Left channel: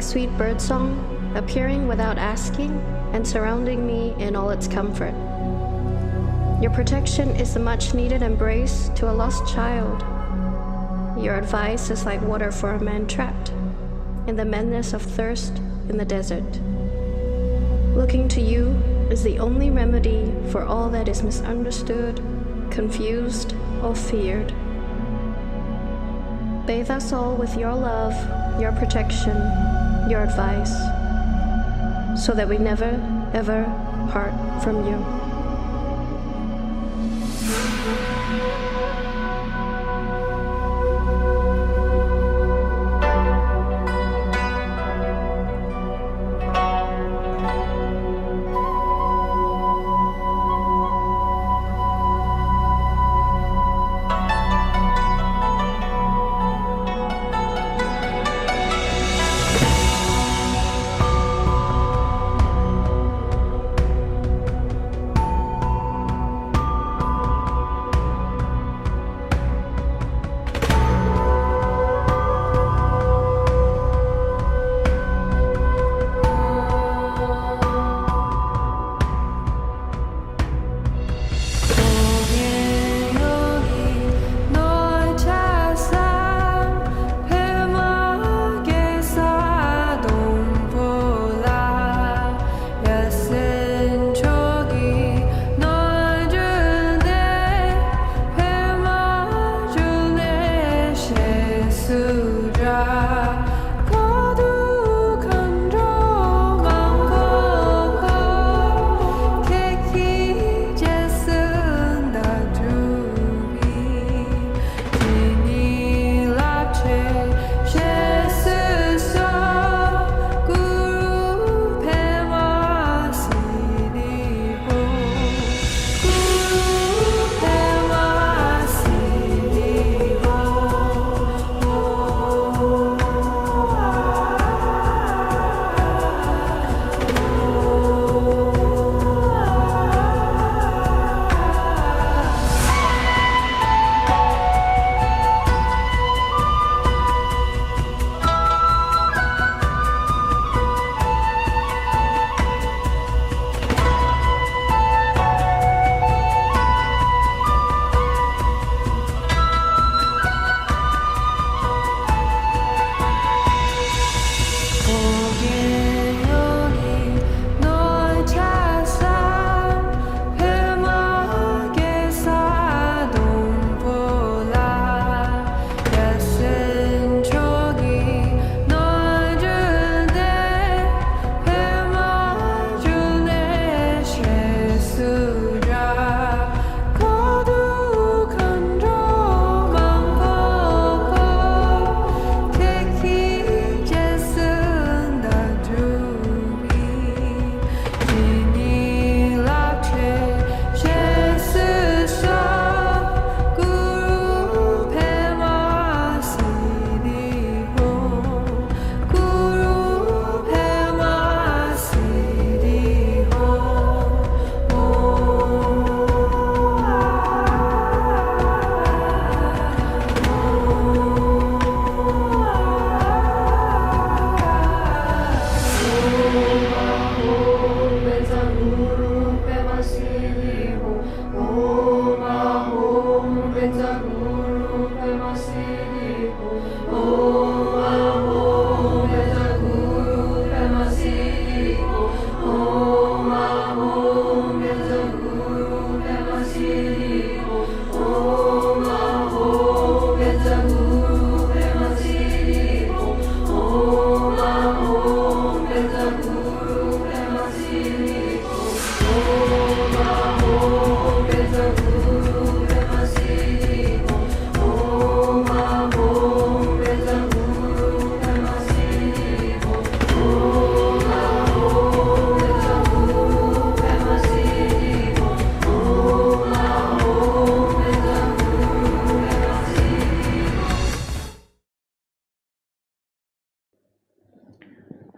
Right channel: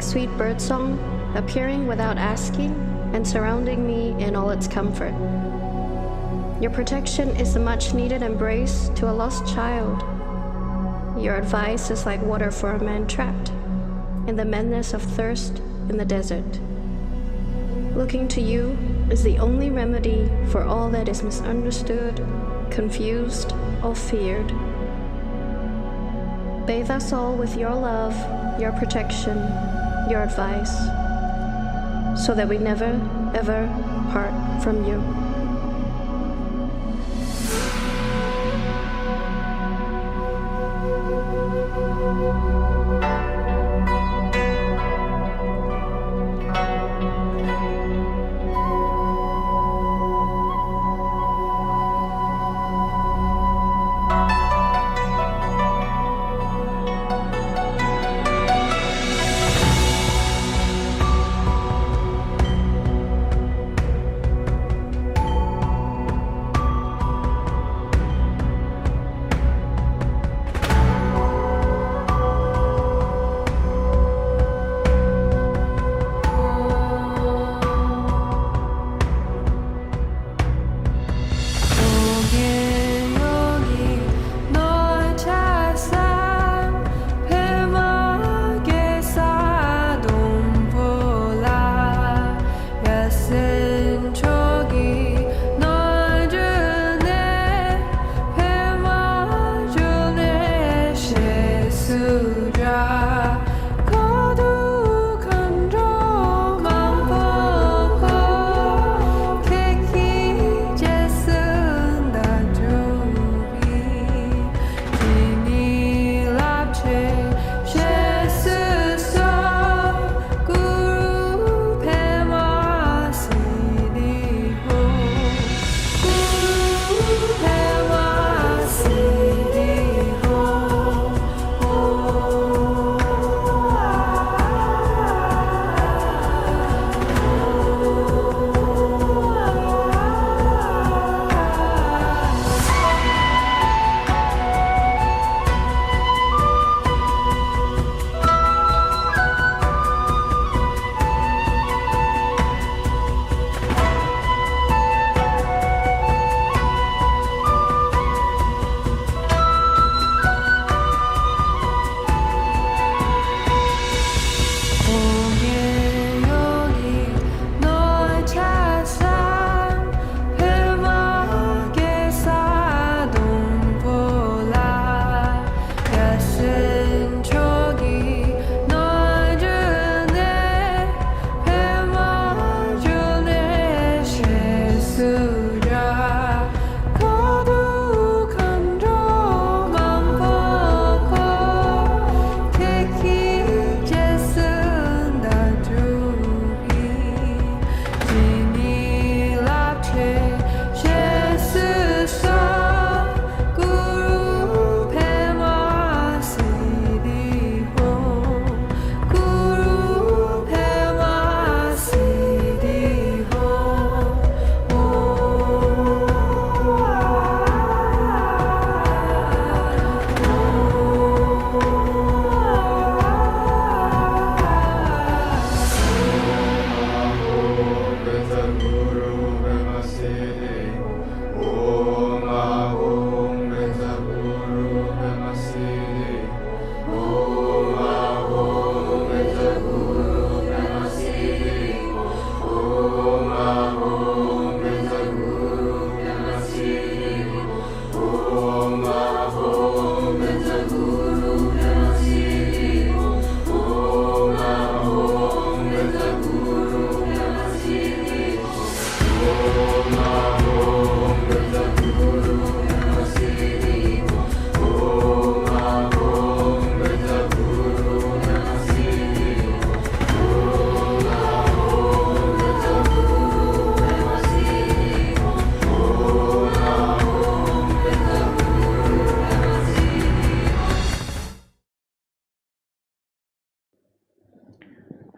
Sweet birdsong, appearing without asking and surrounding me in all its comfort. Your protection is a much-needed embrace to a lost child. Your advice is like water for a man trapped in the madness of thirst in the desert. Looking to you is the only remedy for all that is misunderstood, confused, or feared. Bathe us all with your love, your protection, your advice, so that we never, ever part from you.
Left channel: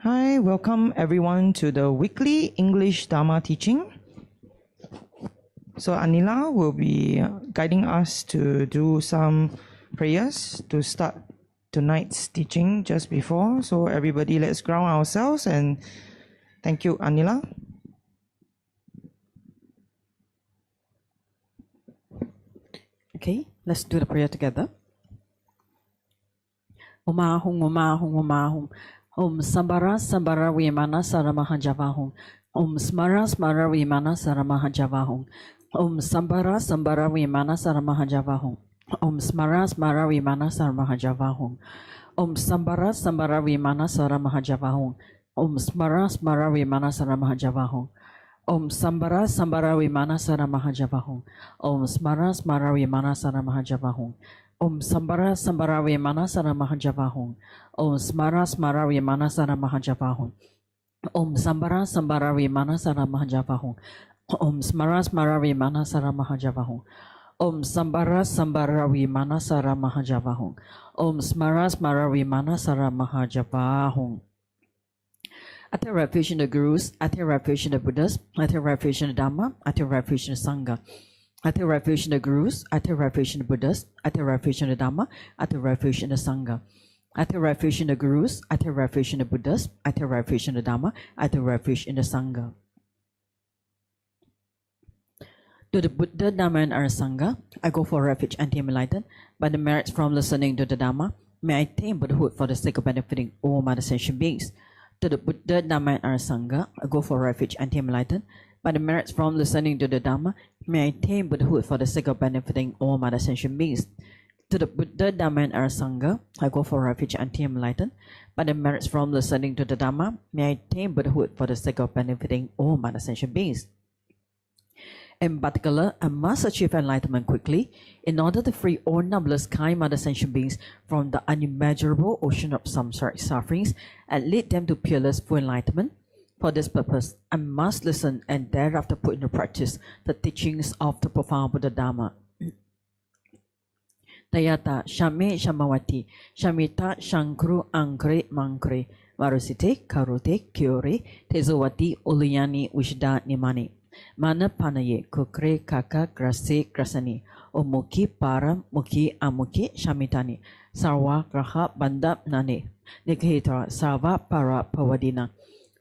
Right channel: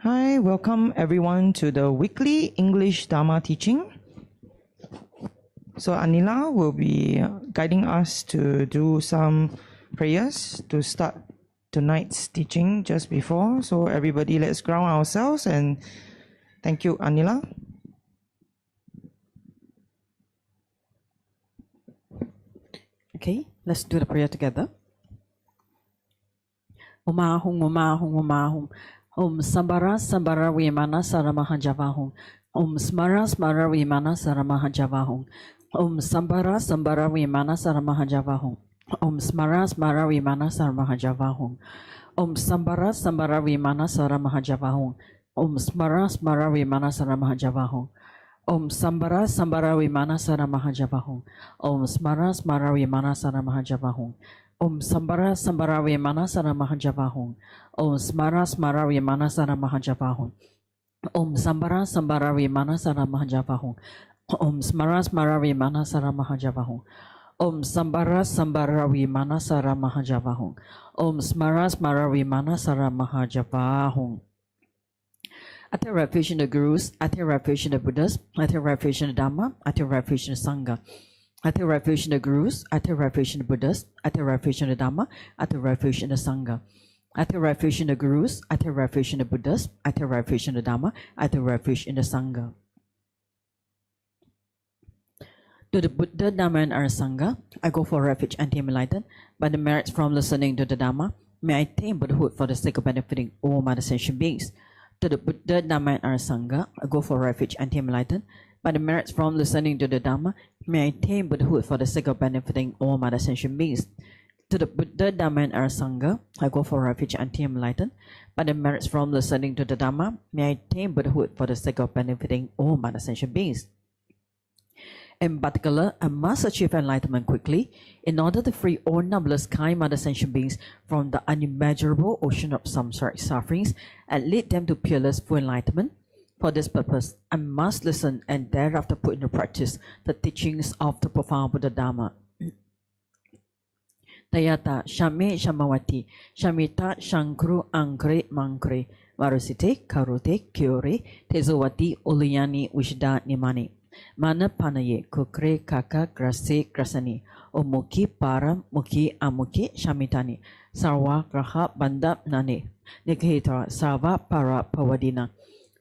Hi, welcome everyone to the weekly English Dharma teaching. So Anila will be guiding us to do some prayers to start tonight's teaching just before. So everybody, let's ground ourselves, and thank you, Anila. Okay, let's do the prayer together. Om Ahum, Om Ahum, Om Ahum. Om Sambara Sambara Vimana Saramaha Javahum. Om Smara Smara Vimana Saramaha Javahum. Om Sambara Sambara Vimana Saramaha Javahum. Om Smara Smara Vimana Saramaha Javahum. Om Sambara Sambara Vimana Saramaha Javahum. Om Smara Smara Vimana Saramaha Javahum. Om Sambara Sambara Vimana Saramaha Javahum. Om Smara Smara Vimana Saramaha Javahum. Om Sambara Sambara Vimana Saramaha Javahum. Om Smara Smara Vimana Saramaha Javahum. Om Sambara Sambara Vimana Saramaha Javahum. Om Smara Smara Vimana Saramaha Javahum. Om Sambara Sambara Vimana Saramaha Javahum. Om Smara Smara Vimana Saramaha Javahum. I take refuge in the Gurus, I take refuge in the Buddhists, I take refuge in the Dharma, I take refuge in the Sangha. I take refuge in the Gurus, I take refuge in the Buddhists, I take refuge in the Dharma, I take refuge in the Sangha. I take refuge in the Gurus, I take refuge in the Buddhists, I take refuge in the Dharma, I take refuge in the Sangha. To the Buddha, Dharma, and our Sangha, I go for refuge and am enlightened by the merits from listening to the Dharma. May I attain Buddhahood for the sake of benefiting all my sentient beings. To the Buddha, Dharma, and our Sangha, I go for refuge and am enlightened by the merits from listening to the Dharma. May I attain Buddhahood for the sake of benefiting all my sentient beings. To the Buddha, Dharma, and our Sangha, I go for refuge and am enlightened by the merits from listening to the Dharma. May I attain Buddhahood for the sake of benefiting all my sentient beings. In particular, I must achieve enlightenment quickly in order to free all numberless kind mother sentient beings from the unimmeasurable ocean of samsaric sufferings and lead them to peerless full enlightenment. For this purpose, I must listen and thereafter put into practice the teachings of the profound Buddha Dharma. Tayata Shame Shamawati Shamita Shankru Ankre Mankre Varusite Karute Kyore Tezowati Uliyani Wishda Nimani Mana Panaye Kukre Kaka Grase Grasani Omuki Para Muki Amuki Shamitani Sarwa Graha Banda Nane Nikhitra Sarva Para Pawadina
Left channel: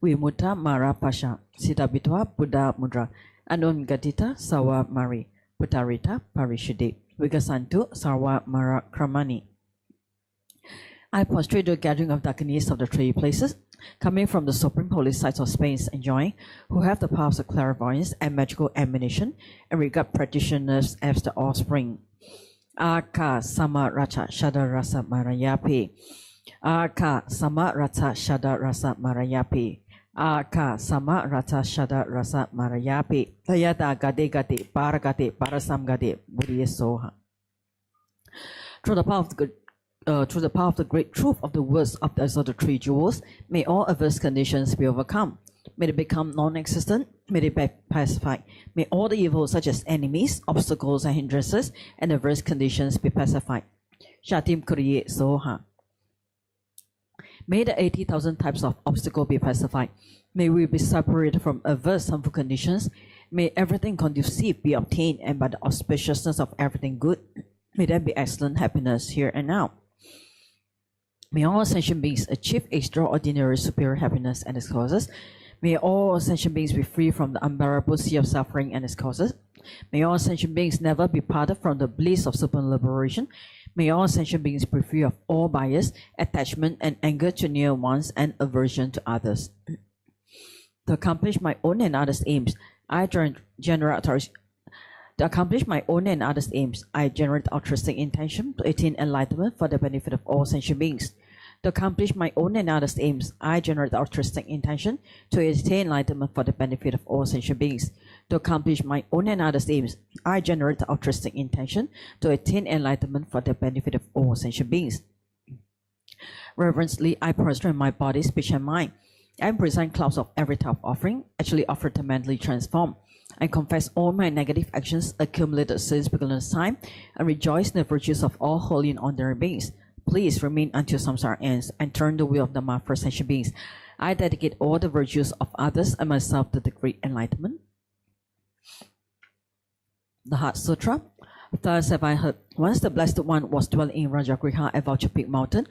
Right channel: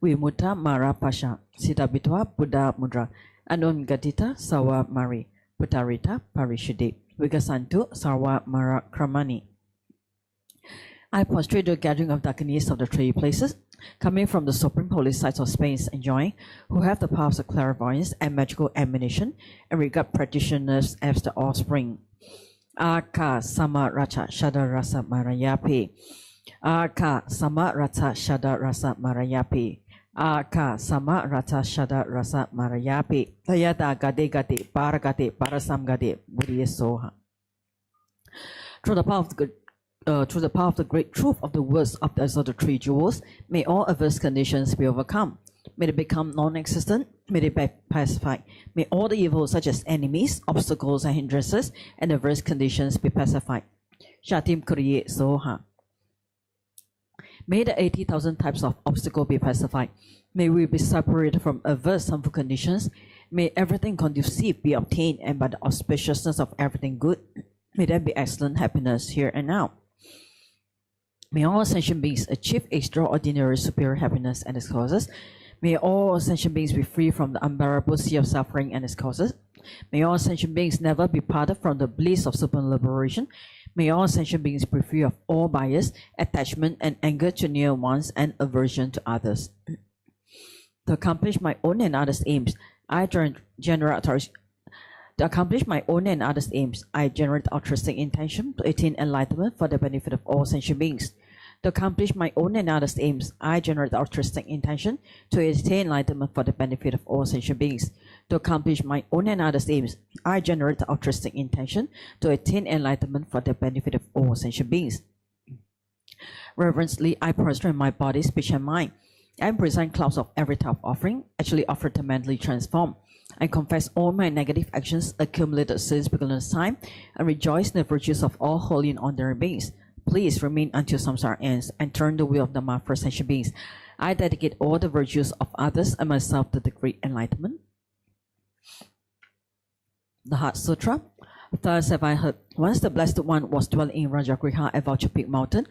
Vimuta Mara Pasha Sitabitwa Buddha Mudra Anon Gatita Sawa Mari Putarita Parishide Vigasantu Sarva Mara Kramani. I prostrate the gathering of Dakinis of the three places, coming from the supreme holy sites of space, enjoying, who have the powers of clairvoyance and magical admonition, and regard practitioners as the offspring. Aka Sama Racha Shada Rasa Marayapi. Aka Sama Rata Shada Rasa Marayapi. Aka Sama Rata Shada Rasa Marayapi. Tayata Gade Gade Paragade Parasam Gade Buddhi Soha. Through the power of the great truth of the words of the three jewels, may all adverse conditions be overcome. May they become non-existent. May they be pacified. May all the evils such as enemies, obstacles and hindrances, and adverse conditions be pacified. Shatim Kriye Soha. May the 80,000 types of obstacles be pacified. May we be separated from adverse harmful conditions. May everything conducive be obtained, and by the auspiciousness of everything good, may there be excellent happiness here and now. May all sentient beings achieve extraordinary superior happiness and its causes. May all sentient beings be free from the unbearable sea of suffering and its causes. May all sentient beings never be parted from the bliss of super liberation. May all sentient beings be free of all bias, attachment, and anger to near ones and aversion to others. To accomplish my own and others' aims, I generate altruistic intention to attain enlightenment for the benefit of all sentient beings. To accomplish my own and others' aims, I generate altruistic intention to attain enlightenment for the benefit of all sentient beings. To accomplish my own and others' aims, I generate altruistic intention to attain enlightenment for the benefit of all sentient beings. Reverently, I prostrate my body, speech, and mind, and present clouds of every type of offering, actually offered to mentally transform. I confess all my negative actions accumulated since beginner's time, and rejoice in the virtues of all holy and ordinary beings. Please remain until samsara ends, and turn the wheel of Dharma for sentient beings. I dedicate all the virtues of others and myself to the great enlightenment. The Heart Sutra. Thus have I heard, once the Blessed One was dwelling in Rajagriha at Vulture Peak Mountain,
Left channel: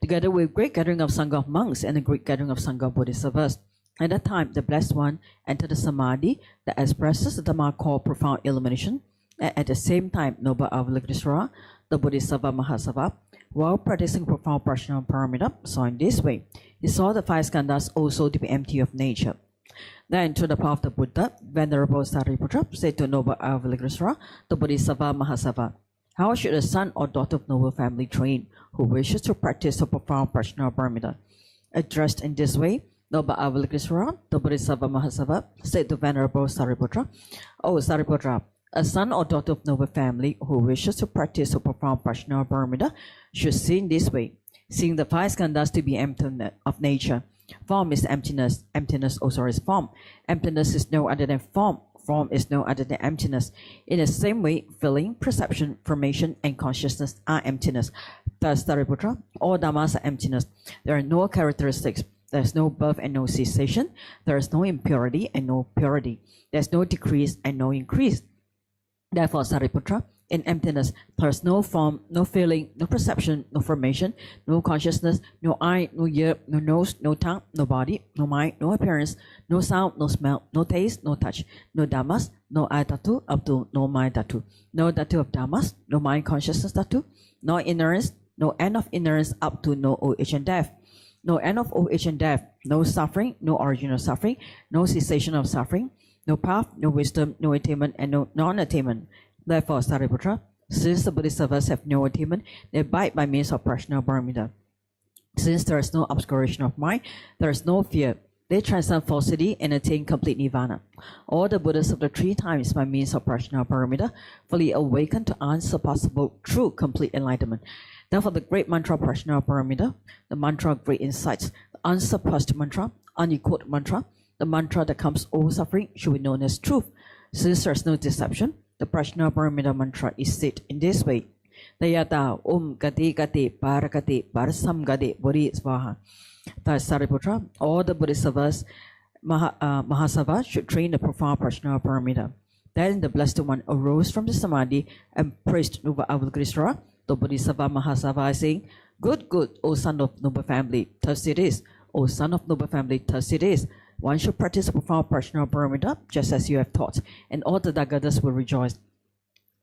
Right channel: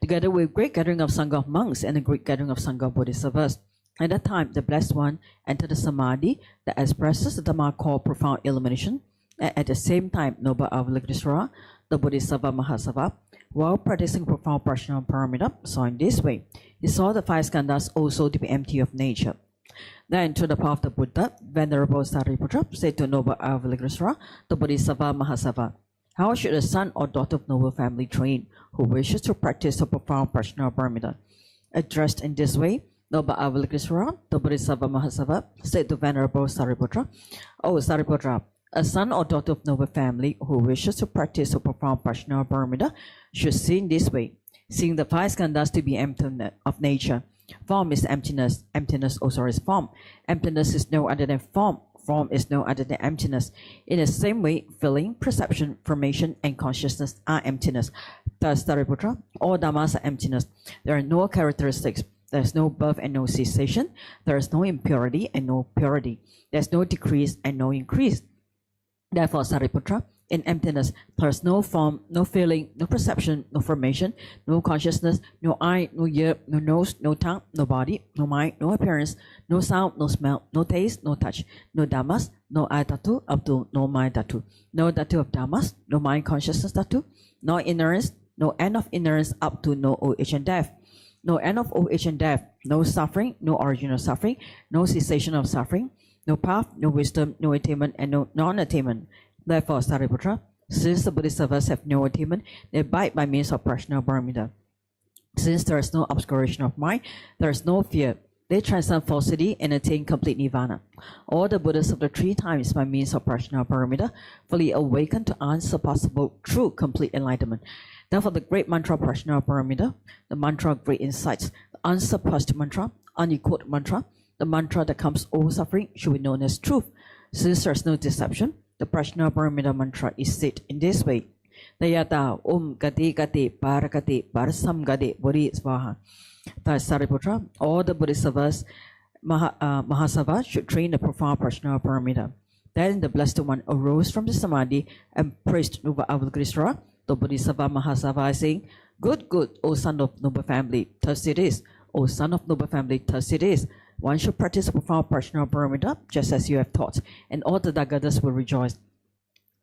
together with great gathering of Sangha of monks and a great gathering of Sangha of Bodhisattvas. At that time, the Blessed One entered the Samadhi that expresses the Dharma called profound illumination, and at the same time, Noble Avalokiteshvara, the Bodhisattva Mahasava, while practicing profound Prajna Paramita, saw in this way. He saw the five skandhas also to be empty of nature. Then, to the path of the Buddha, Venerable Sariputra said to Noble Avalokiteshvara, the Bodhisattva Mahasava, how should a son or daughter of noble family train who wishes to practice a profound Prajna Paramita? Addressed in this way, Noble Avalokiteshvara, the Bodhisattva Mahasava, said to Venerable Sariputra, O Sariputra, a son or daughter of noble family who wishes to practice a profound Prajna Paramita should see in this way, seeing the five skandhas to be empty of nature. Form is emptiness, emptiness also is form. Emptiness is no other than form, form is no other than emptiness. In the same way, feeling, perception, formation, and consciousness are emptiness. Thus, Sariputra, all dhammas are emptiness. There are no characteristics. There is no birth and no cessation. There is no impurity and no purity. There is no decrease and no increase. Therefore, Sariputra, in emptiness, there is no form, no feeling, no perception, no formation, no consciousness, no eye, no ear, no nose, no tongue, no body, no mind, no appearance, no sound, no smell, no taste, no touch, no dhammas, no eye dhatu up to no mind dhatu, no dhatu of dhammas, no mind consciousness dhatu, no ignorance, no end of ignorance up to no old age and death. No end of old age and death, no suffering, no origin of suffering, no cessation of suffering, no path, no wisdom, no attainment, and no non-attainment. Therefore, Sariputra, since the Bodhisattvas have no attainment, they abide by means of Prajna Paramita. Since there is no obscuration of mind, there is no fear. They transcend falsity and attain complete nirvana. All the Buddhas of the three times by means of Prajna Paramita fully awaken to unsurpassable true complete enlightenment. Therefore, the great mantra Prajna Paramita, the mantra of great insights, the unsurpassed mantra, unequaled mantra, the mantra that comes over suffering should be known as truth. Since there is no deception, the Prajna Paramita mantra is said in this way. Dayata Om Gati Gati Parakati Parasam Gati Bodhi Svaha. Thus, Sariputra, all the Bodhisattvas Mahasava should train the profound Prajna Paramita. Then the Blessed One arose from the Samadhi and praised Noble Avalokiteshvara, the Bodhisattva Mahasava, saying, Good, good, O son of noble family, thus it is. O son of noble family, thus it is. One should practice a profound Prajna Paramita, just as you have taught, and all the Dagadas will rejoice.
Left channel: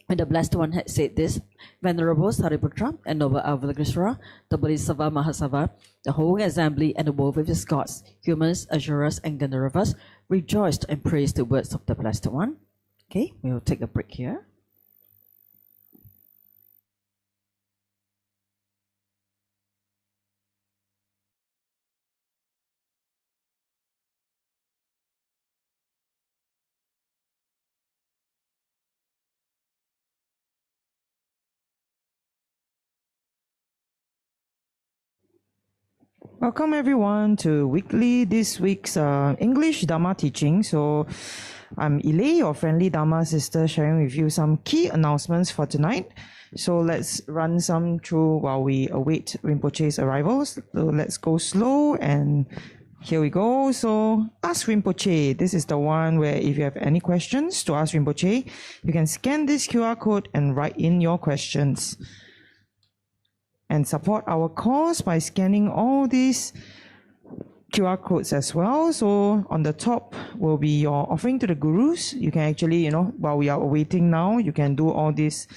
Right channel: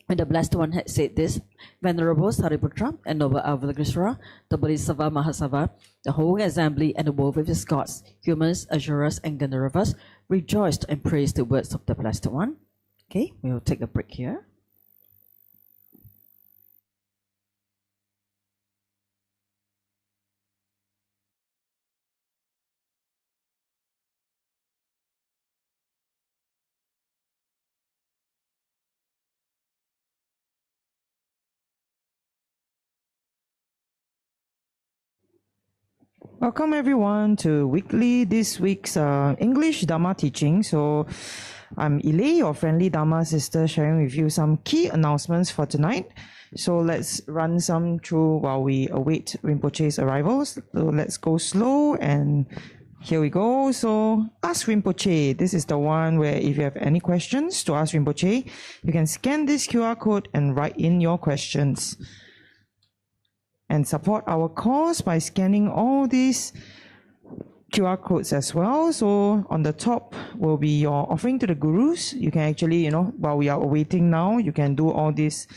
When the Blessed One had said this, Venerable Sariputra and Noble Avalokiteshvara, the Bodhisattva Mahasava, the whole assembly and the world with its gods, humans, asuras, and Gandharvas rejoiced and praised the words of the Blessed One. Okay, we will take a break here. Welcome everyone to this week's English Dharma teaching. So I'm Ile, your friendly Dharma sister, sharing with you some key announcements for tonight. So let's run some through while we await Rinpoche's arrivals. So let's go slow and here we go. So ask Rinpoche. This is the one where if you have any questions to ask Rinpoche, you can scan this QR code and write in your questions. And support our cause by scanning all these QR codes as well. So on the top will be your offering to the gurus. You can actually, while we are awaiting now, you can do all this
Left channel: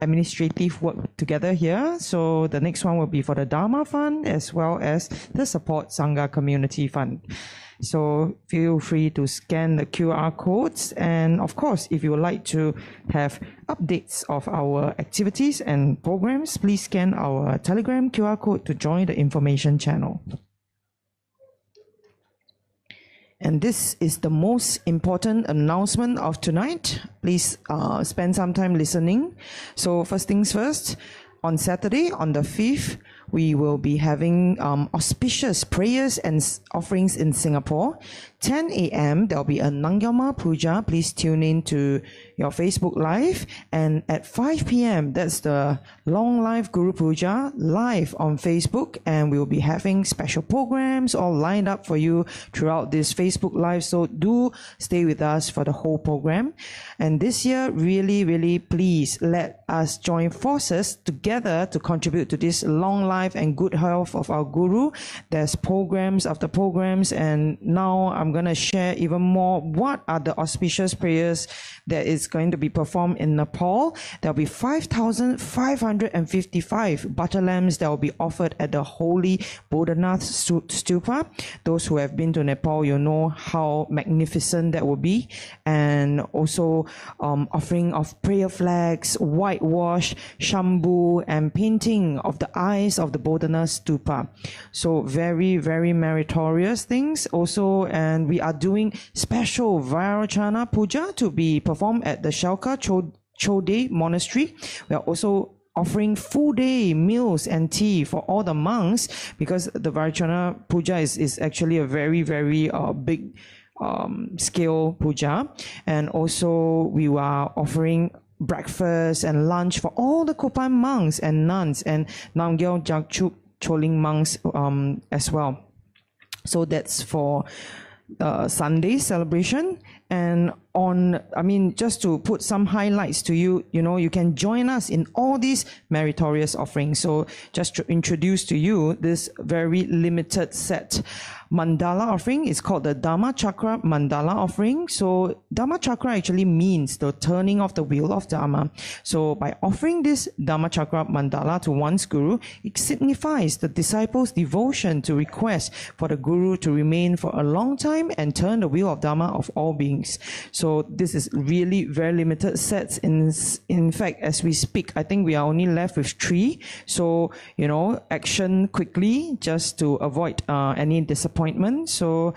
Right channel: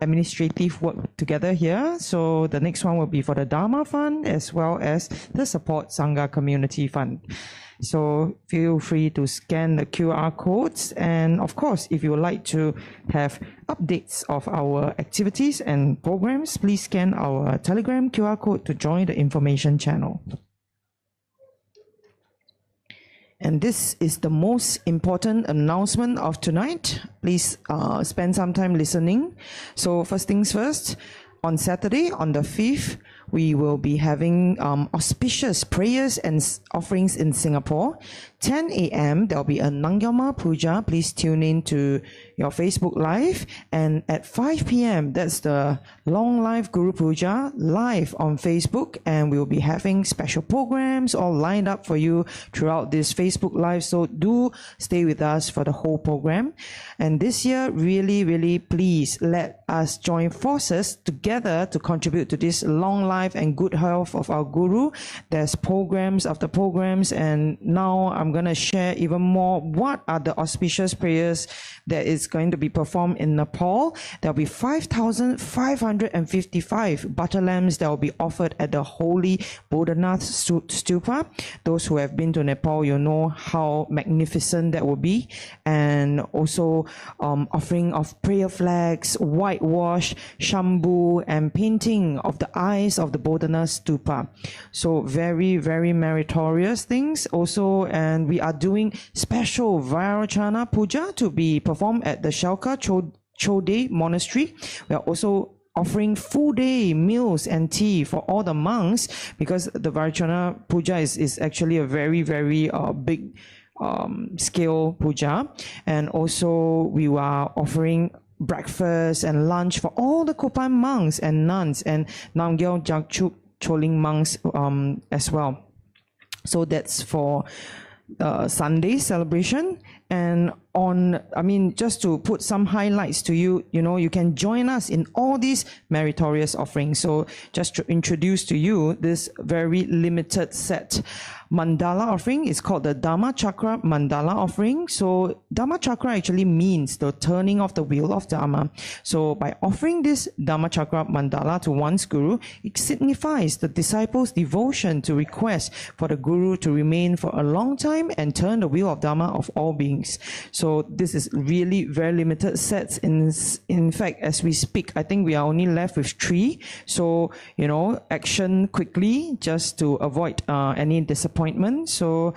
administrative work together here. So the next one will be for the Dharma Fund as well as the Support Sangha Community Fund. So feel free to scan the QR codes. And of course, if you would like to have updates of our activities and programs, please scan our Telegram QR code to join the information channel. And this is the most important announcement of tonight. Please spend some time listening. So first things first, on Saturday, on the 5th, we will be having auspicious prayers and offerings in Singapore. 10 a.m. there'll be a Nangyama Puja. Please tune in to your Facebook Live. And at 5 p.m. that's the Long Life Guru Puja live on Facebook, and we'll be having special programs all lined up for you throughout this Facebook Live. So do stay with us for the whole program. And this year, really please let us join forces together to contribute to this long life and good health of our Guru. There's programs after programs, and now I'm going to share even more what are the auspicious prayers that is going to be performed in Nepal. There'll be 5,555 butter lamps that will be offered at the holy Bodhanath Stupa. Those who have been to Nepal, you know how magnificent that will be. And also offering of prayer flags, whitewash, Shambhu, and painting of the eyes of the Bodhanath Stupa. So very meritorious things also. And we are doing special Vairocana Puja to be performed at the Shalka Chode Monastery. We are also offering full day meals and tea for all the monks, because the Vairocana Puja is actually a very big scale puja. And also we are offering breakfast and lunch for all the Kopan monks and nuns and Namgyal Jakchuk Choling monks as well. So that's for Sunday celebration. And just to put some highlights to you, you can join us in all these meritorious offerings. So just to introduce to you this very limited set mandala offering is called the Dharma Chakra Mandala offering. So Dharma Chakra actually means the turning of the wheel of Dharma. So by offering this Dharma Chakra Mandala to one's Guru, it signifies the disciple's devotion to request for the Guru to remain for a long time and turn the wheel of Dharma of all beings. So this is really very limited sets. In fact, as we speak, I think we are only left with 3. So, action quickly just to avoid any disappointment. So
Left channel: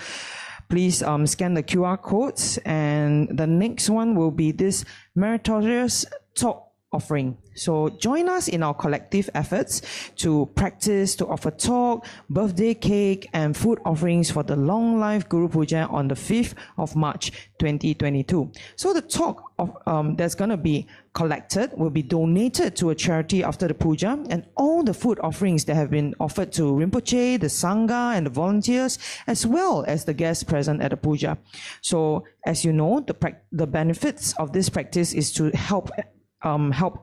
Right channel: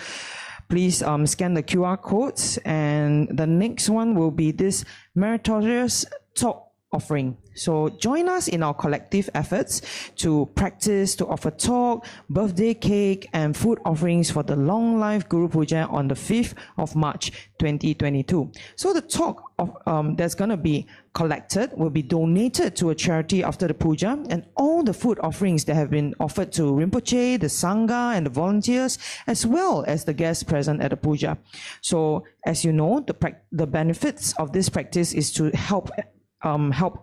please scan the QR codes. And the next one will be this meritorious talk offering. So join us in our collective efforts to practice to offer talk, birthday cake, and food offerings for the Long Life Guru Puja on the 5th of March 2022. So the talk of that's going to be collected will be donated to a charity after the puja, and all the food offerings that have been offered to Rinpoche, the Sangha, and the volunteers, as well as the guests present at the puja. So as you know, the benefits of this practice is to help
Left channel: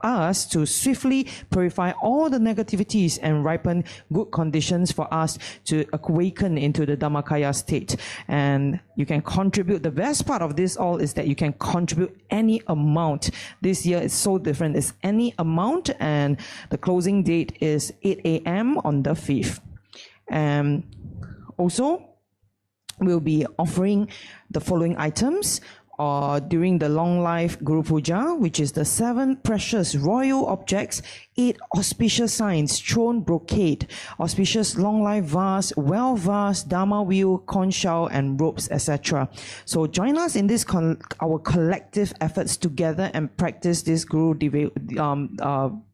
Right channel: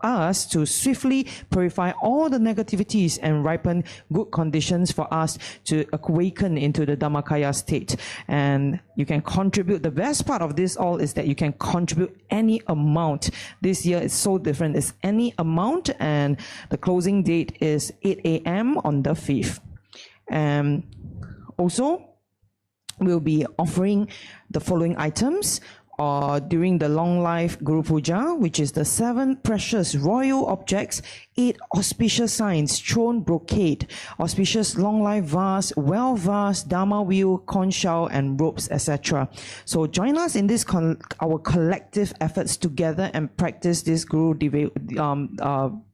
us to swiftly purify all the negativities and ripen good conditions for us to awaken into the Dhammakaya state. And you can contribute. The best part of this all is that you can contribute any amount. This year is so different. It's any amount, and the closing date is 8 a.m. on the 5th. And also, we'll be offering the following items during the Long Life Guru Puja, which is the 7 precious royal objects, 8 auspicious signs, throne brocade, auspicious long life vase, well vase, Dharma wheel, conch shell, and ropes, etc. So join us in this our collective efforts together and practice this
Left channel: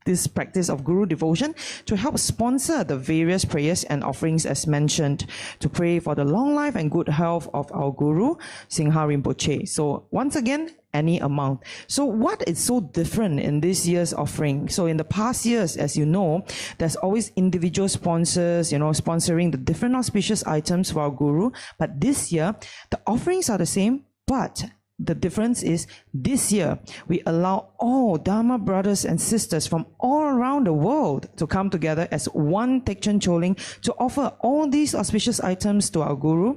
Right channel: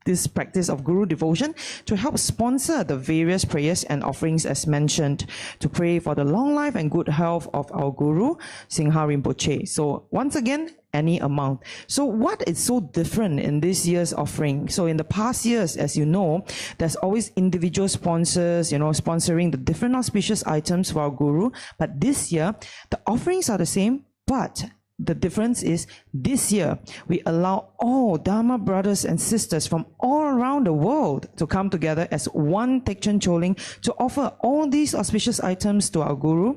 this practice of Guru devotion to help sponsor the various prayers and offerings as mentioned, to pray for the long life and good health of our Guru, Singha Rinpoche. So once again, any amount. So what is so different in this year's offering? So in the past years, as you know, there's always individual sponsors, sponsoring the different auspicious items for our Guru. But this year, the offerings are the same, but the difference is this year, we allow all Dharma brothers and sisters from all around the world to come together as one Tekchen Choling to offer all these auspicious items to our Guru.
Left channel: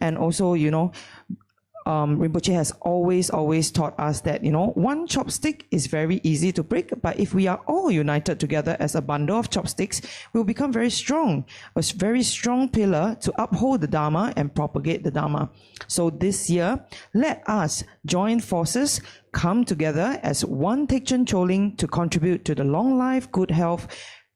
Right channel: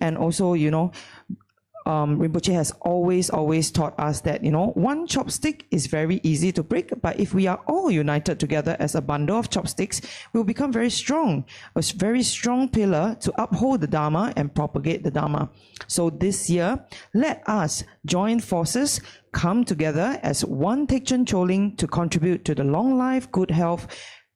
And also, Rinpoche has always taught us that, one chopstick is very easy to break, but if we are all united together as a bundle of chopsticks, we'll become very strong, a very strong pillar to uphold the Dharma and propagate the Dharma. So this year, let us join forces, come together as one Tekchen Choling to contribute to the long life, good health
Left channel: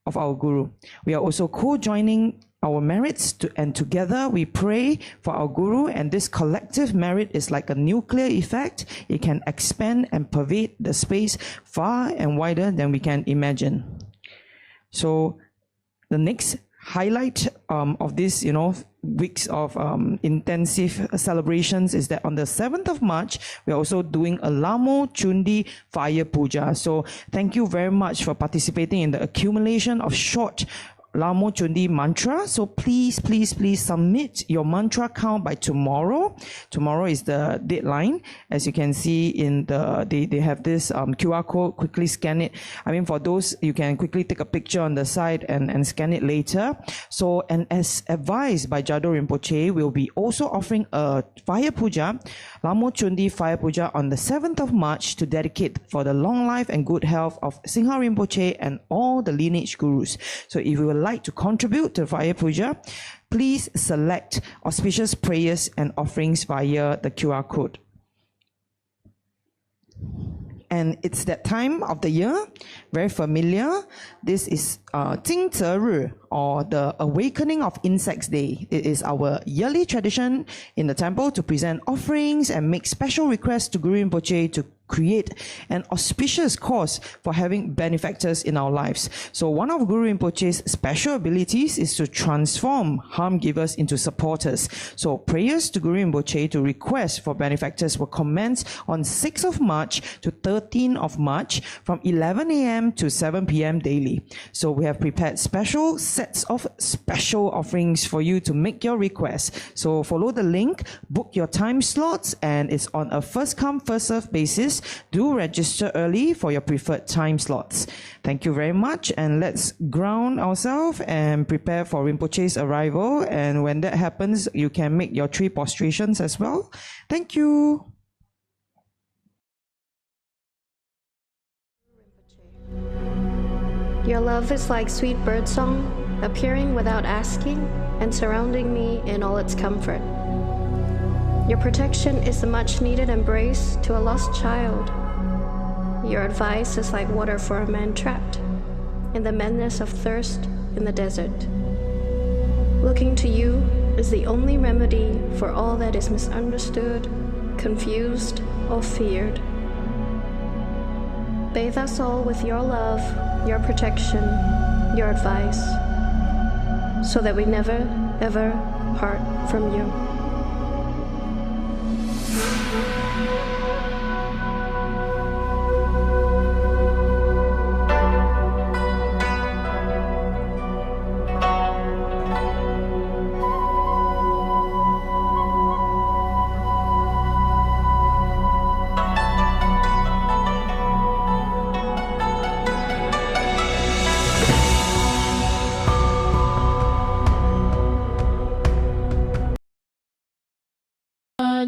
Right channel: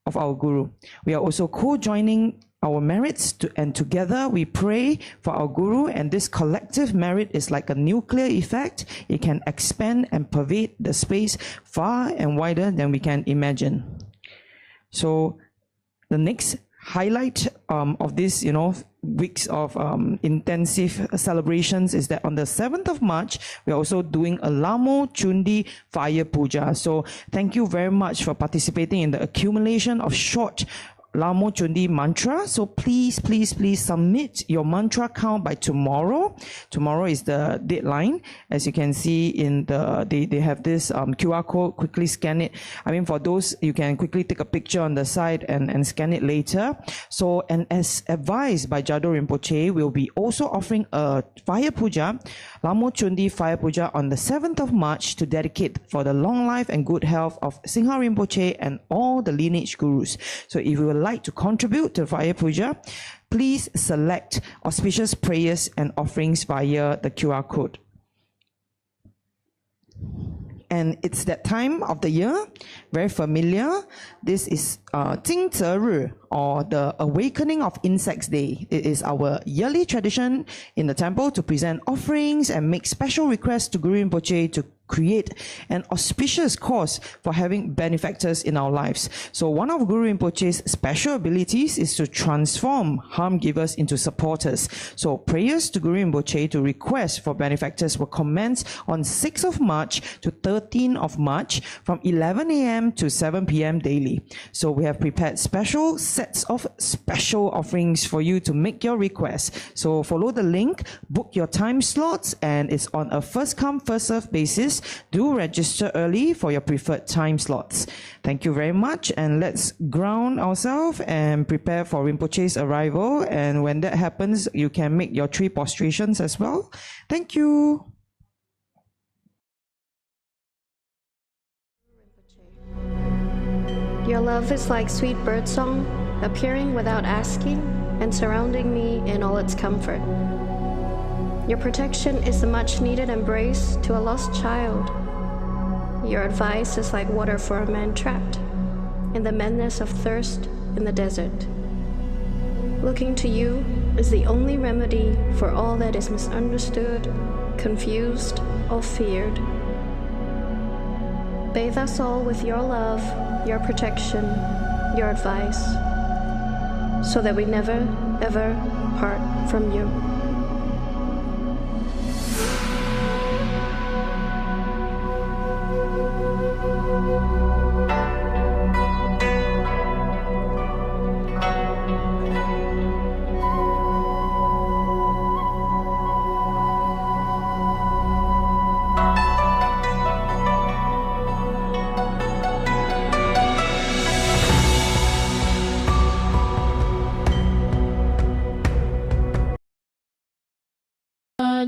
of our Guru. We are also co-joining our merits and together we pray for our Guru, and this collective merit is like a nuclear effect. It can expand and pervade the space far and wider than we can imagine. So the next highlight of this, weeks of intensive celebrations is that on the 7th of March, we're also doing a Lamo Chundi Fire Puja. So thank you very much for participating in the accumulation of short Lamo Chundi mantra. So please submit your mantra count by tomorrow. Tomorrow is the deadline. As you can see in they have this QR code. Quickly scan it. I mean, for those, you can quickly take a picture on the side and scan it later. So, and as advised by Jado Rinpoche, we'll be also offering a fire puja, Lamo Chundi Fire Puja, on the 7th of March to dedicate for the long life and good health of Singha Rinpoche and all the lineage gurus. So if you would like to contribute to Fire Puja, please select auspicious prayers and offerings via the QR code. And it's that time of the year, very familiar. This is Jing Ze Ri, or the Awakening of Insects Day. It is our yearly tradition in the temple to present offerings and make special requests to Guru Rinpoche to create an auspicious cause for having benefactors in our lives. So one of Guru Rinpoche's special abilities is to transform harm givers into supporters. So prayers to Guru Rinpoche to request for benefactors will commence on 6th of March to 13th of March from 11 a.m. to 7 p.m. daily. So we have prepared special sets of special offerings for you to make your requests. So follow the link, book your time slots, and it's on a first come, first serve basis. Do register early for your preferred time slots. Thank you very much, and let's ground ourselves and prepare for Rinpoche's arrival. And when that happens, you can make your 3 prostrations as well. Thank you. Your love is like sweet birdsong, appearing without asking and surrounding me in all its comfort. Your protection is a much-needed embrace to a lost child. Your advice is like water for a man trapped in the madness of thirst in the desert. Looking to you is the only remedy for all that is misunderstood, confused, or feared. Bathe us all with your love, your protection, your advice, so that we never, ever part from you.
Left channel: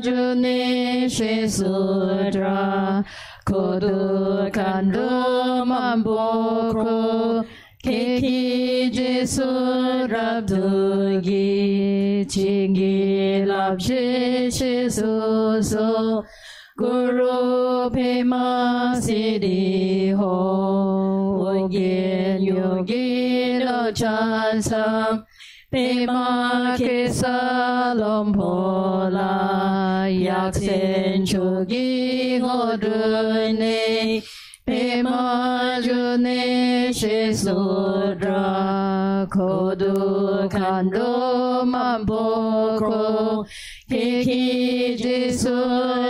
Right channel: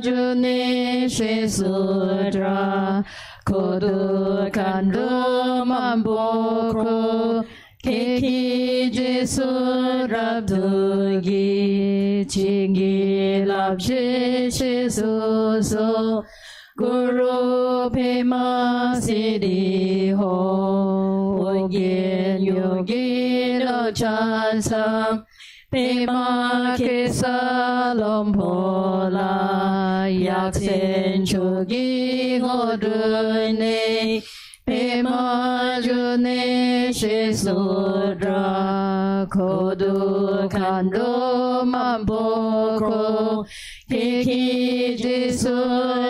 June Sudra Kodu Kandu Mamboko Keki Jesu Rabdugi Chingi Labshi Shisu So Guru Pema Siddhi Ho Wangen Yogi Lo Chansam Pema Kesa Lompola Yaksen Chogi Godune Pema June Shisudra Kodu Kando Mamboko Kiki Jisu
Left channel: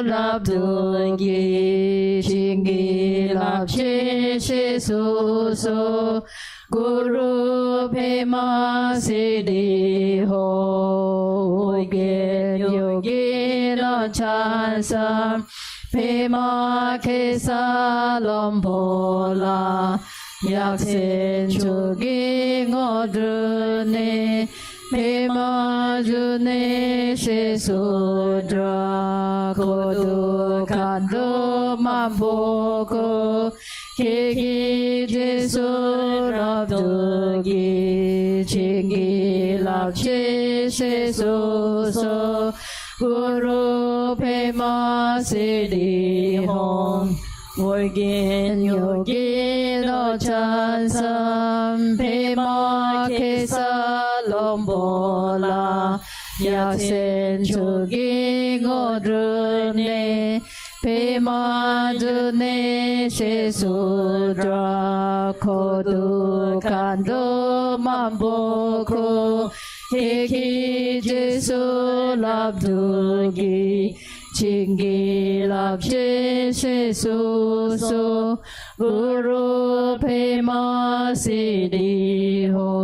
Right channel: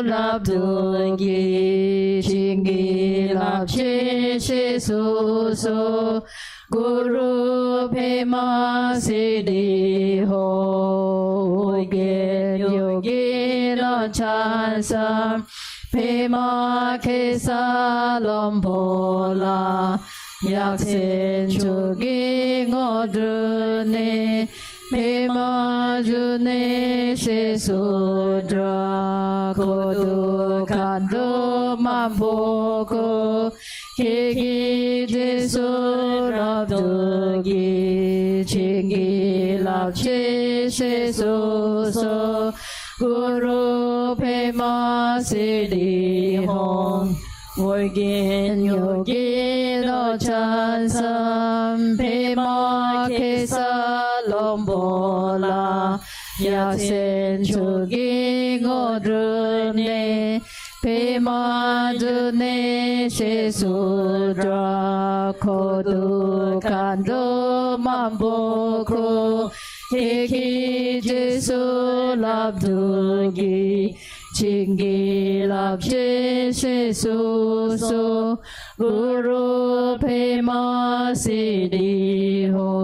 Labdungi Shingi Labshi Shisu So Guru Pema Siddhi Ho Yogi Lo Chansam Pema Kesa Lompola Yaksen Chogi Godune Pema June Shisudra Kodu Kando Mamboko Kiki Jisu Rabdungi Chingi Labshi Shisu So Guru Pema Siddhi Hon Orgin Yogi Lo Chansam Pema Kesa Lombola Yaksen Chogi Godrune Pema June Sesudra Kodu Kando Mambokro Hiki Jesu Labdungi Chingi Labje Sesuso Guru Pema Siddhi Hom.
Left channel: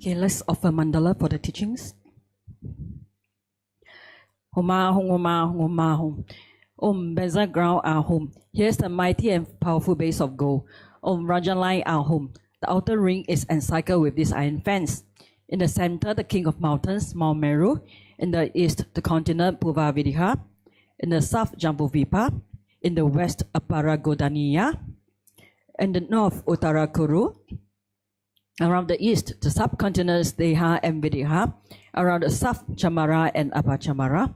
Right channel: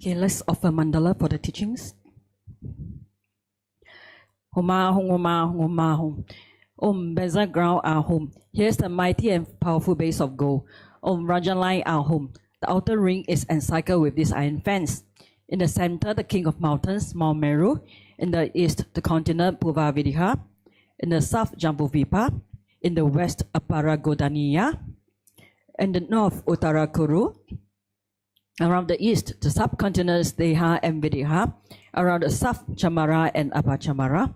Okay, let's offer mandala for the teachings. Homa hum, homa hum, homa hum. Om Beza ground our home. Here's the mighty and powerful base of gold. Om Rajalai our home. The outer ring is encircled with this iron fence. In the center, the king of mountains, Mount Meru. In the east, the continent Purvavidha. In the south, Jambuvipa. In the west, Aparagodaniya. In the north, Uttarakuru. Around the east, the subcontinents Deha and Vidya. Around the south, Chamara and Apachamara.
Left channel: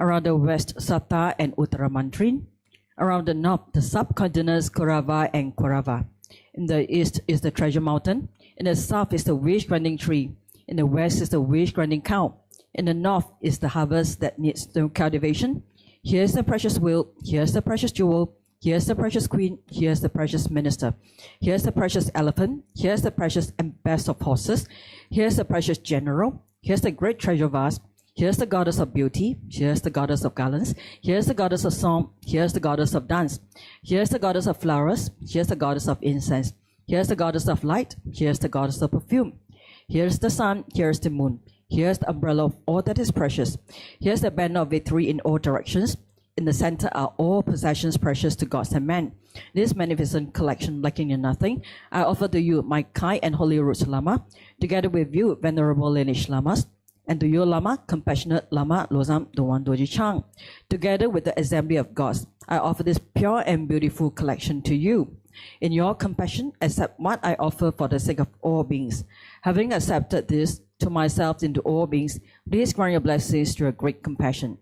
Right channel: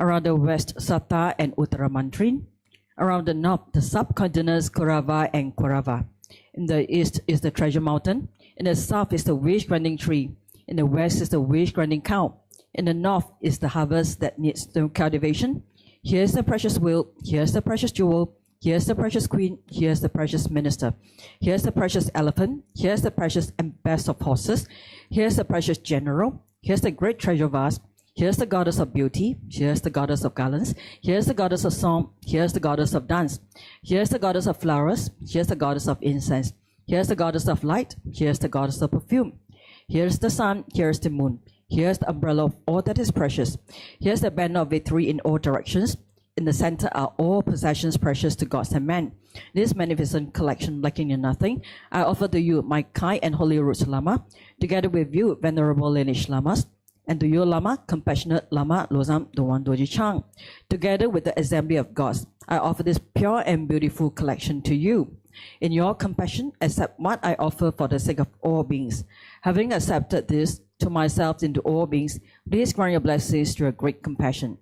Around the west, Satta and Uttaramantrin. Around the north, the subcontinents Kurava and Kurava. In the east is the treasure mountain. In the south is the wish-granting tree. In the west is the wish-granting cow. In the north is the harvest that needs no cultivation. Here's the precious wheel. Here's the precious jewel. Here's the precious queen, here's the precious minister. Here's the precious elephant, here's the precious and best of horses. Here's the precious general, here's the great treasure vase. Here's the goddess of beauty, here's the goddess of garlands. Here's the goddess of song, here's the goddess of dance. Here's the goddess of flowers, here's the goddess of incense. Here's the goddess of light, here's the goddess of perfume. Here's the sun, here's the moon. Here's the umbrella of all that is precious. Here's the banner of victory in all directions. In the center are all possessions precious to gods and men. This magnificent collection, lacking in nothing, I offer to you, my kind and holy roots Lama, together with you, venerable lineage Lamas, and to you, Lama, compassionate Lama Losam Dowan Doji Chang. Together with the assembly of gods, I offer this pure and beautiful collection to you. In your compassion, accept what I offer for the sake of all beings. Having accepted this to myself and to all beings, please grant your blessings to your great compassion.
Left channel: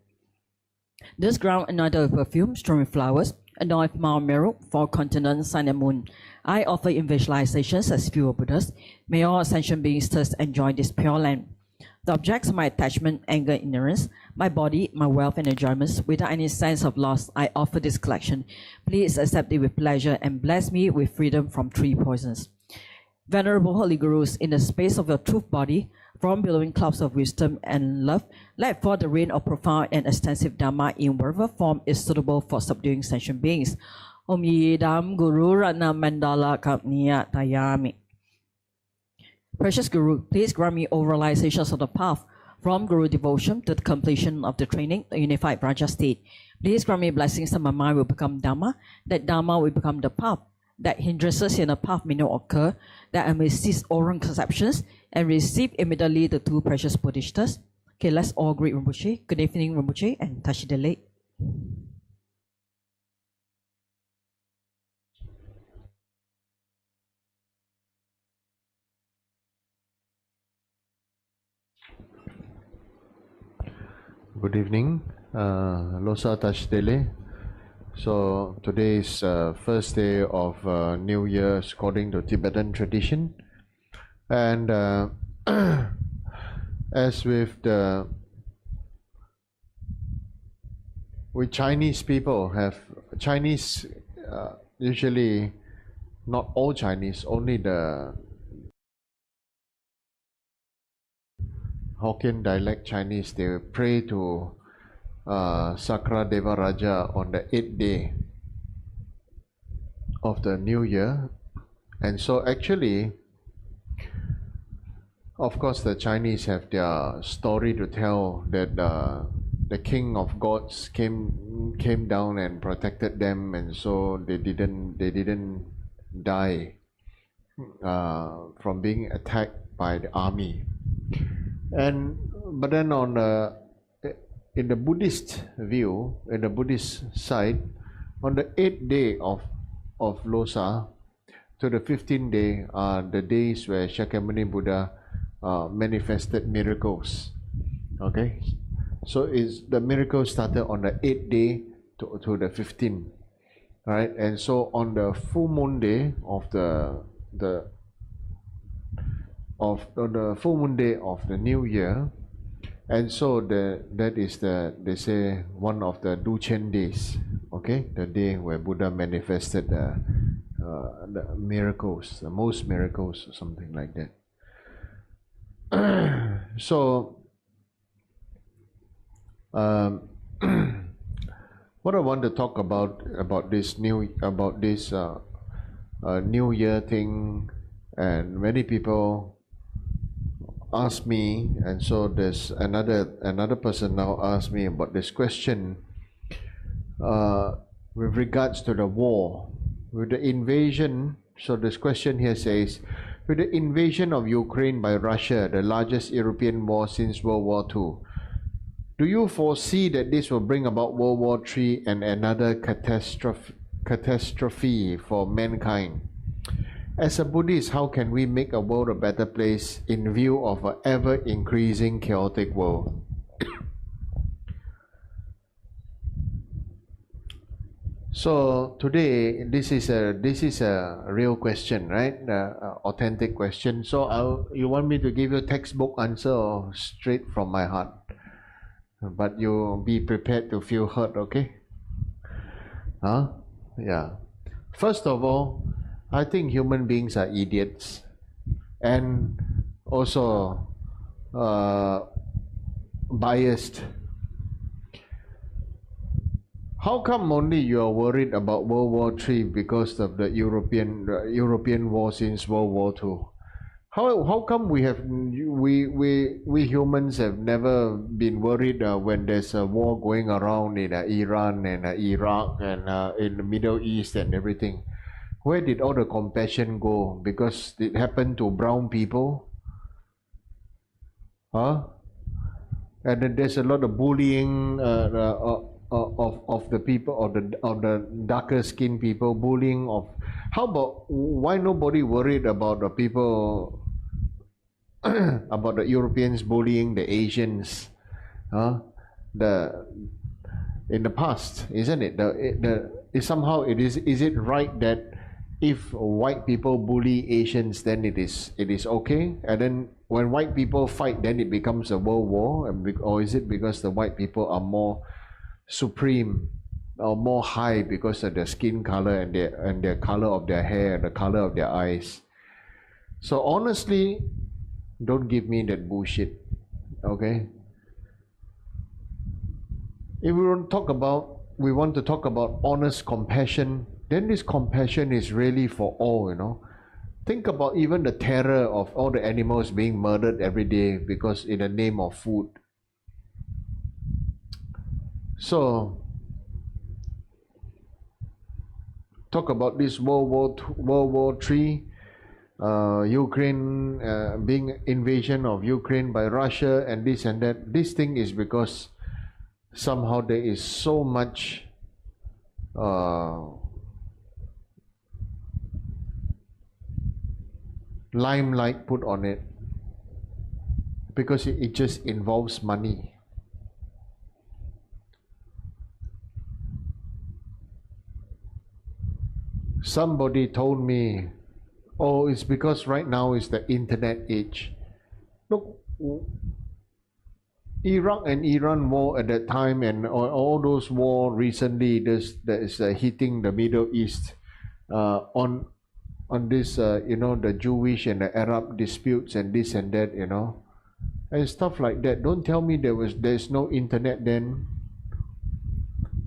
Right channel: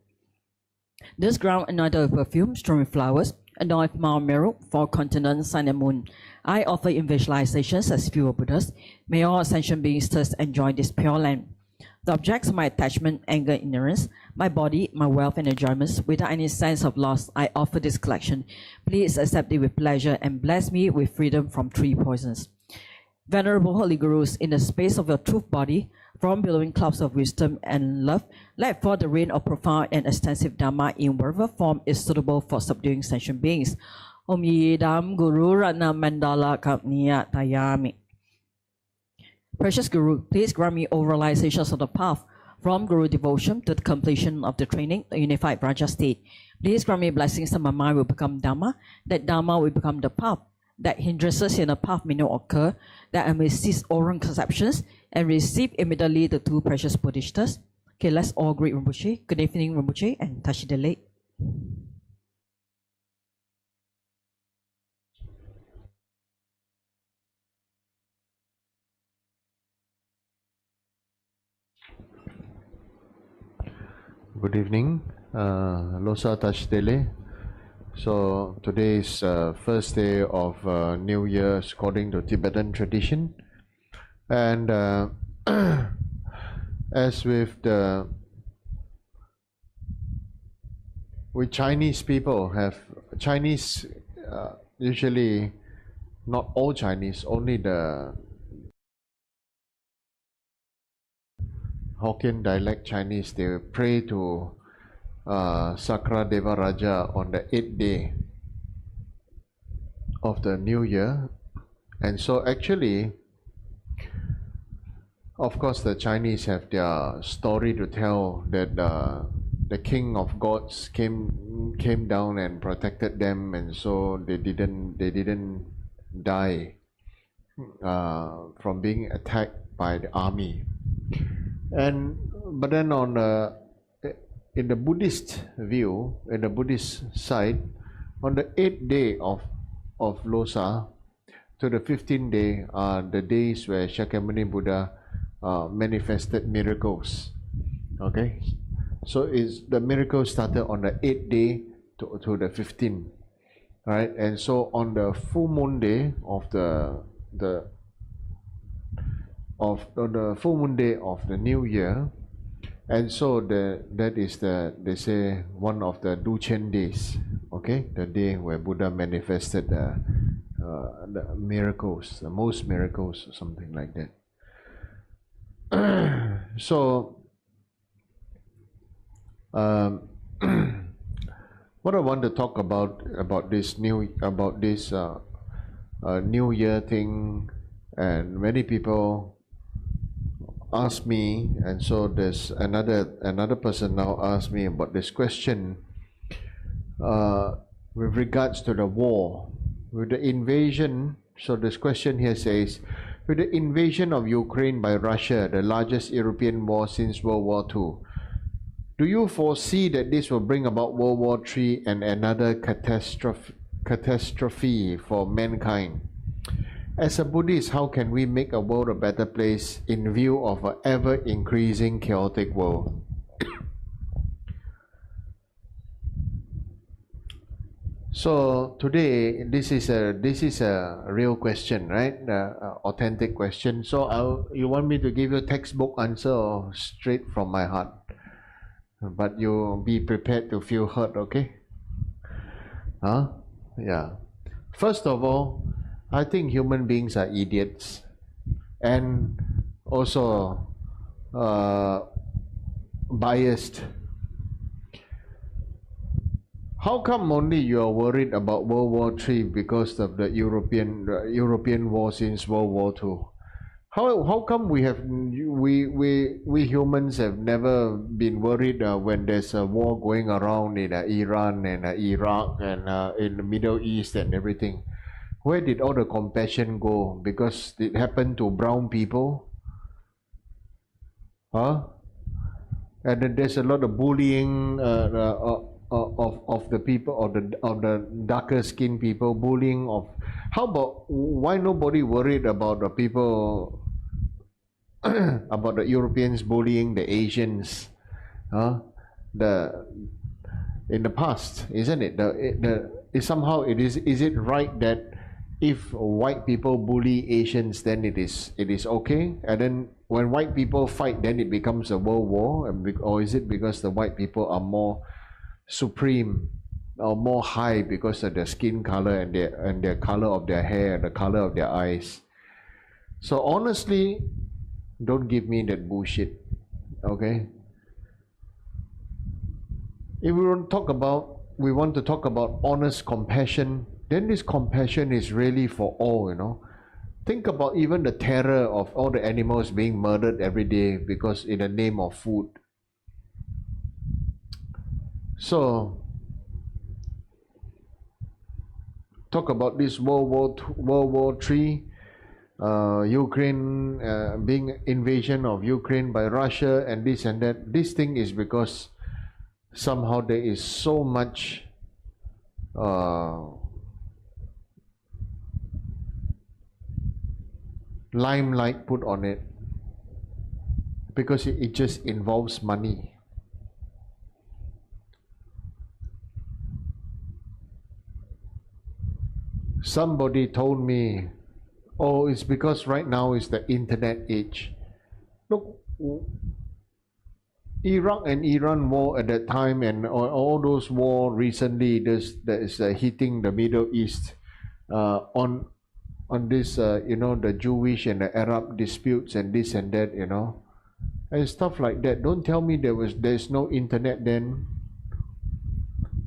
This ground anointed with perfume, strewn with flowers, adorned with Mount Meru, four continents, sun and moon. I offer in visualizations as pure Buddhas. May all ascension beings thus enjoy this pure land. The objects of my attachment, anger, ignorance, my body, my wealth, and enjoyments, without any sense of loss, I offer this collection. Please accept it with pleasure and bless me with freedom from three poisons. Venerable Holy Gurus, in the space of your truth body, from billowing clouds of wisdom and love, let fall the rain of profound and extensive Dharma in whatever form is suitable for subduing sentient beings. Om Yidam Guru Rana Mandala Kapniya Tayami. Precious Guru, please grant me all realizations of the path, from Guru devotion to the completion of the training, the unified Raja state. Please grant me blessings that my mind will become Dharma, that Dharma will become the path, that hindrances in the path may not occur, that I may cease all wrong conceptions, and receive immediately the two precious Bodhisattvas. Okay, let's all greet Rinpoche. Good evening, Rinpoche, and touch the leg. Good evening, Losa Tashdele. So today is first day of New Year according to Tibetan tradition, and as with Chinese people have Chinese usually not all Chinese, only the Hokkien dialect Chinese, they pray to Sakra Deva Raja on the 8th day of the new year. And so actually, of course, the Chinese have their story to tell that the king of gods came down and protected them, and so they didn't die from being attacked by the army. But then in the Buddhist view, in the Buddhist side, on the 8th day of Losar to the 15th day are the days where Shakyamuni Buddha manifested miracles. Okay, so the miracle started on the 8th day to the 15th, right? And so on the full moon day of the full moon day of the new year, and so that is they say one of the Duchen days. Okay, the day where Buddha manifested the miracles, the most miracles, or something like that. So what I want to talk about this new year thing, and many people ask me, and so there's another person now asked me about this question with regards to the war, with the invasion. So this question here says, with the invasion of Ukraine by Russia, the largest European war since World War II, do you foresee that this will bring about World War III and another catastrophe for mankind? As a Buddhist, how can we make a world a better place in view of an ever-increasing chaotic world? So today, this is a real question, right? Authentic question. So you want me to give you a textbook answer or straight from my heart? But you be prepared to feel hurt, okay? Huh? Yeah. First of all, I think human beings are idiots, and also biased. How come only you are worried about World War III because of the European war since World War II? How come we humans have never been worried when there's a war going around in Iran and Iraq and in the Middle East and everything? Where did all the compassion go? Because it happened to brown people? Huh? And then there's a lot of bullying of the people, of the darker skinned people, bullying of. How about, why nobody worried about the people, about the Europeans bullying the Asians? In the past, isn't it? Somehow is it right that if white people bully Asians, then it is okay, and then when white people fight, then it becomes a world war, or is it because the white people are more supreme or more high because of their skin color and their color of their hair and the color of their eyes? So honestly, don't give me that bullshit, okay? If we want to talk about honest compassion, then this compassion is really for all, you know. Think about even the terror of all the animals being murdered every day because in the name of food. So talk about this World War III, Ukraine, being invasion of Ukraine by Russia and this and that. This thing is because somehow there is so much limelight put on it, because it just involves money. Somebody told me, oh, it's because right now is the internet age. Look, Iraq and Iran war at that time, and all those war recently that is hitting the Middle East on this, the Jewish and the Arab disputes and this and that, and stuff like that. Don't tell me there's no internet then.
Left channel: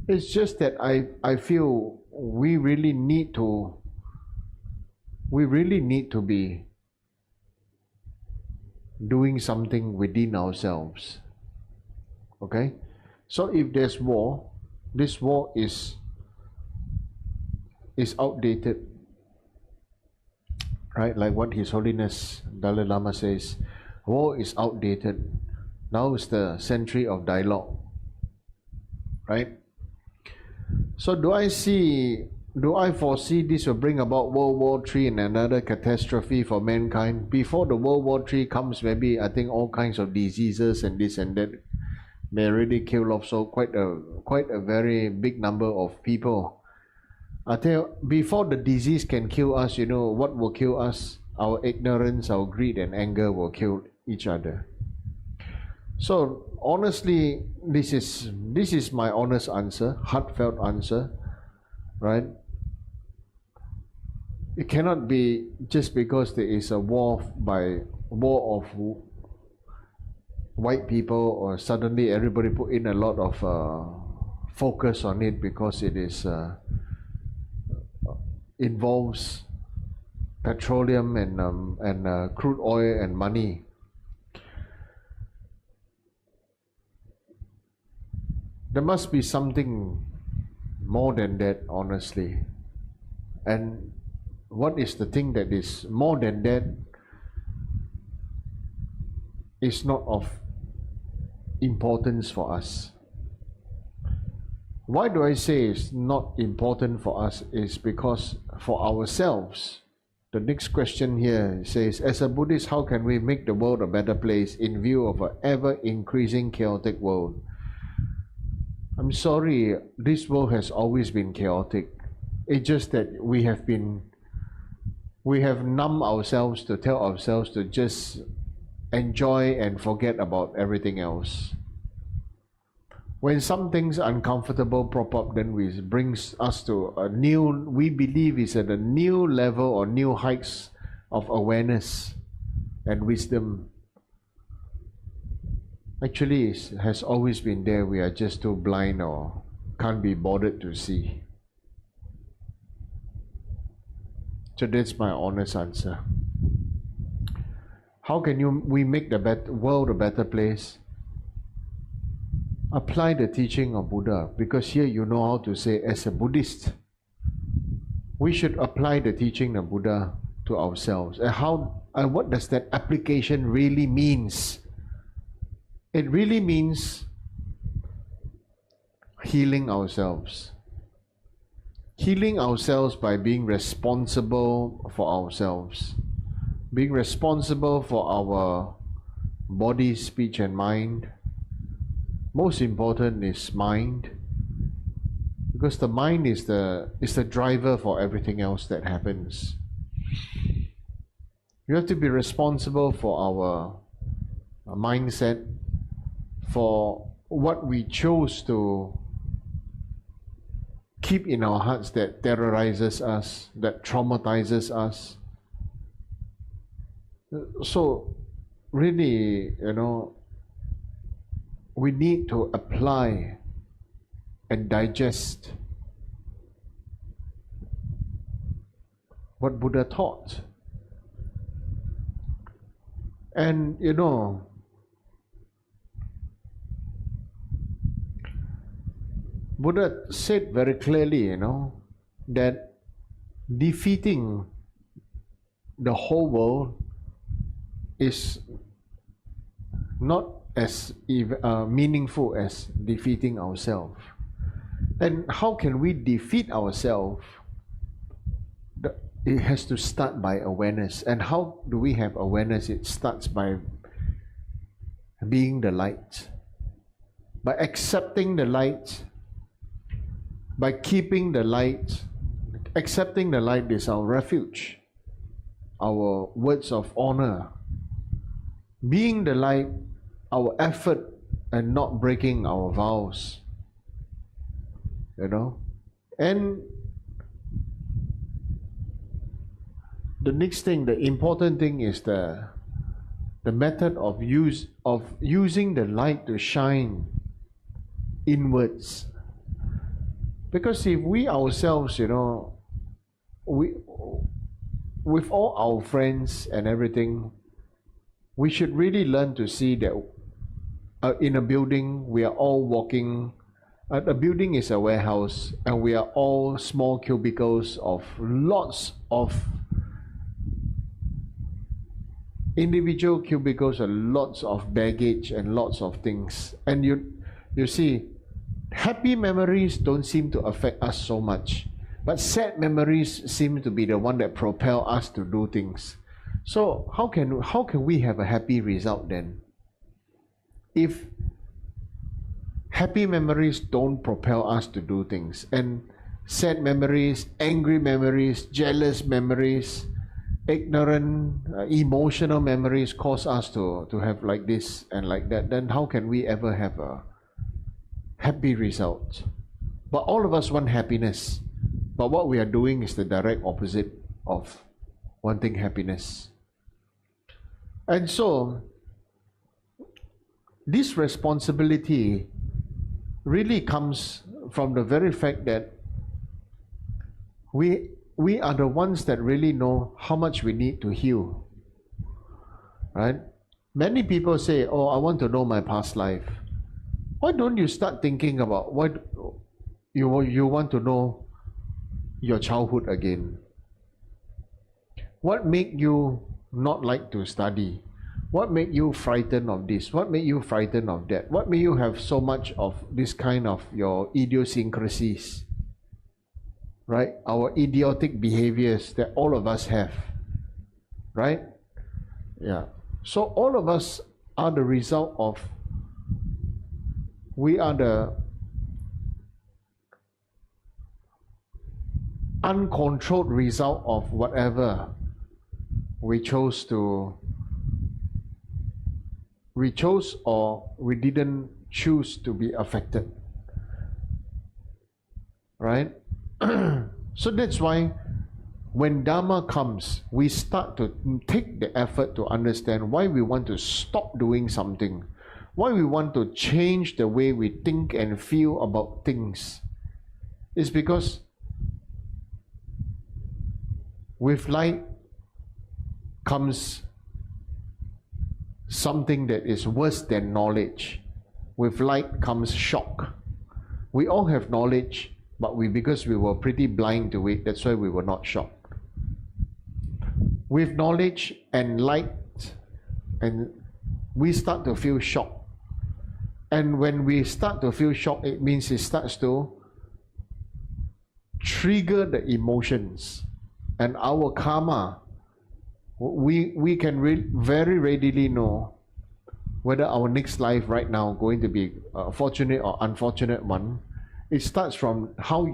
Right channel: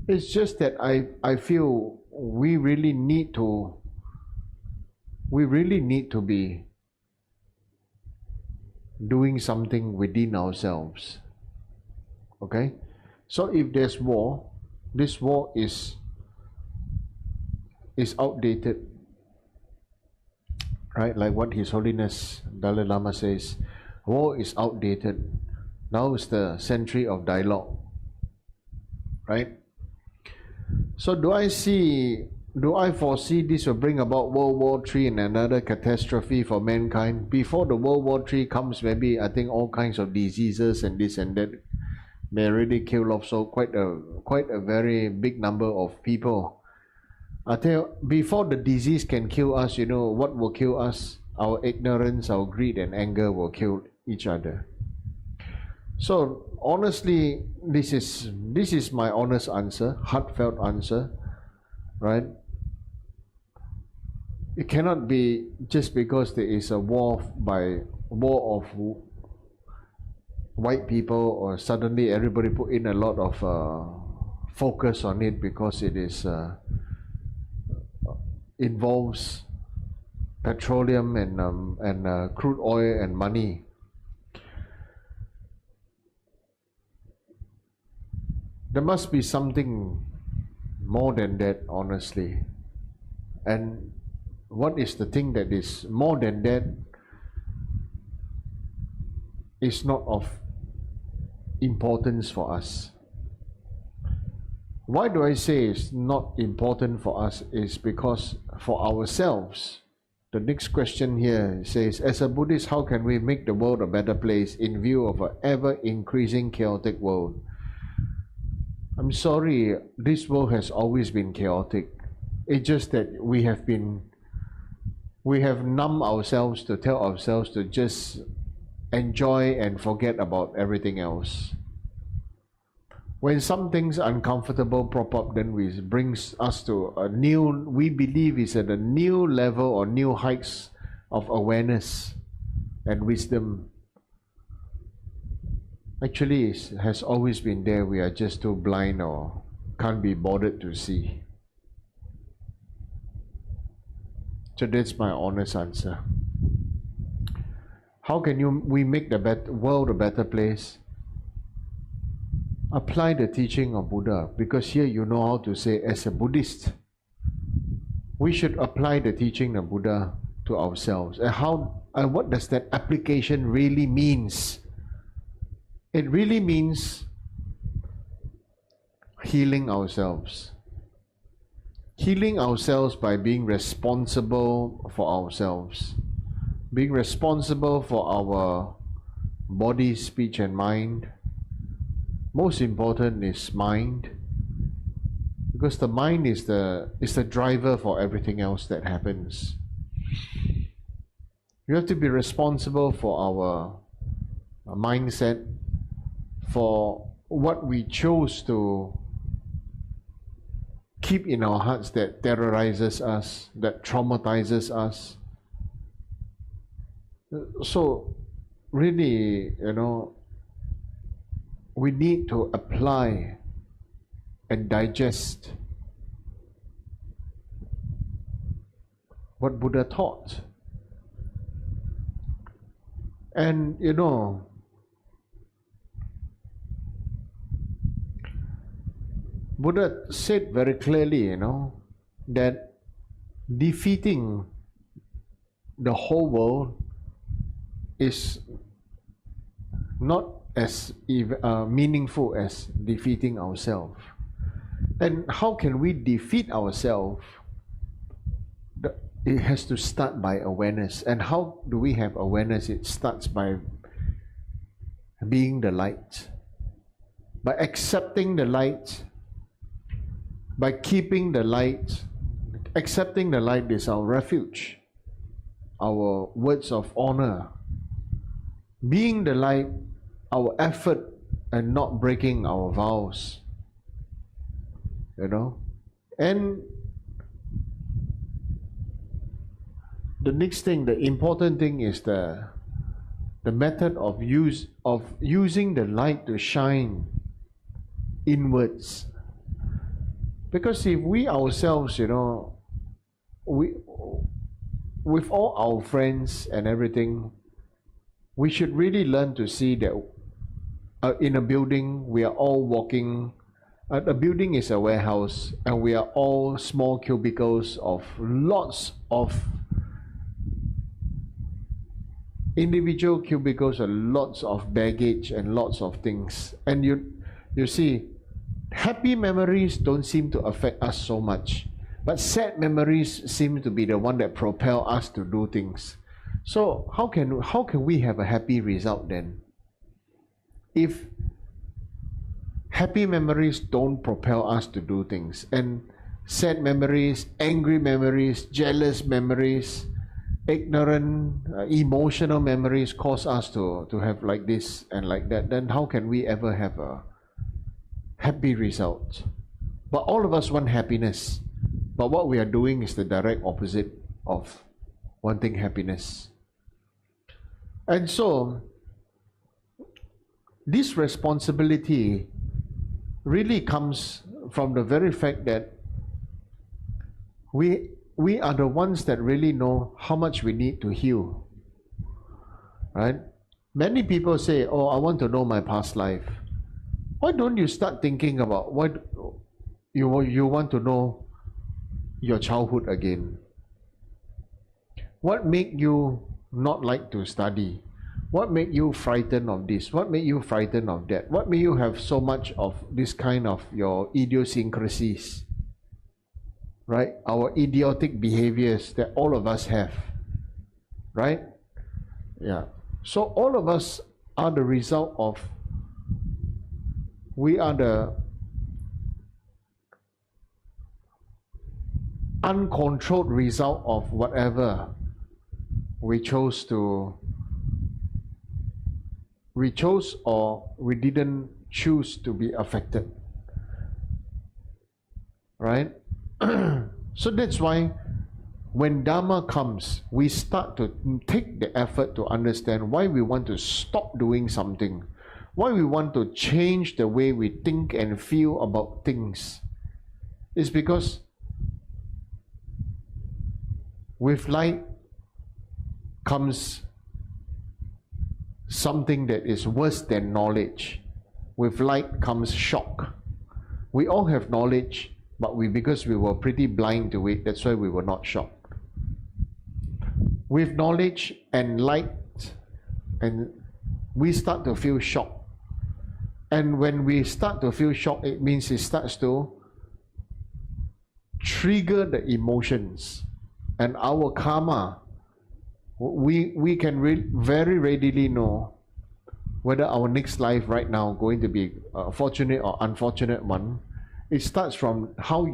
It's just that I feel we really need to we really need to be doing something within ourselves. Okay? So if there's war, this war is outdated. Right? Like what His Holiness Dalai Lama says, war is outdated. Now is the century of dialogue. Right? So do I foresee this will bring about World War III and another catastrophe for mankind? Before the World War III comes, maybe I think all kinds of diseases and this and that may already kill off so quite a very big number of people. I tell you, before the disease can kill us, you know what will kill us? Our ignorance, our greed and anger will kill each other. So honestly, this is my honest answer, heartfelt answer, right? It cannot be just because there is a war of white people, or suddenly everybody put in a lot of focus on it because it is involves petroleum and crude oil and money. There must be something more than that, honestly. And what is the thing that is more than that is not of importance for us. Why do I say it's not important for us? Is because for ourselves. The next question here says, as a Buddhist, how can we make the world a better place in view of an ever-increasing chaotic world? I'm sorry, this world has always been chaotic. It's just that we have numbed ourselves to tell ourselves to just enjoy and forget about everything else. When something's uncomfortable pop up, then it brings us to we believe is at a new level or new heights of awareness and wisdom. Actually, it has always been there. We are just too blind or can't be bothered to see. So that's my honest answer. How can we make the world a better place? Apply the teaching of Buddha, because here you know how to say, as a Buddhist, we should apply the teaching of Buddha to ourselves. And what does that application really means? It really means healing ourselves. Healing ourselves by being responsible for ourselves. Being responsible for our body, speech and mind. Most important is mind, because the mind is the driver for everything else that happens. You have to be responsible for our mindset, for what we chose to keep in our hearts that terrorizes us, that traumatizes us. So really, we need to apply and digest what Buddha taught. And Buddha said very clearly, that defeating the whole world is not as meaningful as defeating ourselves. And how can we defeat ourselves? It has to start by awareness. And how do we have awareness? It starts by being the light, by accepting the light, by keeping the light. Accepting the light is our refuge, our words of honor. Being the light, our effort, and not breaking our vows. And the next thing, the important thing, is the method of using the light to shine inwards. Because if we ourselves, with all our friends and everything, we should really learn to see that in a building, we are all walking. A building is a warehouse, and we are all small cubicles of lots of individual cubicles and lots of baggage and lots of things. And you see, happy memories don't seem to affect us so much, but sad memories seem to be the one that propel us to do things. So how can we have a happy result then? If happy memories don't propel us to do things, and sad memories, angry memories, jealous memories, ignorant, emotional memories cause us to have like this and like that, then how can we ever have a happy result? But all of us want happiness, but what we are doing is the direct opposite of wanting happiness. And so this responsibility really comes from the very fact that we are the ones that really know how much we need to heal, right? Many people say, oh, I want to know my past life. Why don't you start thinking about what you want to know your childhood again? What made you not like to study? What made you frightened of this? What made you frightened of that? What made you have so much of this kind of your idiosyncrasies, right? Our idiotic behaviors that all of us have, right? Yeah. So all of us are the result of, we are the uncontrolled result of whatever we chose or we didn't choose to be affected, right? So that's why when Dharma comes, we start to take the effort to understand why we want to stop doing something, why we want to change the way we think and feel about things. It's because with light comes something that is worse than knowledge. With light comes shock. We all have knowledge, but because we were pretty blind to it, that's why we were not shocked. With knowledge and light, and we start to feel shock. And when we start to feel shock, it means it starts to trigger the emotions. And our karma, we can very readily know whether our next life right now going to be a fortunate or unfortunate one. It starts from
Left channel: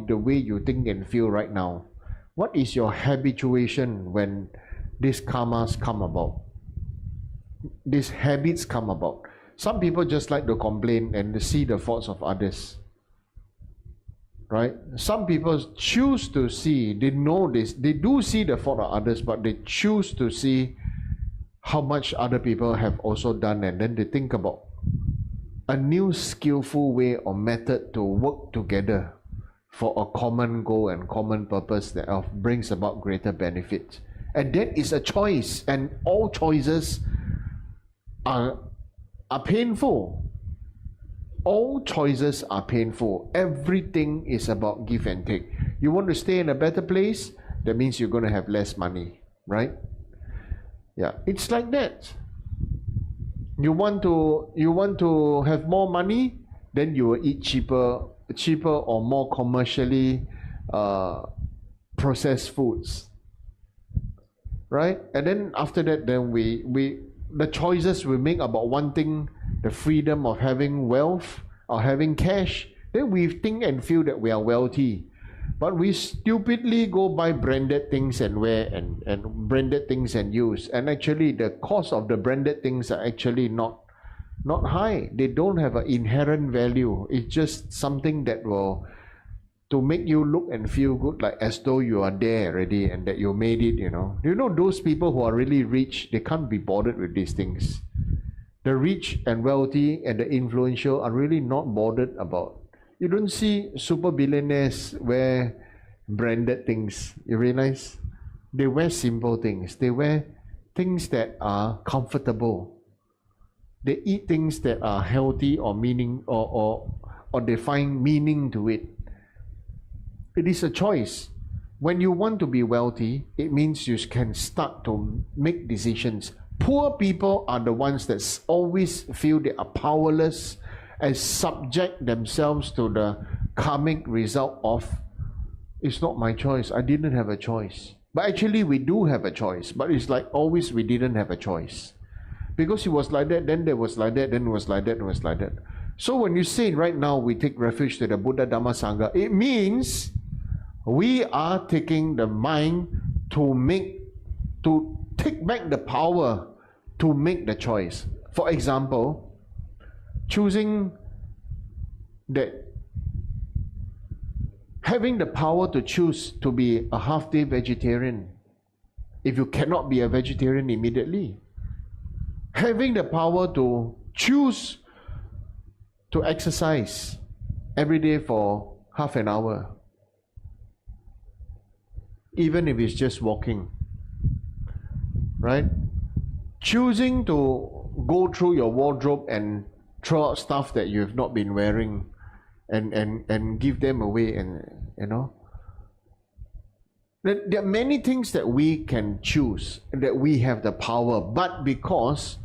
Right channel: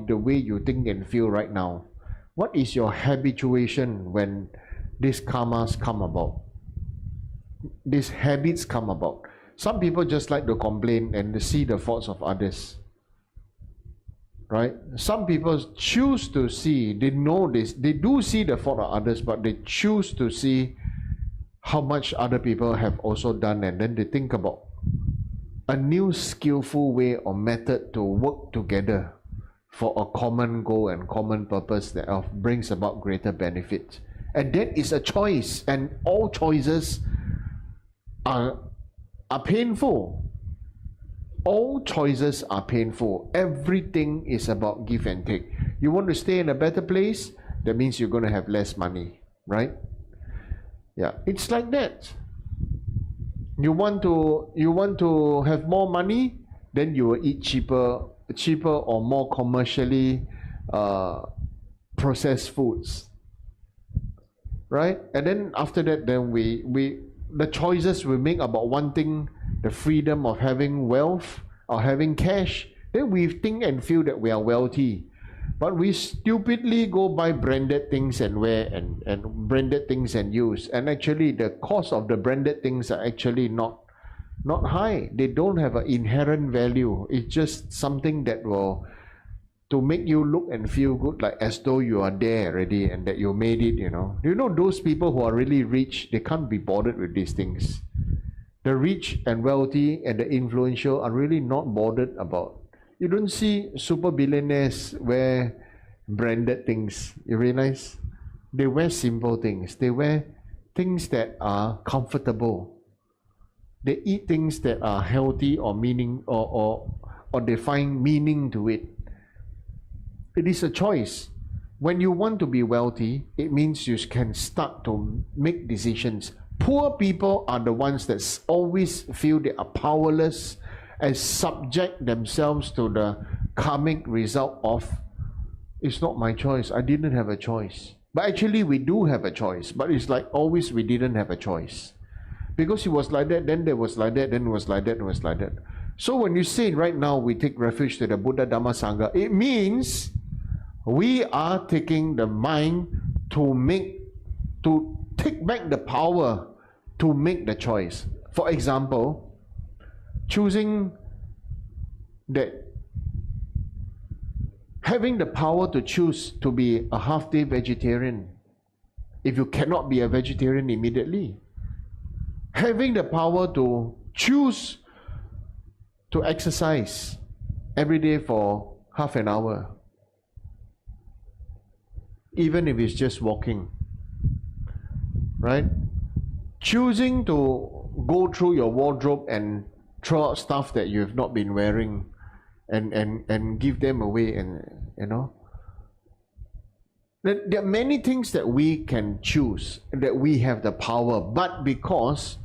the way you think and feel right now. What is your habituation when these karmas come about? These habits come about. Some people just like to complain and see the faults of others, right? Some people choose to see, they know this, they do see the fault of others, but they choose to see how much other people have also done, and then they think about a new skillful way or method to work together for a common goal and common purpose that brings about greater benefit. And that is a choice, and all choices are painful. All choices are painful. Everything is about give and take. You want to stay in a better place, that means you're going to have less money, right? Yeah, it's like that. You want to have more money, then you will eat cheaper or more commercially processed foods, right? And then after that, then the choices we make about wanting the freedom of having wealth or having cash, then we think and feel that we are wealthy. But we stupidly go buy branded things and wear and branded things and use. And actually the cost of the branded things are actually not high. They don't have an inherent value. It's just something that will to make you look and feel good, like as though you are there already and that you made it, you know. You know, those people who are really rich, they can't be bothered with these things. The rich and wealthy and the influential are really not bothered about. You don't see super billionaires wear branded things, you realize? They wear simple things. They wear things that are comfortable. They eat things that are healthy or meaning or they find meaning to it. It is a choice. When you want to be wealthy, it means you can start to make decisions. Poor people are the ones that always feel they are powerless and subject themselves to the karmic result of, it's not my choice, I didn't have a choice. But actually we do have a choice, but it's like always we didn't have a choice. Because it was like that, then there was like that, then it was like that, it was like that. So when you say right now we take refuge to the Buddha, Dharma, Sangha, it means we are taking the mind to take back the power to make the choice. For example, choosing that, having the power to choose to be a half-day vegetarian if you cannot be a vegetarian immediately. Having the power to choose to exercise every day for half an hour, even if it's just walking, right? Choosing to go through your wardrobe and throw out stuff that you have not been wearing and give them away, and you know, there are many things that we can choose, that we have the power, but because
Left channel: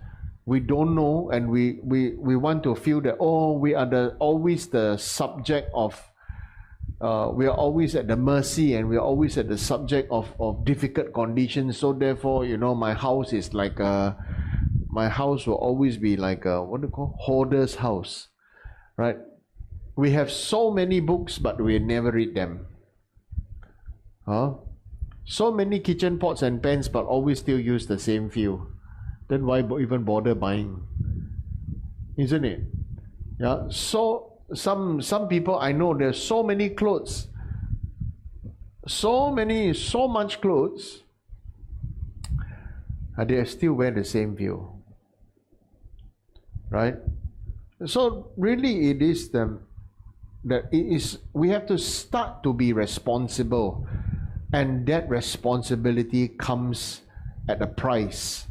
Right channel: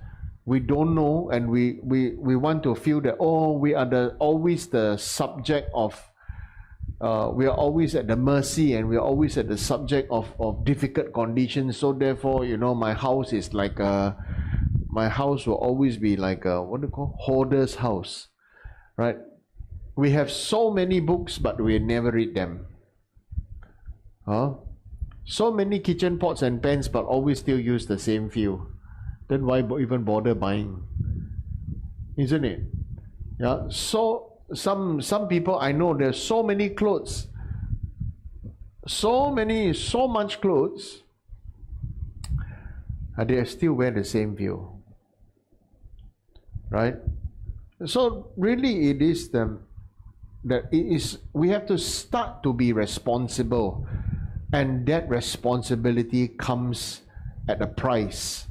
we don't know and we want to feel that, oh, we are always the subject of we are always at the mercy and we are always at the subject of difficult conditions. So therefore, you know, my house is like my house will always be like a, what do you call, hoarder's house, right? We have so many books, but we never read them. So many kitchen pots and pans, but always still use the same few. Then why even bother buying? Isn't it? Yeah. So some people I know, there's so many clothes, so much clothes, and they still wear the same few, right? So really, it is we have to start to be responsible, and that responsibility comes at a price.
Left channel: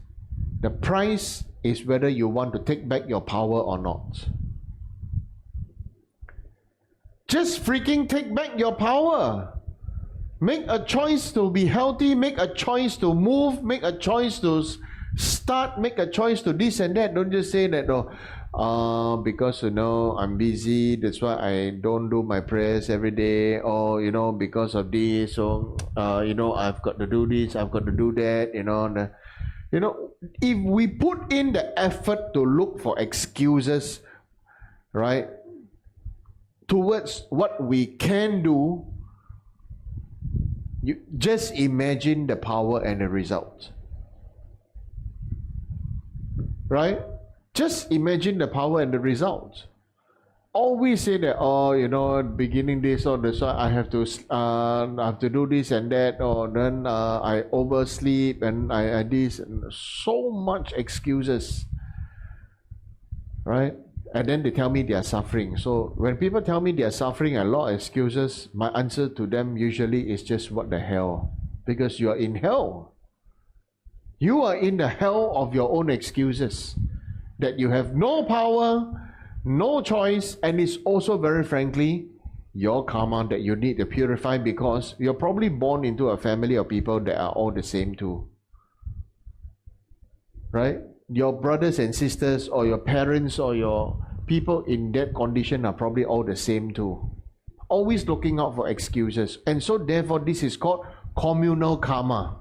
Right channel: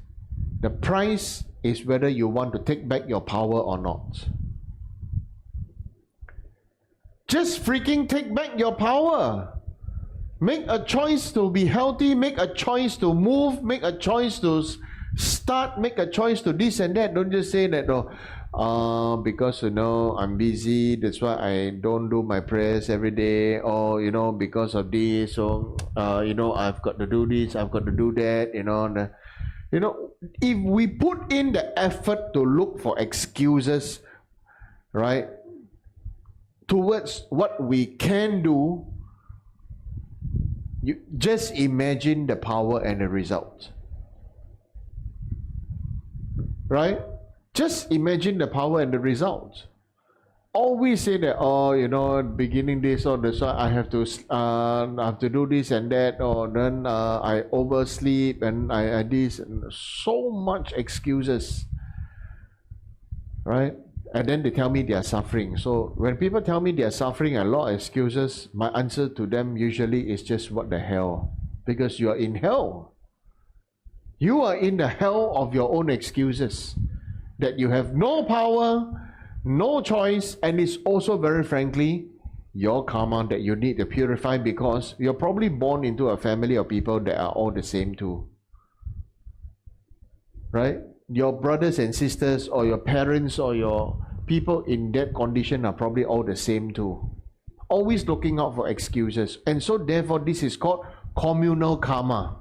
The price is whether you want to take back your power or not. Just freaking take back your power. Make a choice to be healthy, make a choice to move, make a choice to start, make a choice to this and that. Don't just say that, because, you know, I'm busy, that's why I don't do my prayers every day, or, you know, because of this, so, you know, I've got to do this, I've got to do that, you know. You know, if we put in the effort to look for excuses, right, towards what we can do, you just imagine the power and the result. Right? Just imagine the power and the result. Always say that, oh, you know, beginning this or this, I have to do this and that, or then I oversleep and I this, and so much excuses, right? And then they tell me they are suffering. So when people tell me they are suffering, a lot of excuses, my answer to them usually is just, what the hell? Because you are in hell. You are in the hell of your own excuses, that you have no power, no choice, and it's also, very frankly, your karma that you need to purify, because you're probably born into a family of people that are all the same too. Right? Your brothers and sisters, or your parents, or your people in that condition are probably all the same too. Always looking out for excuses. And so therefore this is called communal karma.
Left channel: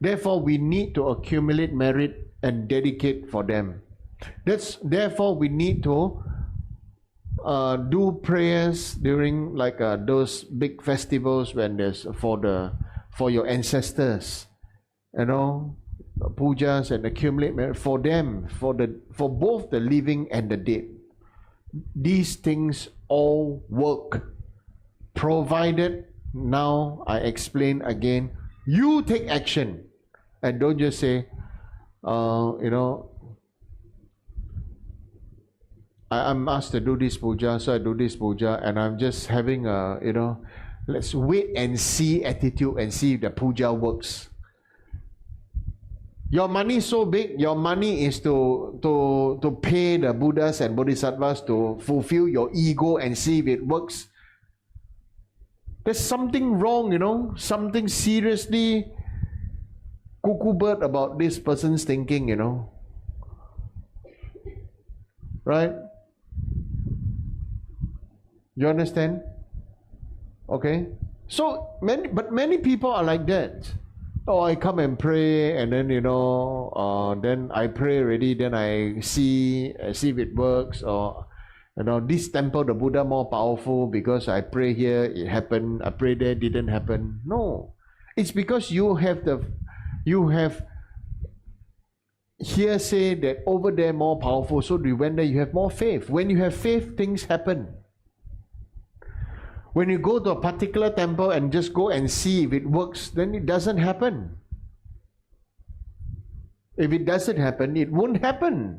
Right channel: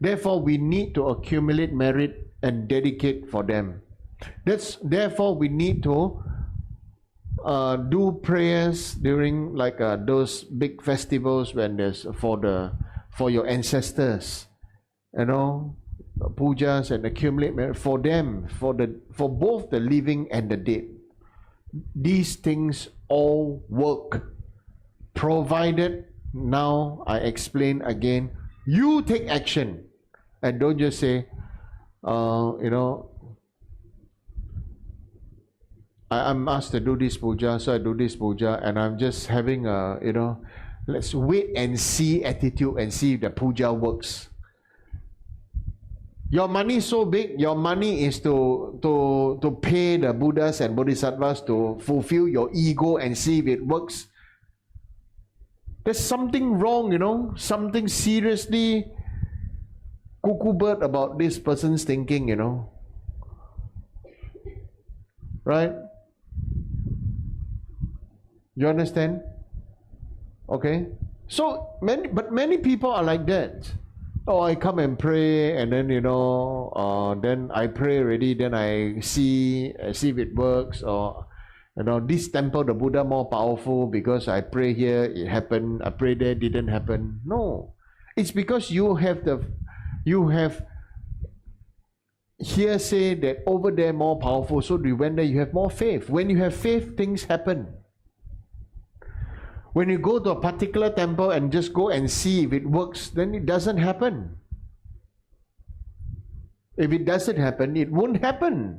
Therefore we need to accumulate merit and dedicate for them. Therefore we need to do prayers during like those big festivals, when there's for your ancestors, you know, pujas, and accumulate merit for them, for both the living and the dead. These things all work, provided, now I explain again, you take action, and don't just say, you know, I'm asked to do this puja, so I do this puja, and I'm just having a, you know, let's wait and see attitude and see if the puja works. Your money is so big, your money is to pay the Buddhas and Bodhisattvas to fulfill your ego and see if it works. There's something wrong, you know, something seriously cuckoo bird about this person's thinking, you know. Right? You understand? Okay? So, many people are like that. Oh, I come and pray, and then, you know, then I pray already, then I see if it works, or, you know, this temple, the Buddha more powerful because I pray here, it happened, I pray there, didn't happen. No. It's because you have hearsay that over there more powerful, so you went there, you have more faith. When you have faith, things happen. When you go to a particular temple and just go and see if it works, then it doesn't happen. If it doesn't happen, it won't happen.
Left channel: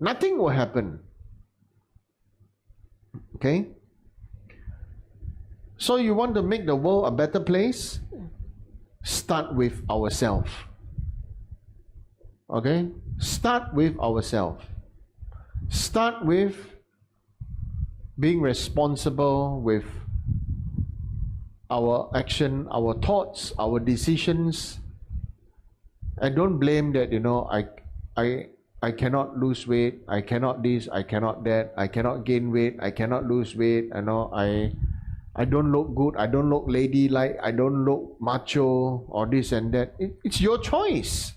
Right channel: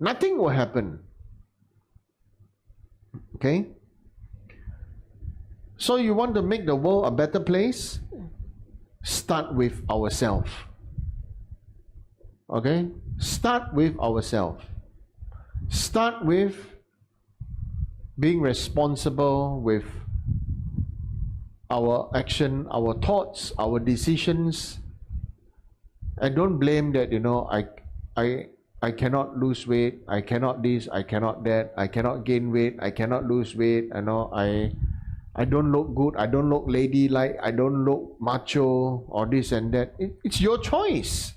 Nothing will happen. Okay? So you want to make the world a better place? Start with ourselves. Okay? Start with ourselves. Start with being responsible with our action, our thoughts, our decisions. I don't blame that, you know, I cannot lose weight, I cannot this, I cannot that, I cannot gain weight, I cannot lose weight, you know, I don't look good, I don't look ladylike, I don't look macho, or this and that. It's your choice.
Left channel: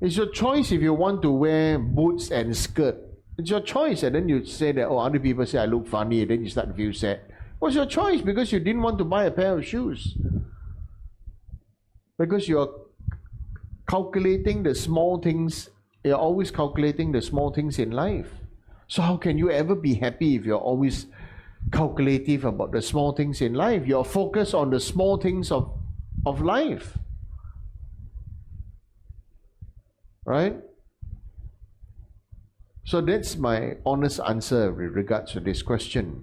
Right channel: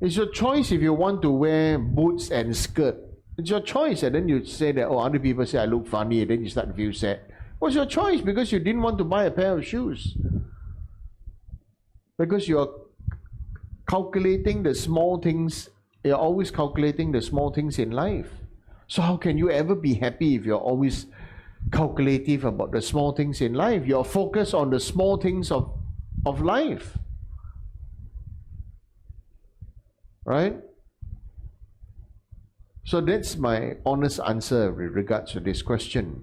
It's your choice if you want to wear boots and skirt. It's your choice, and then you say that, oh, other people say I look funny, and then you start to feel sad. What's your choice? Because you didn't want to buy a pair of shoes. Because you're calculating the small things, you're always calculating the small things in life. So how can you ever be happy if you're always calculative about the small things in life? You're focused on the small things of life. Right? So that's my honest answer with regards to this question.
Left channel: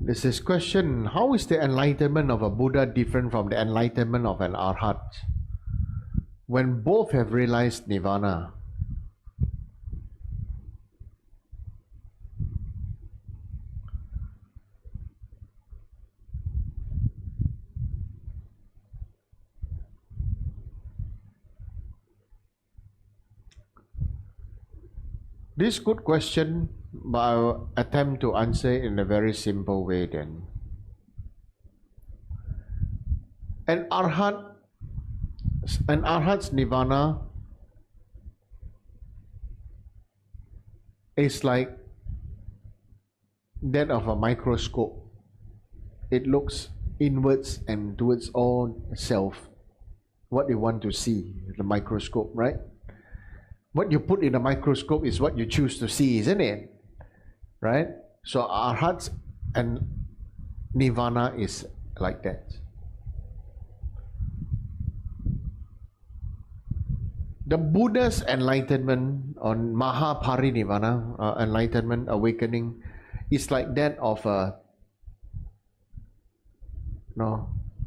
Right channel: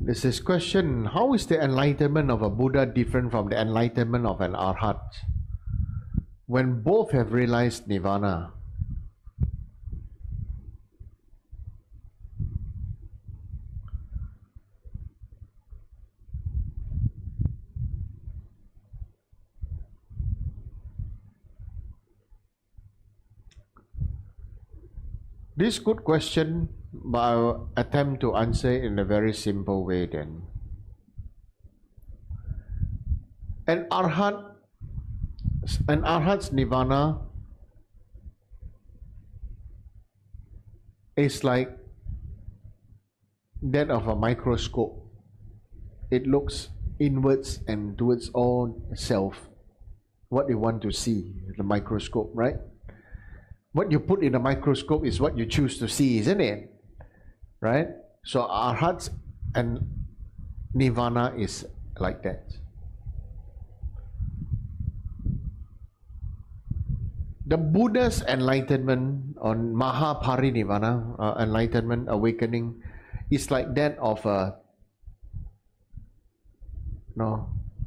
There's this question, how is the enlightenment of a Buddha different from the enlightenment of an Arhat when both have realized Nirvana? This is a good question, but I'll attempt to answer it in a very simple way then. An Arhat's Nirvana is like that of a microscope. It looks inwards and towards all self, what you want to see, the microscope, right? What you put in the microscope is what you choose to see, isn't it? Right? So Arhat and Nirvana is like that. The Buddha's enlightenment on Mahaparinirvana, enlightenment, awakening, is like that of a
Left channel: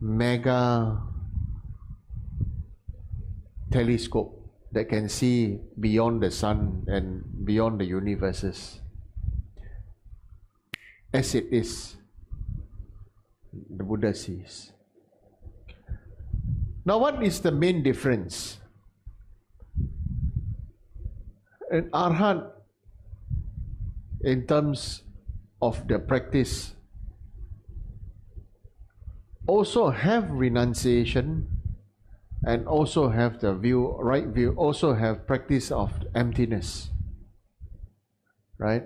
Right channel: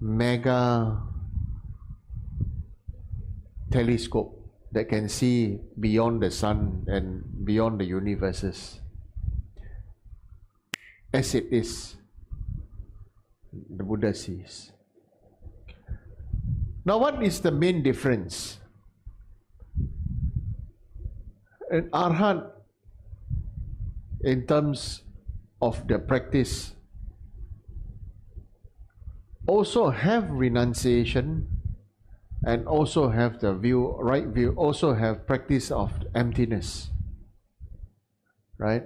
mega telescope that can see beyond the sun and beyond the universes. As it is, the Buddha sees. Now, what is the main difference? An Arhat, in terms of the practice, also have renunciation and also have the right view, also have practice of emptiness, right?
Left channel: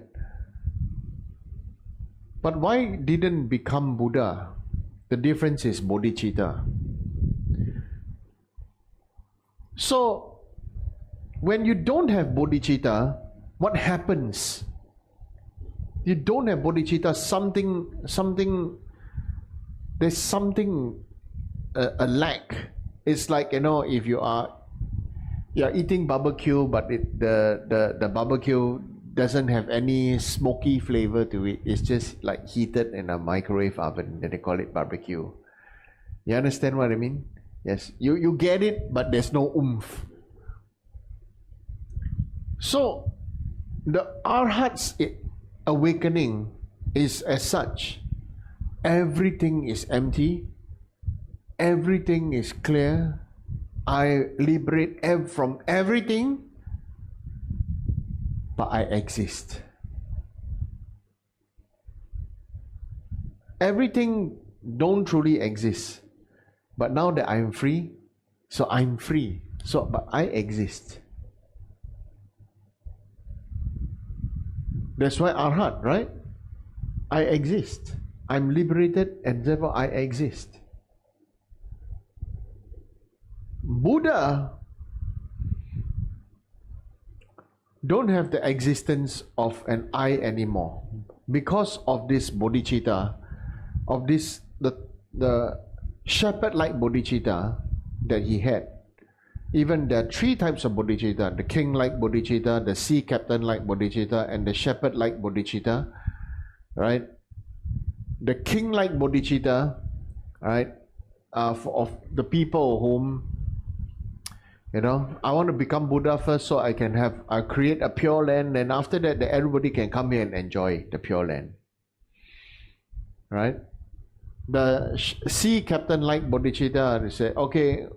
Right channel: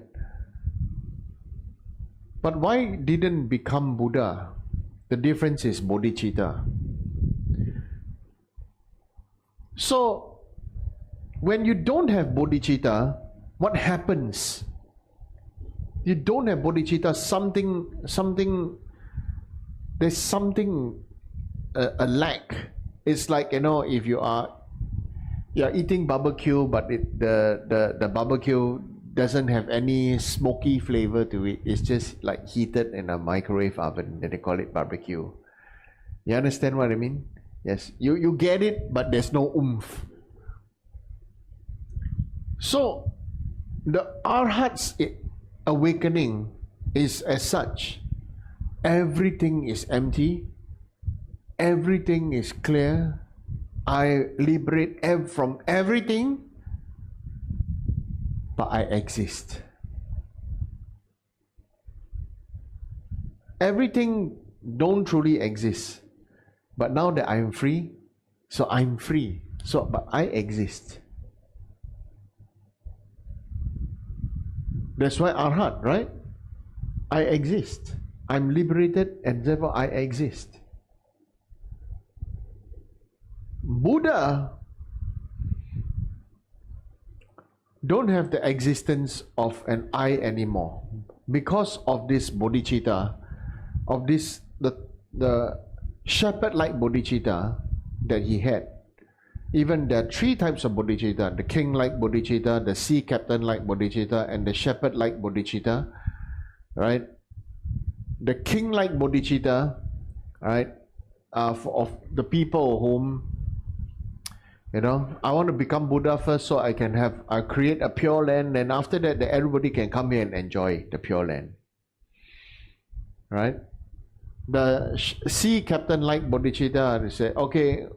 But why didn't become Buddha? The difference is bodhicitta. So, when you don't have bodhicitta, what happens? You don't have bodhicitta, there's something, a lack. It's like, if you're eating barbecue, but the barbecue doesn't have any smoky flavor to it. It's just like heated in a microwave oven. Then they call it barbecue. You understand what I mean? Yes, you get it, but there's no oomph. So, the Arhat's awakening is as such. Everything is empty. Everything is clear. I liberate from everything, but I exist. Everything don't truly exist. But now that I'm free, so I'm free. So, but I exist. That's why Arhat, right? I exist. I'm liberated and therefore I exist. Buddha don't have the existence of an I anymore because of this bodhicitta, of this the shepherd-like bodhicitta that he had. Even there are three types of bodhicitta: the king-like bodhicitta, the sea captain-like bodhicitta, and the shepherd-like bodhicitta. Right? The king-like bodhicitta, right, of the people whom, I want to become Buddha first so I can create a pure land, and after that, everybody can come here and enjoy the pure land. Right? The sea captain-like bodhicitta, they say, okay,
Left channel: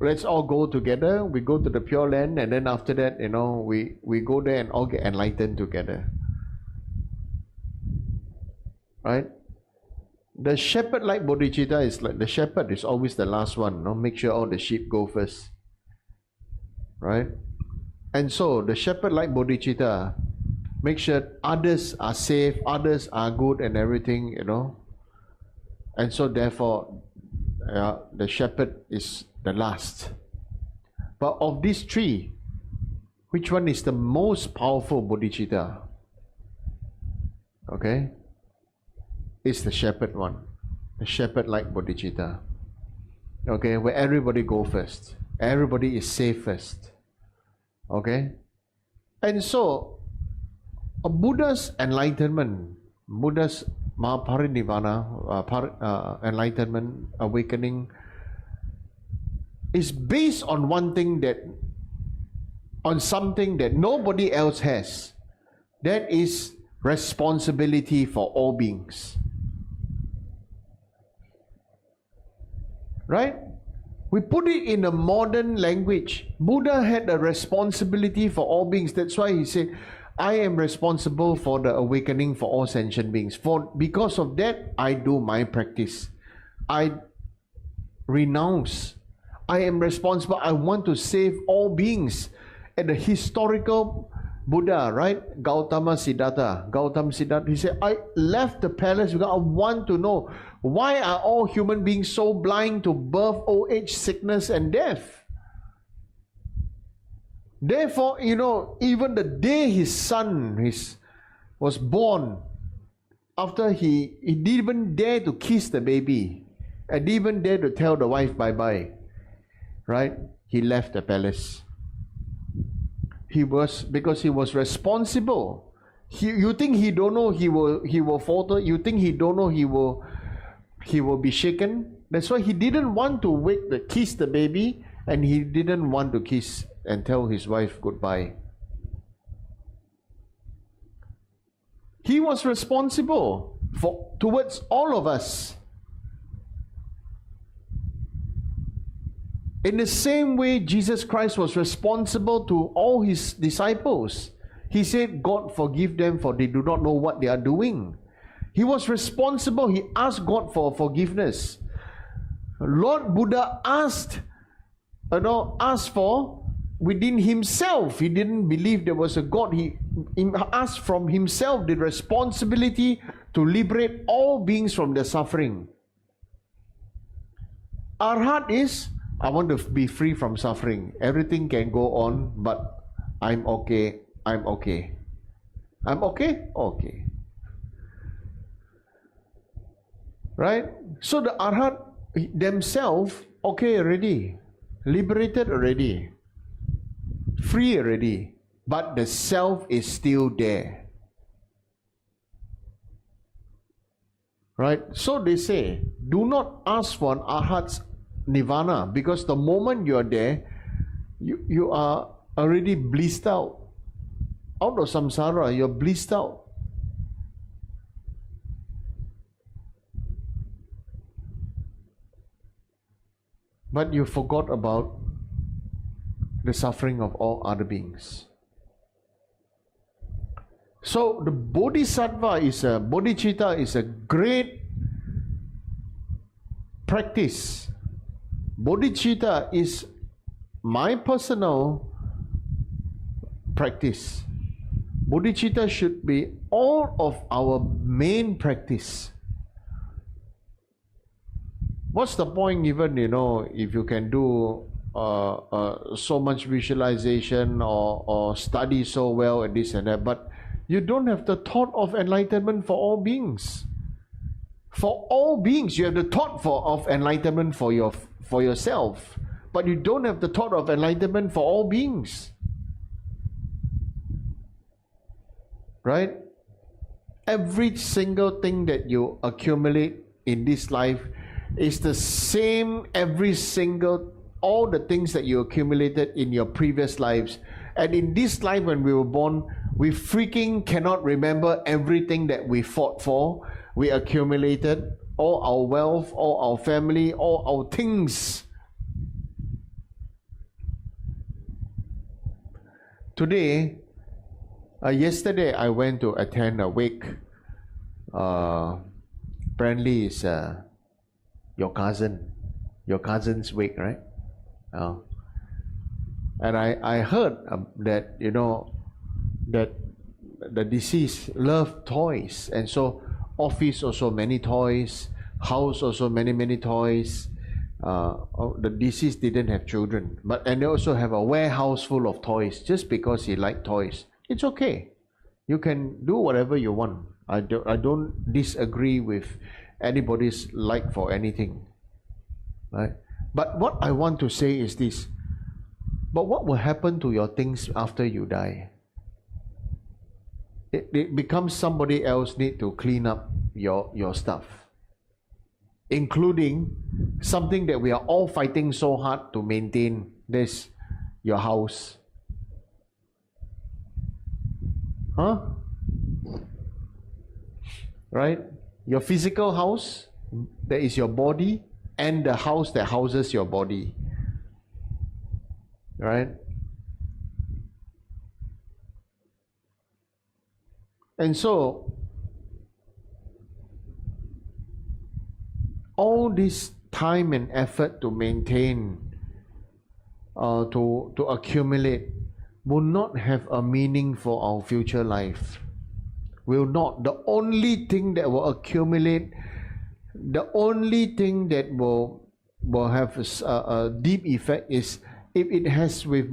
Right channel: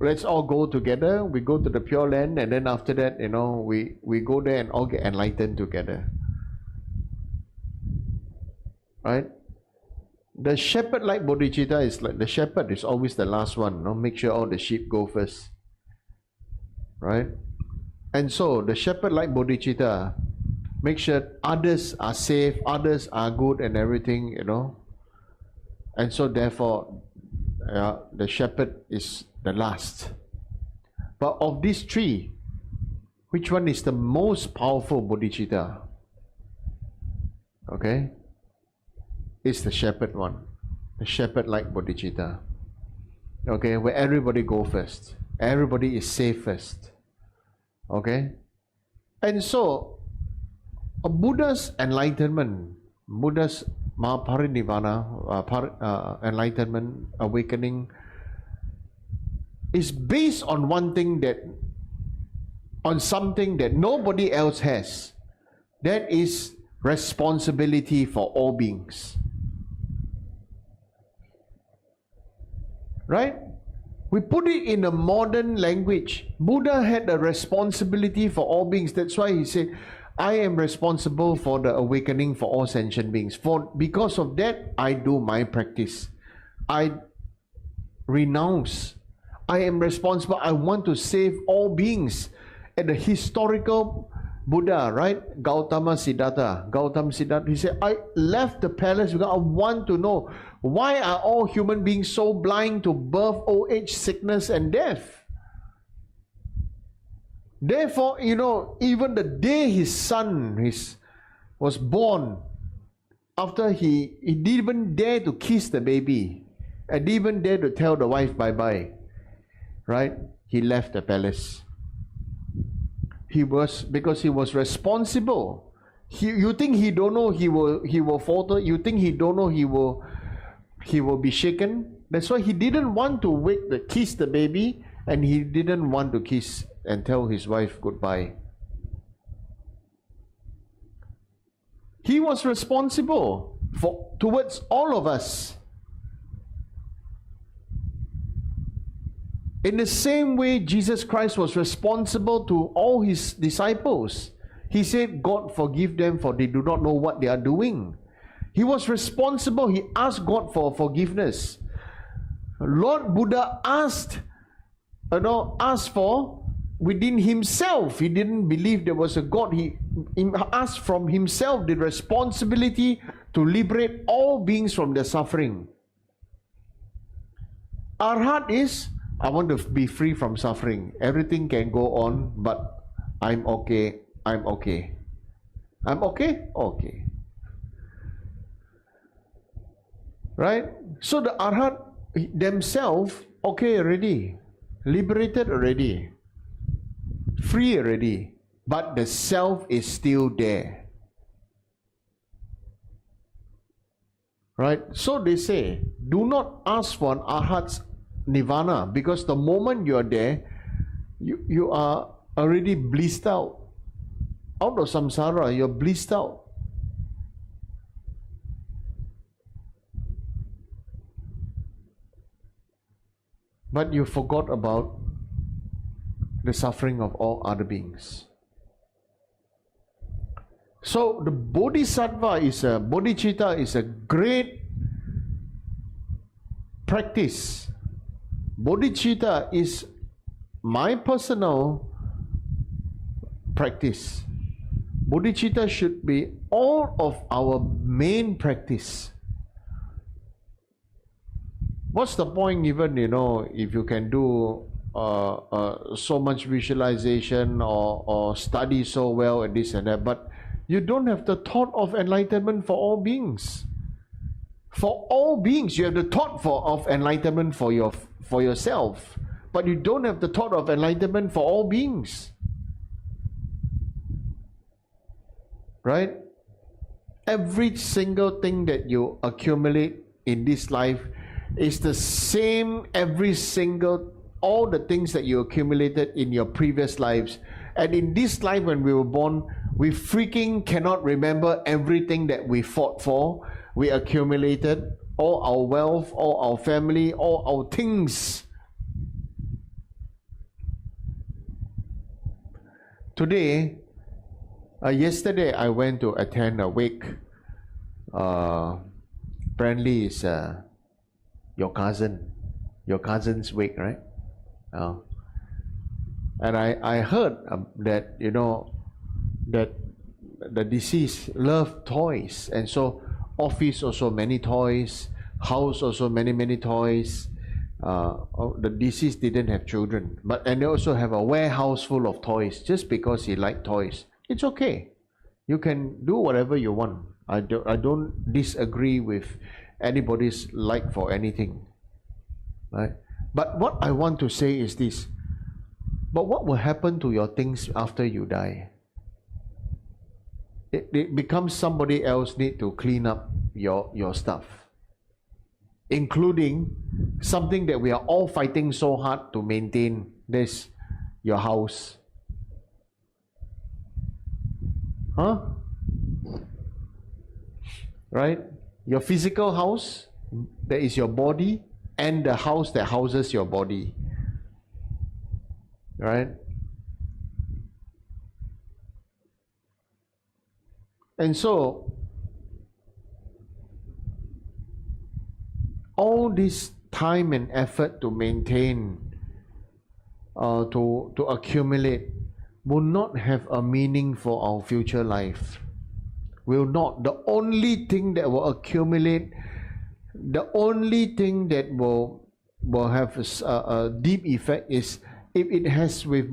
let's all go together. We go to the pure land, and then after that, we go there and all get enlightened together. Right? The shepherd-like bodhicitta is like the shepherd is always the last one. Make sure all the sheep go first. Right? And so the shepherd-like bodhicitta make sure others are safe, others are good and everything, And so therefore, the shepherd is the last. But of these three, which one is the most powerful bodhicitta? Okay? It's the shepherd one. The shepherd-like bodhicitta. Okay? Where everybody go first. Everybody is safe first. Okay? And so, a Buddha's enlightenment, Buddha's Mahaparinirvana, enlightenment, awakening, is based on something that nobody else has. That is responsibility for all beings. Right? We put it in a modern language. Buddha had a responsibility for all beings. That's why he said, I am responsible for the awakening for all sentient beings. Because of that, I do my practice. I renounce. I am responsible. I want to save all beings. And the historical Buddha, right? Gautama Siddhartha, he said, I left the palace because I want to know, why are all human beings so blind to birth, old age, sickness, and death? Therefore, even the day his son was born, after he didn't even dare to kiss the baby, and didn't even dare to tell the wife bye-bye, right? He left the palace. Because he was responsible. You think he don't know he will falter? You think he don't know he will be shaken? That's why he didn't want to kiss the baby, and he didn't want to kiss and tell his wife goodbye. He was responsible towards all of us. In the same way, Jesus Christ was responsible to all his disciples. He said, God forgive them, for they do not know what they are doing. He was responsible. He asked God for forgiveness. Lord Buddha asked for within himself. He didn't believe there was a God. He asked from himself the responsibility to liberate all beings from their suffering. Arhat is, I want to be free from suffering. Everything can go on, but I'm okay. I'm okay. I'm okay? Okay. Right? So the Arhat themselves, okay already. Liberated already. Free already. But the self is still there. Right? So they say, do not ask for an Arhat's nirvana, because the moment you are there, you are already blissed out. Out of samsara, you're blissed out. But you forgot about the suffering of all other beings. So the bodhisattva bodhicitta is a great practice. Bodhicitta is my personal practice. Bodhicitta should be all of our main practice. What's the point even, if you can do so much visualization or study so well and this and that, but you don't have the thought of enlightenment for all beings. For all beings, you have the thought of enlightenment for yourself, but you don't have the thought of enlightenment for all beings. Right? Every single thing that you accumulate in this life is the same all the things that you accumulated in your previous lives. And in this life when we were born, we freaking cannot remember everything that we fought for. We accumulated all our wealth, all our family, all our things. Today, yesterday I went to attend a wake. Apparently it's your cousin's wake, right? And I heard that that the deceased loved toys, and so office also many toys, house also many toys. The deceased didn't have children, and they also have a warehouse full of toys just because he liked toys. It's okay. You can do whatever you want. I don't disagree with anybody's like for anything. Right? But what I want to say is this. But what will happen to your things after you die? It becomes somebody else need to clean up your stuff, including something that we are all fighting so hard to maintain, this, your house. Right? Your physical house, that is your body, and the house that houses your body. Right? And so, all this time and effort to maintain, to accumulate, will not have a meaning for our future life. Will not. The only thing that will accumulate, the only thing that will have a deep effect is if it has with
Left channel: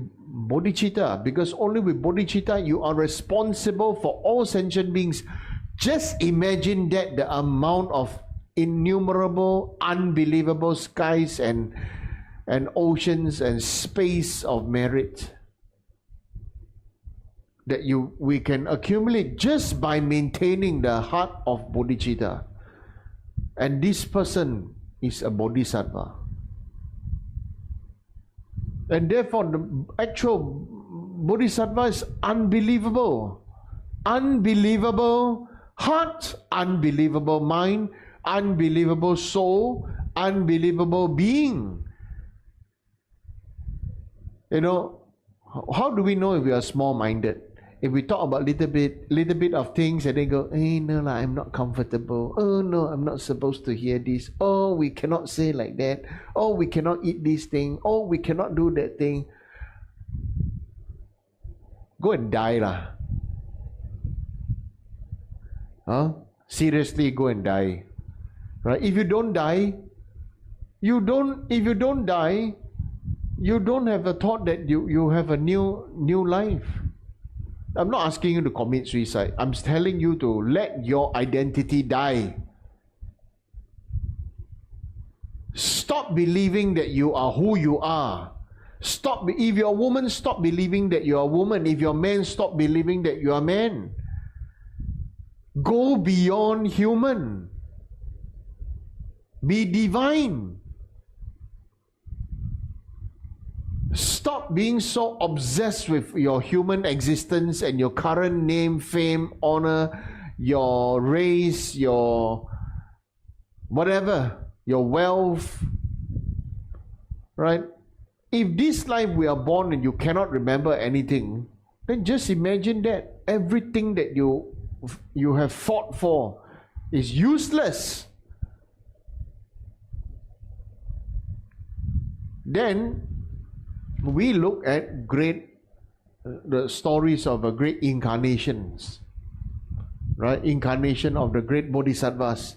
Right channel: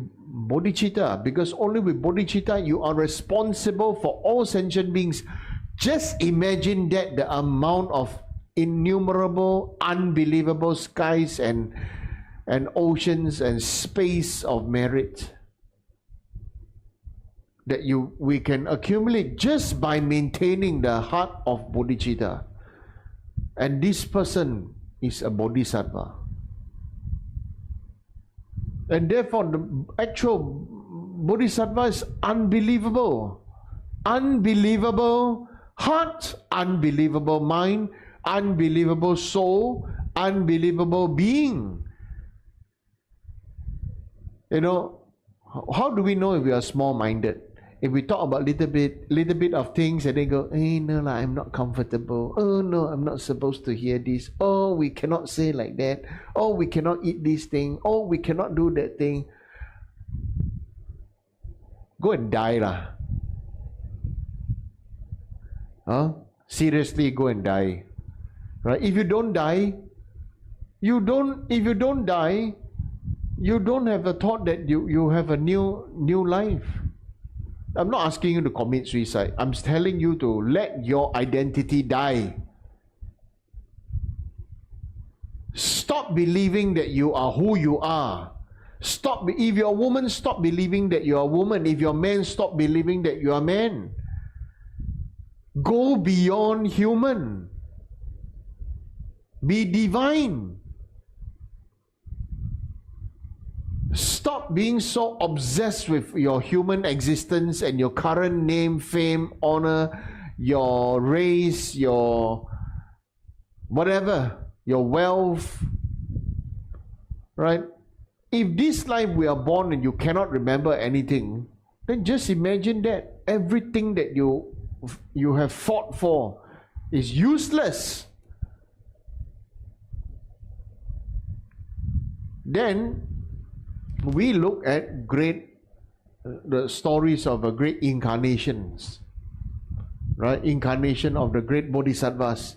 bodhicitta, because only with bodhicitta you are responsible for all sentient beings. Just imagine that, the amount of innumerable, unbelievable skies and oceans and space of merit that we can accumulate just by maintaining the heart of bodhicitta. And this person is a bodhisattva. And therefore, the actual bodhisattva is unbelievable. Unbelievable heart, unbelievable mind, unbelievable soul, unbelievable being. How do we know if we are small-minded? If we talk about little bit of things and they go, hey, no, I'm not comfortable. Oh, no, I'm not supposed to hear this. Oh, we cannot say like that. Oh, we cannot eat this thing. Oh, we cannot do that thing. Go and die lah. Seriously, go and die. Right? If you don't die, if you don't die, you don't have a thought that you have a new life. I'm not asking you to commit suicide. I'm telling you to let your identity die. Stop believing that you are who you are. Stop. If you're a woman, stop believing that you're a woman. If you're a man, stop believing that you are a man. Go beyond human. Be divine. Stop being so obsessed with your human existence and your current name, fame, honor, your race, your whatever, your wealth, right? If this life we are born and you cannot remember anything, then just imagine that everything that you have fought for is useless. Then we look at the stories of the great incarnations, right? Incarnation of the great bodhisattvas,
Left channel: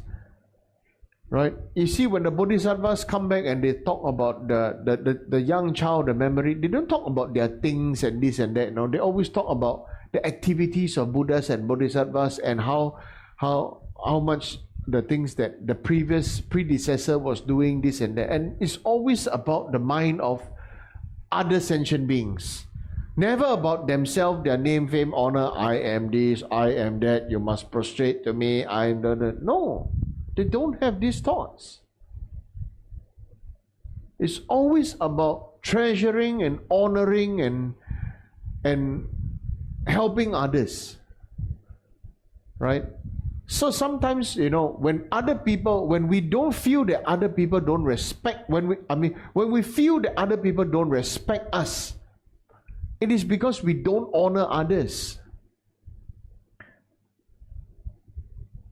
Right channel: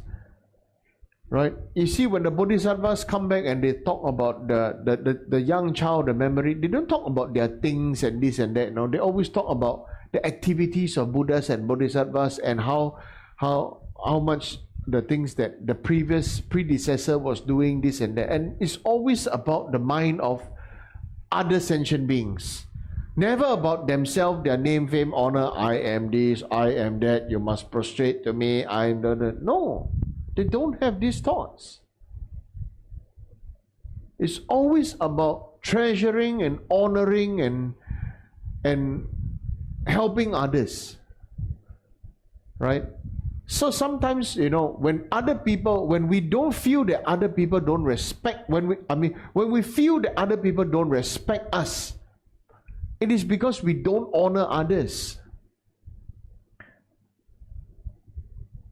right? You see, when the bodhisattvas come back and they talk about the young child, the memory, they don't talk about their things and this and that. No, they always talk about the activities of Buddhas and bodhisattvas and how much the things that the previous predecessor was doing, this and that. And it's always about the mind of other sentient beings. Never about themselves, their name, fame, honor. I am this, I am that, you must prostrate to me, I am that. No, they don't have these thoughts. It's always about treasuring and honoring and helping others, right? So sometimes, when we don't feel that other people don't respect, when we feel that other people don't respect us, it is because we don't honor others.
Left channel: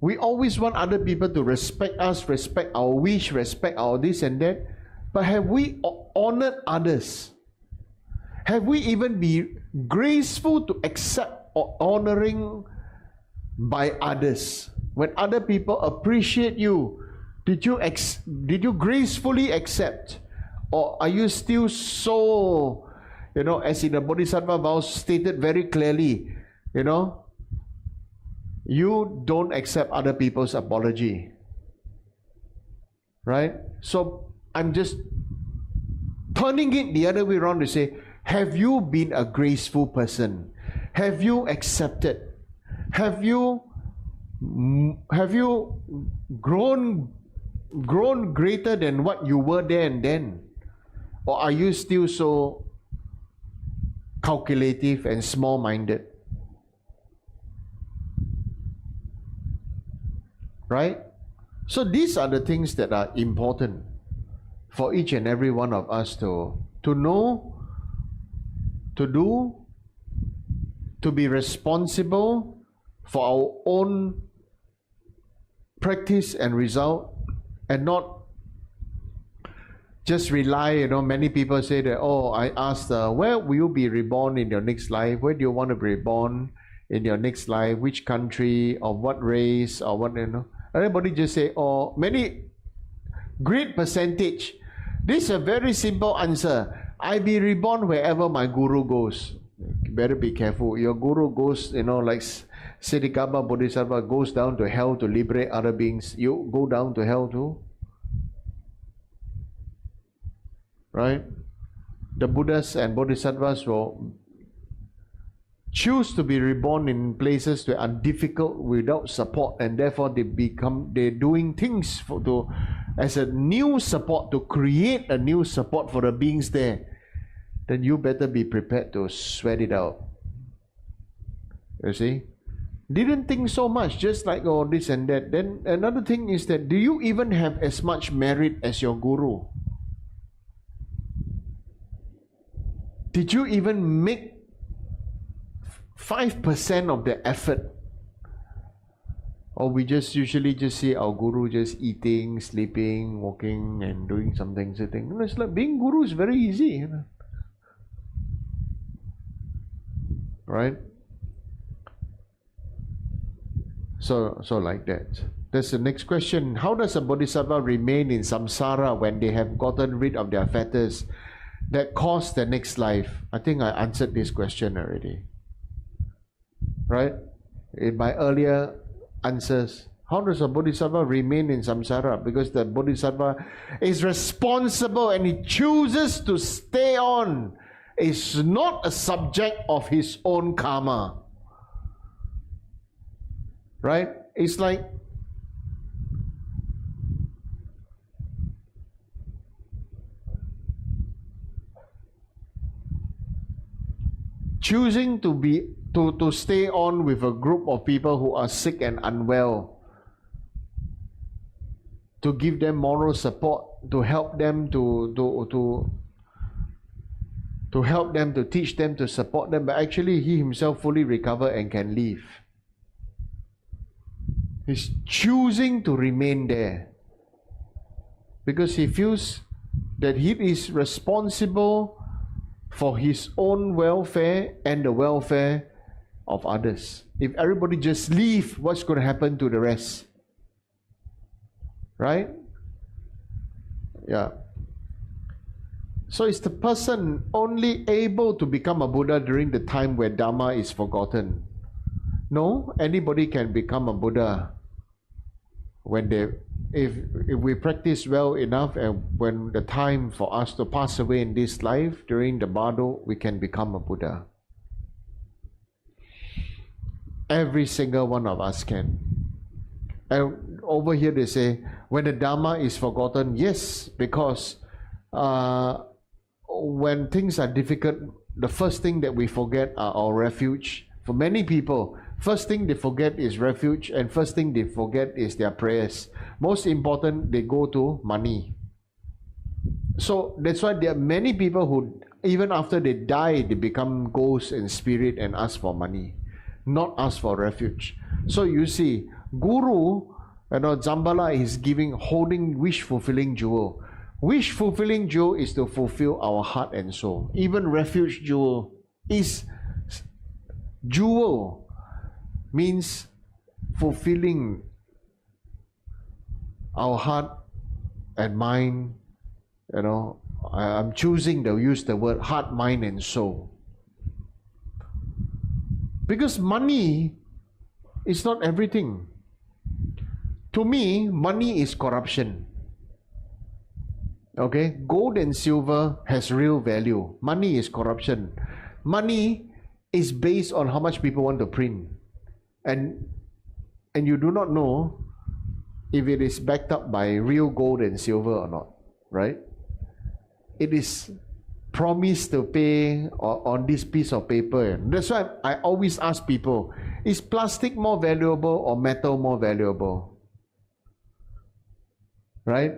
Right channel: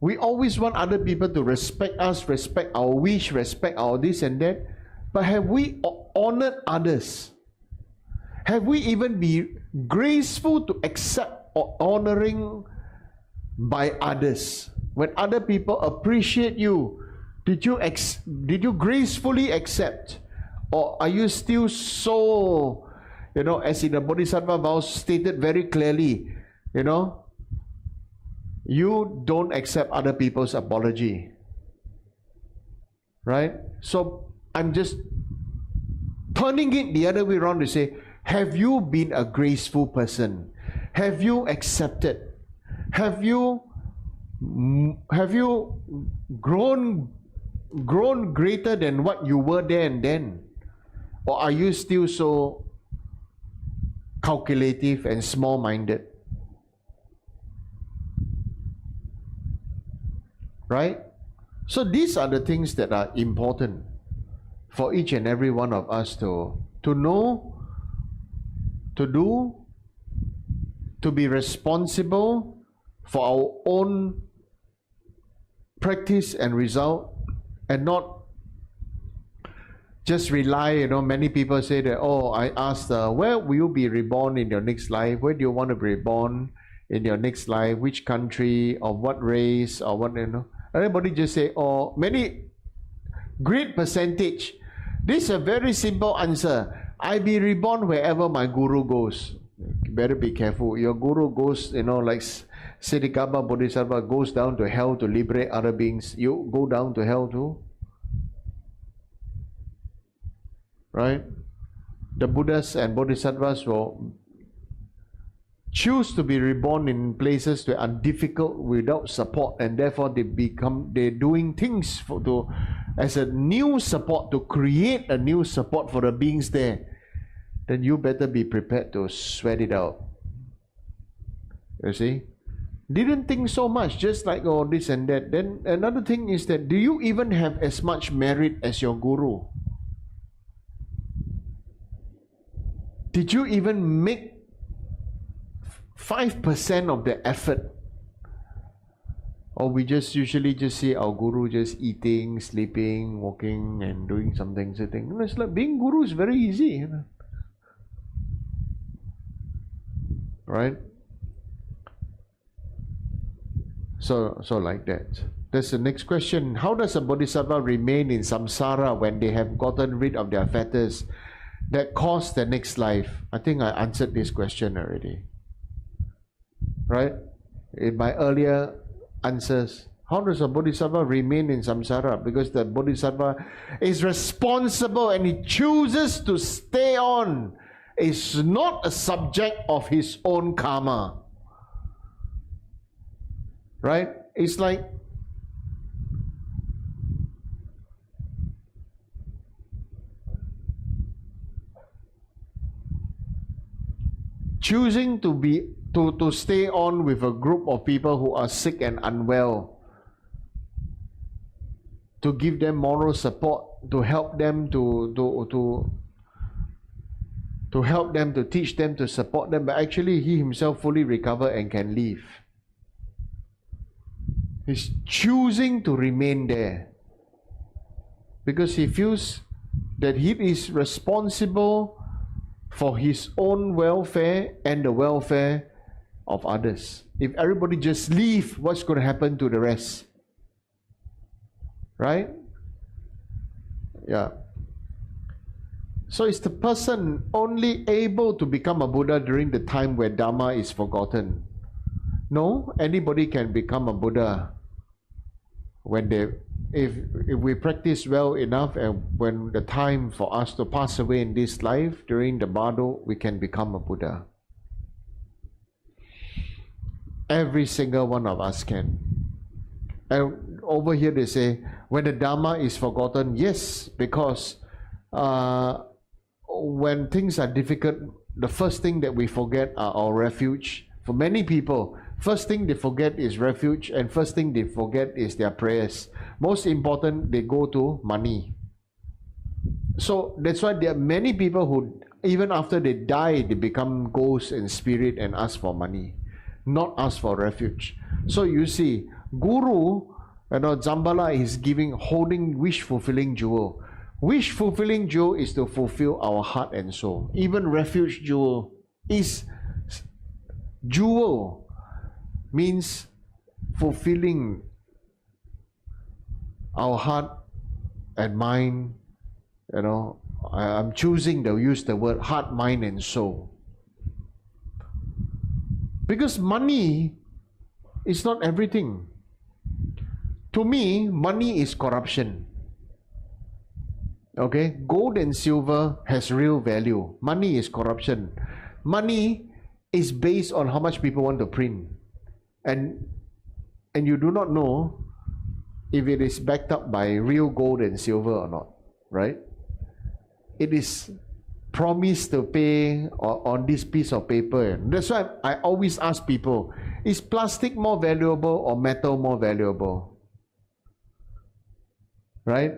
We always want other people to respect us, respect our wish, respect our this and that. But have we honored others? Have we even been graceful to accept or honoring by others? When other people appreciate you, did you gracefully accept, or are you still so, as in the Bodhisattva vows stated very clearly, you don't accept other people's apology, right? So I'm just turning it the other way around to say, have you been a graceful person? Have you accepted? Have you grown greater than what you were there and then? Or are you still so calculative and small-minded? Right? So these are the things that are important for each and every one of us to know, to do, to be responsible for our own practice and result, and not just rely, many people say that, I asked, where will you be reborn in your next life? Where do you want to be reborn in your next life? Which country, or what race, or what, Everybody just say, many, great percentage. This is a very simple answer. I be reborn wherever my guru goes. You better be careful. Your guru goes, like Siddhikapa Bodhisattva goes down to hell to liberate other beings. You go down to hell too. Right? The Buddhas and Bodhisattvas will choose to be reborn in places that are difficult without support, and therefore they're doing things as a new support, to create a new support for the beings there. Then you better be prepared to sweat it out. You see? Didn't think so much, just like this and that. Then another thing is that, do you even have as much merit as your guru? Did you even make 5% of the effort? Or we just usually just see our guru just eating, sleeping, walking, and doing something, sitting. It's like being guru is very easy, right? So like that. That's the next question. How does a bodhisattva remain in samsara when they have gotten rid of their fetters that cause the next life? I think I answered this question already, right? In my earlier answers. How does a bodhisattva remain in samsara? Because the bodhisattva is responsible and he chooses to stay on. It's not a subject of his own karma. Right? It's like choosing to stay on with a group of people who are sick and unwell, to give them moral support, to help them, to help them, to teach them, to support them, but actually he himself fully recover and can leave. He's choosing to remain there because he feels that he is responsible for his own welfare and the welfare of others. If everybody just leave, what's going to happen to the rest? Right? Yeah. So is the person only able to become a Buddha during the time where Dharma is forgotten? No, anybody can become a Buddha when if we practice well enough, and when the time for us to pass away in this life during the bardo, we can become a Buddha. Every single one of us can. And over here they say, when the Dharma is forgotten, yes, because when things are difficult, the first thing that we forget are our refuge. For many people, first thing they forget is refuge, and first thing they forget is their prayers. Most important, they go to money. So that's why there are many people who, even after they die, they become ghosts and spirit and ask for money, not ask for refuge. So you see, Guru, Zambala is holding wish-fulfilling jewel. Wish-fulfilling jewel is to fulfill our heart and soul. Even refuge jewel is jewel, means fulfilling our heart and mind. I'm choosing to use the word heart, mind and soul. Because money is not everything. To me, money is corruption. Okay, gold and silver has real value. Money is corruption. Money is based on how much people want to print, and you do not know if it is backed up by real gold and silver or not, right? It is promised to pay on this piece of paper. That's why I always ask people, is plastic more valuable or metal more valuable? Right?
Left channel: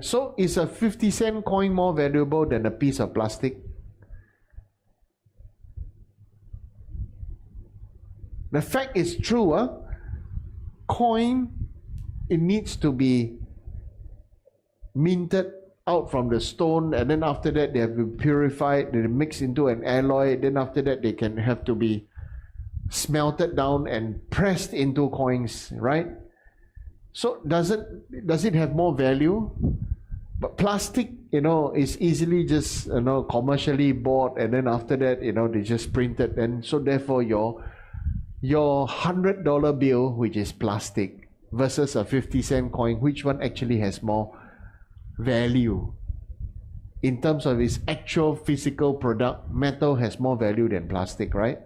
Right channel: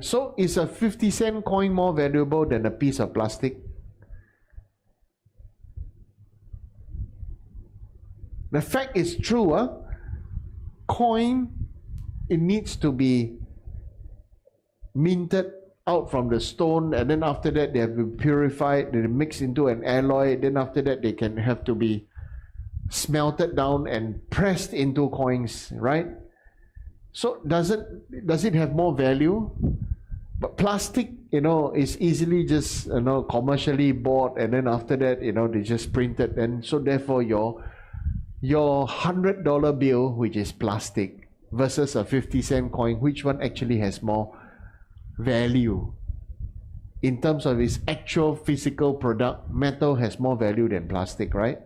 So is a 50-cent coin more valuable than a piece of plastic? The fact is true. Coin, it needs to be minted out from the stone, and then after that they have been purified, they mix into an alloy, then after that they can have to be smelted down and pressed into coins, right? So does it have more value? But plastic, is easily just commercially bought, and then after that they just print it, and so therefore your $100 bill, which is plastic, versus a 50-cent coin, which one actually has more value in terms of its actual physical product? Metal has more value than plastic, right?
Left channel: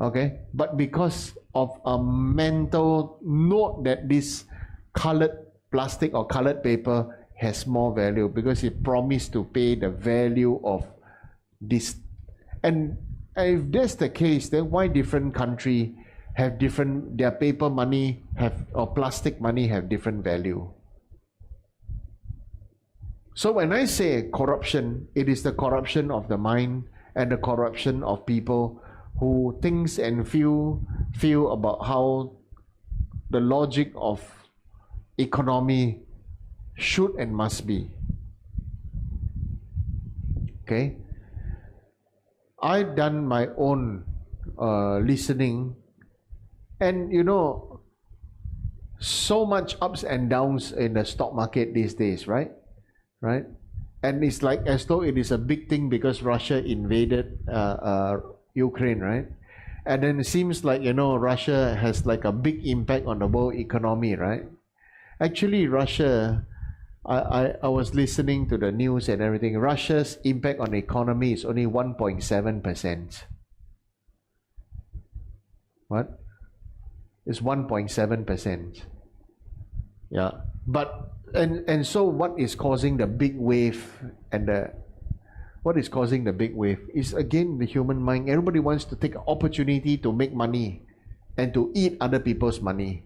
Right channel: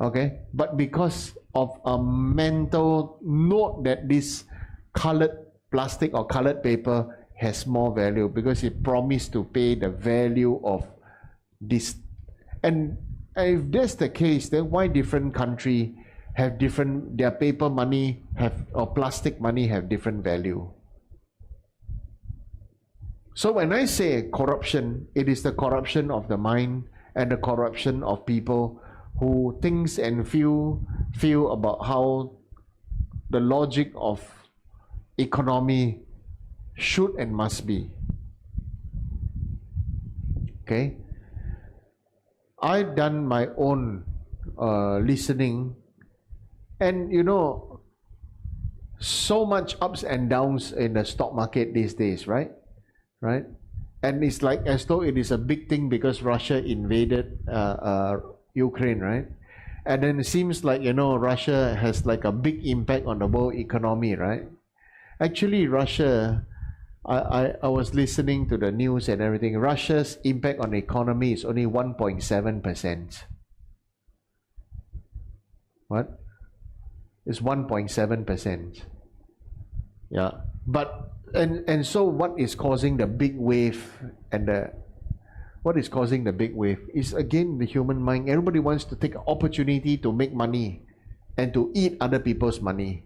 Okay, but because of a mental note that this colored plastic or colored paper has more value, because it promised to pay the value of this. And if that's the case, then why different country have different, their paper money or plastic money have different value? So when I say corruption, it is the corruption of the mind and the corruption of people who thinks and feel about how the logic of economy should and must be. Okay? I've done my own listening, and so much ups and downs in the stock market these days, right? Right? And it's like as though it is a big thing because Russia invaded Ukraine, right? And then it seems like, Russia has like a big impact on the world economy, right? Actually, Russia, I was listening to the news and everything. Russia's impact on the economy is only 1.7%. What? It's 1.7%. Yeah. But and so what is causing the big wave what is causing the big wave is again the human mind. Everybody wants to take an opportunity to make money and to eat other people's money.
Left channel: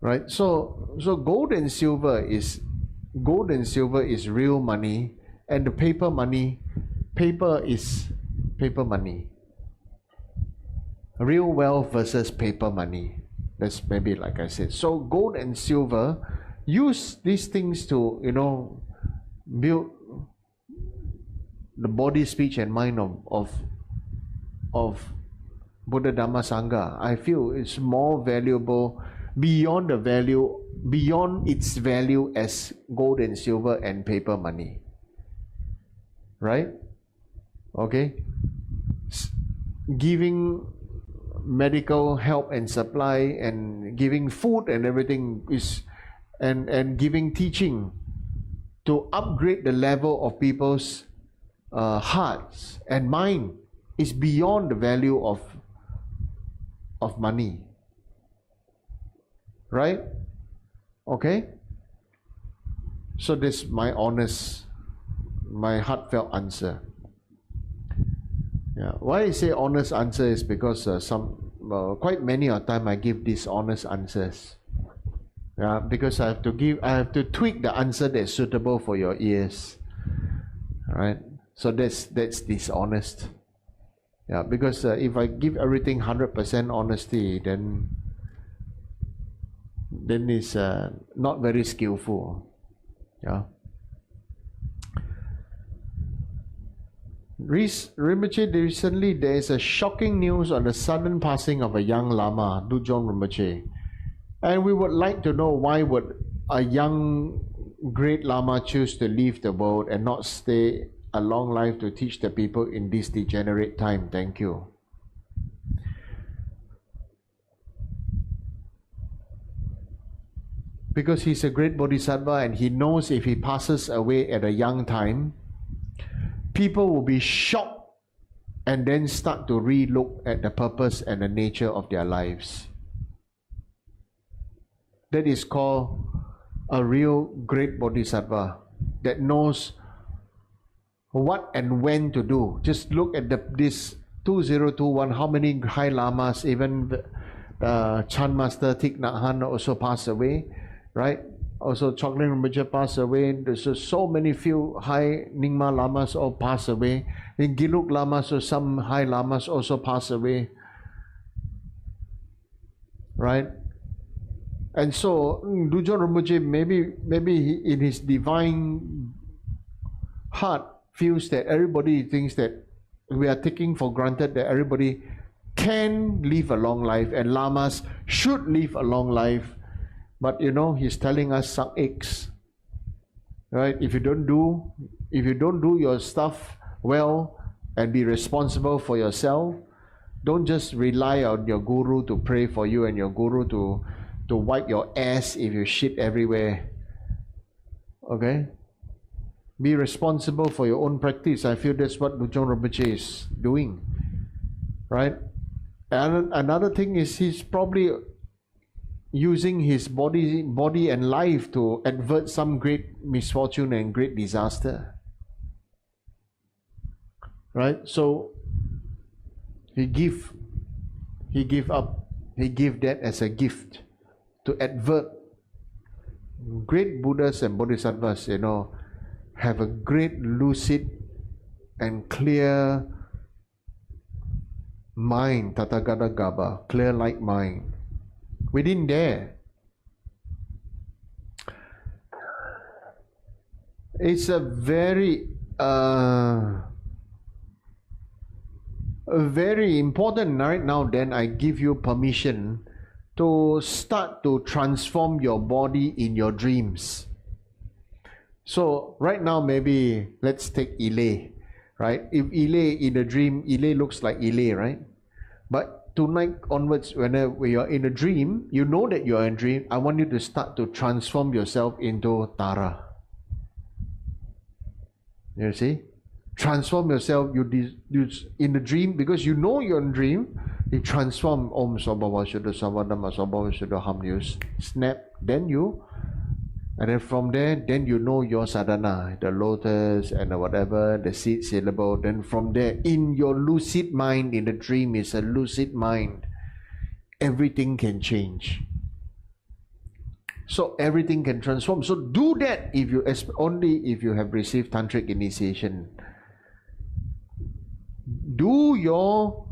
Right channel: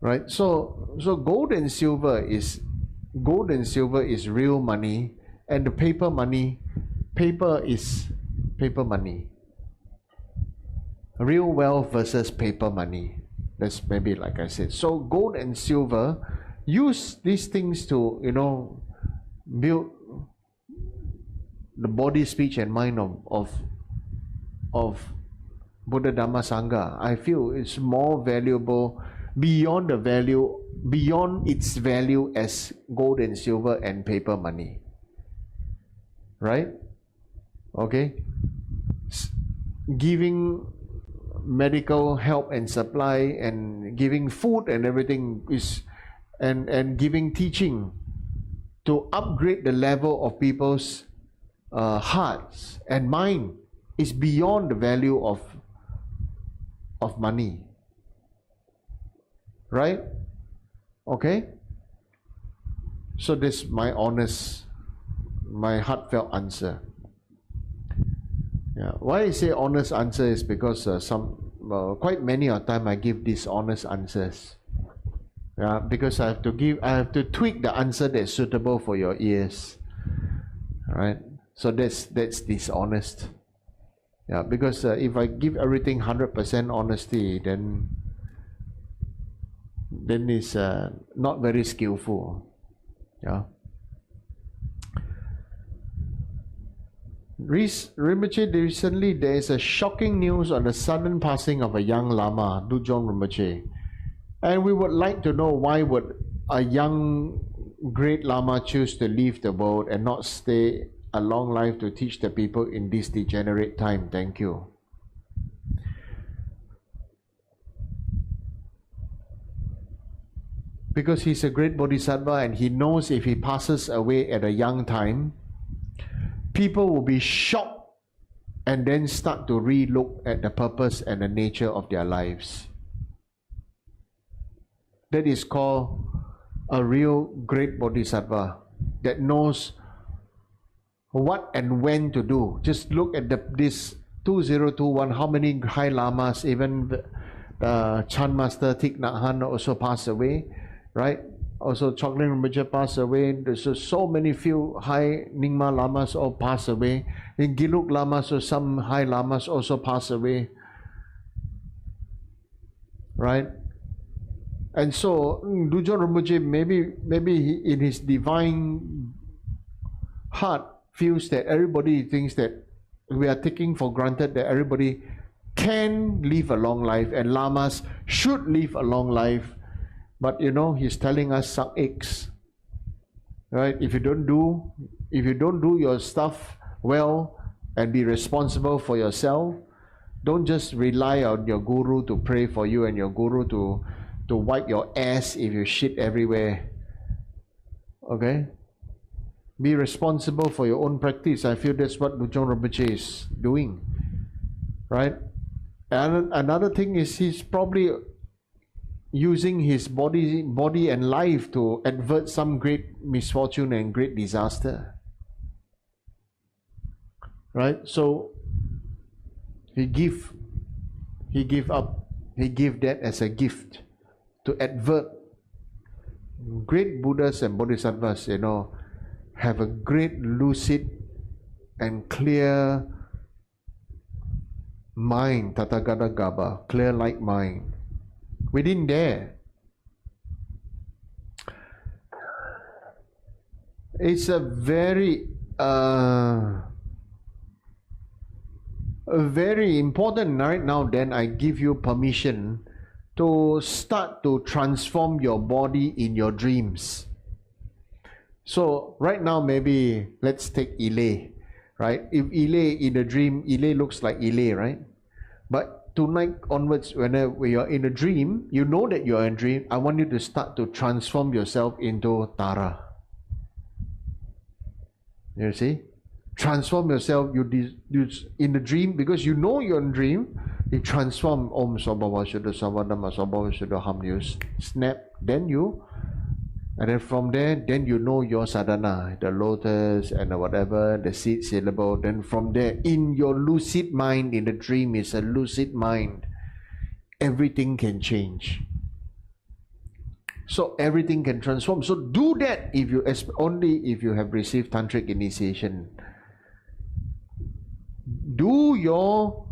Right? So gold and silver is real money, and the paper is paper money. Real wealth versus paper money. That's maybe like I said. So gold and silver, use these things to, build the body, speech and mind of Buddha Dhamma Sangha. I feel it's more valuable beyond its value as gold and silver and paper money. Right? Okay? Giving medical help and supply and giving food and everything is and giving teaching to upgrade the level of people's hearts and mind is beyond the value of money. Right? Okay? So this is my heartfelt answer. Yeah. Why I say honest answer is because quite many of time I give these honest answers. Yeah, because I have to tweak the answer that's suitable for your ears. All right. So that's dishonest. Yeah, because if I give everything 100% honesty, then it's not very skillful. Yeah. Rinpoche, recently there is a shocking news on the sudden passing of a young Lama, Dujong Rinpoche. And we would like to know why would a young great Lama choose to leave the world and not stay a long life to teach the people in this degenerate time. Thank you. Because he's a great Bodhisattva and he knows if he passes away at a young time, people will be shocked and then start to re-look at the purpose and the nature of their lives. That is called a real great Bodhisattva that knows what and when to do. Just look at this 2021, how many high lamas, even Chan Master Thich Nhat Hanh also passed away, right? Also Chokling Rinpoche passed away. There's so many few high Nyingma lamas all passed away. In Giluk lamas, so some high lamas also passed away, right? And so Dujong Rinpoche maybe he, in his divine heart, feels that everybody thinks that we are taking for granted that everybody can live a long life and lamas should live a long life. But he's telling us suck eggs, right? If you don't do your stuff well and be responsible for yourself, don't just rely on your guru to pray for you and your guru to wipe your ass if you shit everywhere. Okay? Be responsible for your own practice. I feel that's what Dujong Rinpoche is doing, right? And another thing is he's probably using his body and life to avert some great misfortune and great disaster, right? So he gave that as a gift to avert. Great Buddhas and Bodhisattvas, have a great lucid and clear mind, Tathagata Gaba, clear like mind. We didn't dare. It's a very important right now. Then I give you permission to start to transform your body in your dreams. So right now, maybe let's take Ile, right? If Ile in a dream, Ile looks like Ile, right? But tonight onwards, whenever you are in a dream, you know that you are in a dream. I want you to start to transform yourself into Tara. You see? Transform yourself. You in the dream, because you know you're in a dream. You transform Om Sabhava Shuddha Savadama Sabhava Shuddha Ham. You snap. Then you, and then from there, then you know your sadhana, the lotus and the whatever, the seed syllable. Then from there, in your lucid mind, in the dream is a lucid mind, everything can change. So everything can transform. So do that only if you have received tantric initiation. Do your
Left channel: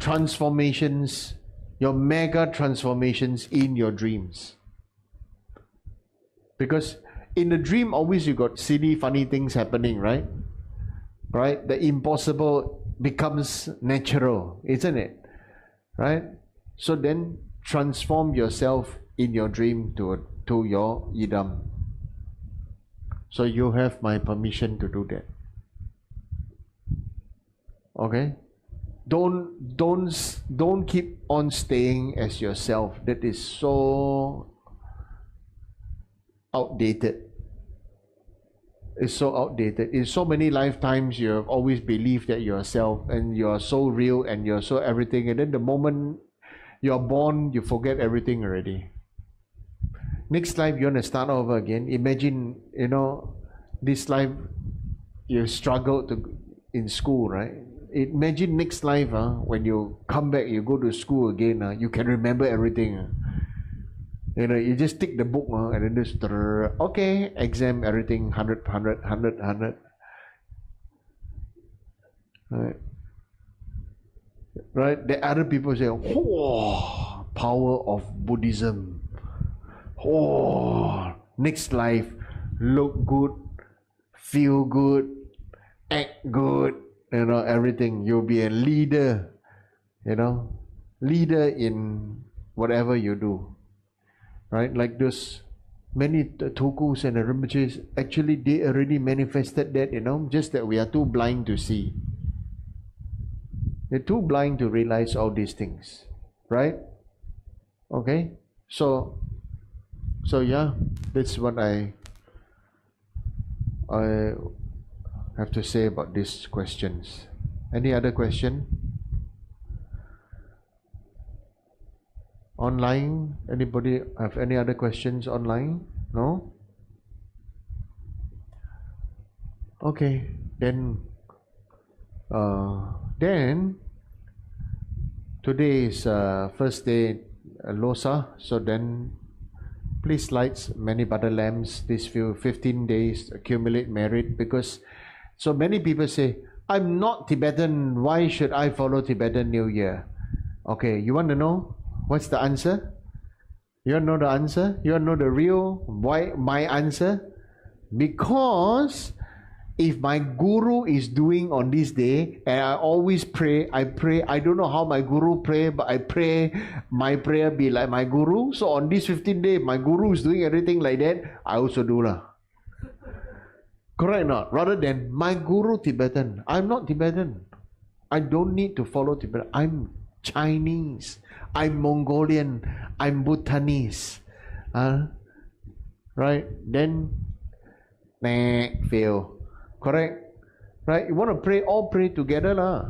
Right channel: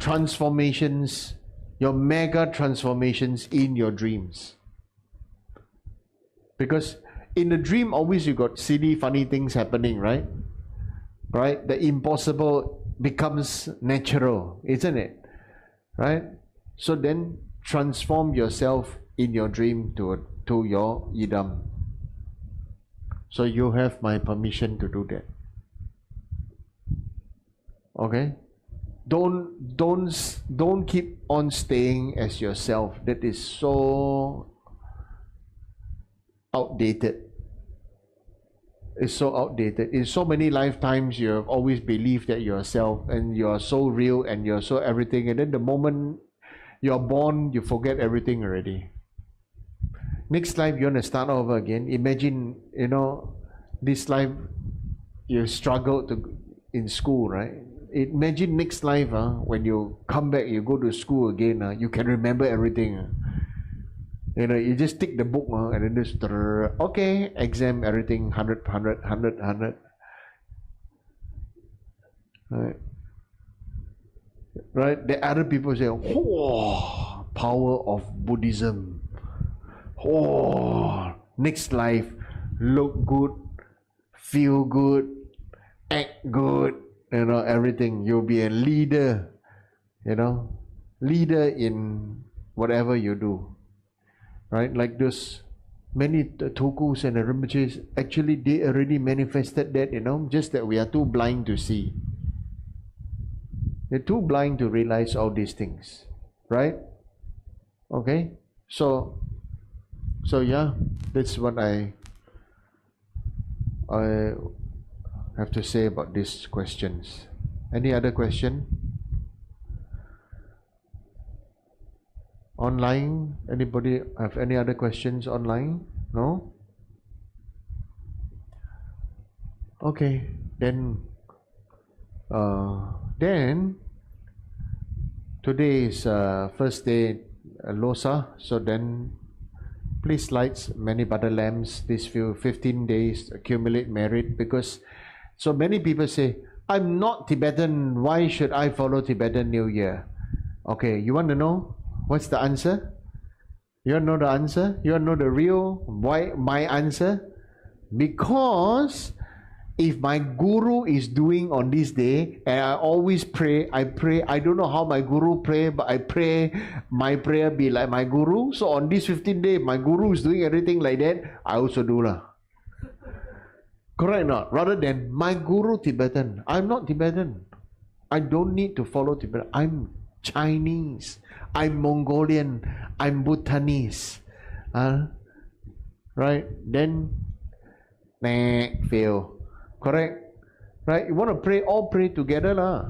transformations, your mega transformations in your dreams. Because in a dream, always you got silly, funny things happening, right? Right? The impossible becomes natural, isn't it? Right? So then transform yourself in your dream to your idam. So you have my permission to do that. Okay? Don't keep on staying as yourself. That is so outdated. It's so outdated. In so many lifetimes, you have always believed that you are self and you are so real and you're so everything. And then the moment you're born, you forget everything already. Next life, you want to start over again. Imagine, this life you struggled in school, right? Imagine next life, when you come back, you go to school again, you can remember everything. You just take the book and then just, okay, exam, everything, 100, 100, 100, 100. Right? The other people say, oh, power of Buddhism. Oh, next life, look good, feel good, act good, everything. You'll be a leader, leader in whatever you do. Right? Like this, many Tulkus and the Rinpoches, actually they already manifested that, just that we are too blind to see. They're too blind to realize all these things. Right? Okay? So yeah, that's what I have to say about these questions. Any other question? Online? Anybody have any other questions online? No? Okay, then today is first day Losa, so then please light many butter lamps these 15 days, accumulate merit, because so many people say, I'm not Tibetan, why should I follow Tibetan New Year? Okay, you want to know what's the answer? You want to know the answer? You want to know the real, why my answer? Because if my guru is doing on this day, and I always pray, I don't know how my guru pray, but I pray my prayer be like my guru. So on this 15th day, my guru is doing everything like that, I also do lah. Correct or not? Rather than my guru Tibetan. I'm not Tibetan. I don't need to follow Tibetan. I'm Chinese. I'm Mongolian. I'm Bhutanese. Right? Then, fail. Correct? Right? You want to pray, all pray together lah.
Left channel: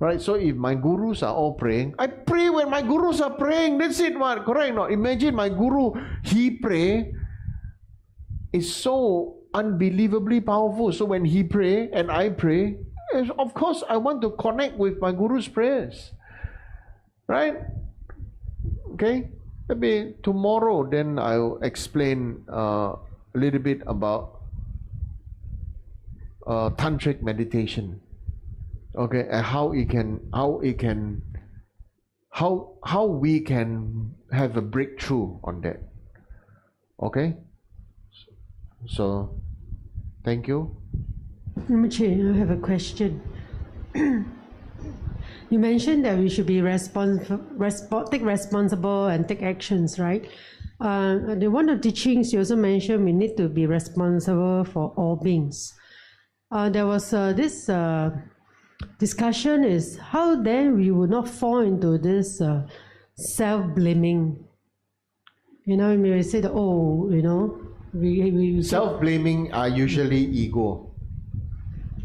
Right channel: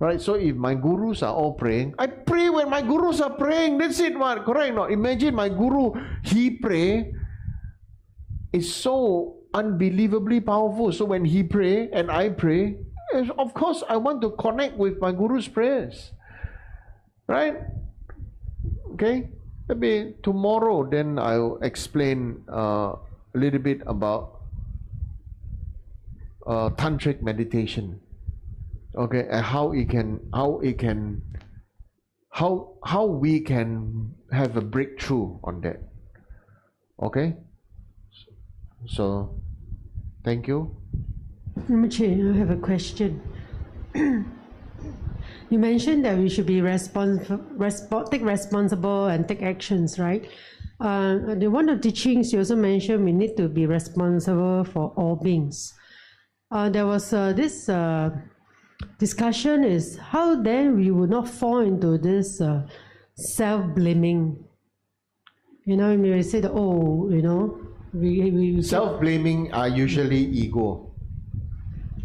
Right? So if my gurus are all praying, I pray when my gurus are praying. That's it, man. Correct? No. Imagine my guru, he pray. It's so unbelievably powerful. So when he pray and I pray, of course I want to connect with my guru's prayers. Right? Okay? Maybe tomorrow then I'll explain a little bit about tantric meditation. Okay, and how we can have a breakthrough on that. Okay? So thank you. Rinpoche, I have a question. you mentioned that we should be take responsible and take actions, right? The one of the teachings you also mentioned we need to be responsible for all beings. There was this discussion is how then we would not fall into this self-blaming. You know, we say that, oh, you know, we self-blaming are usually ego.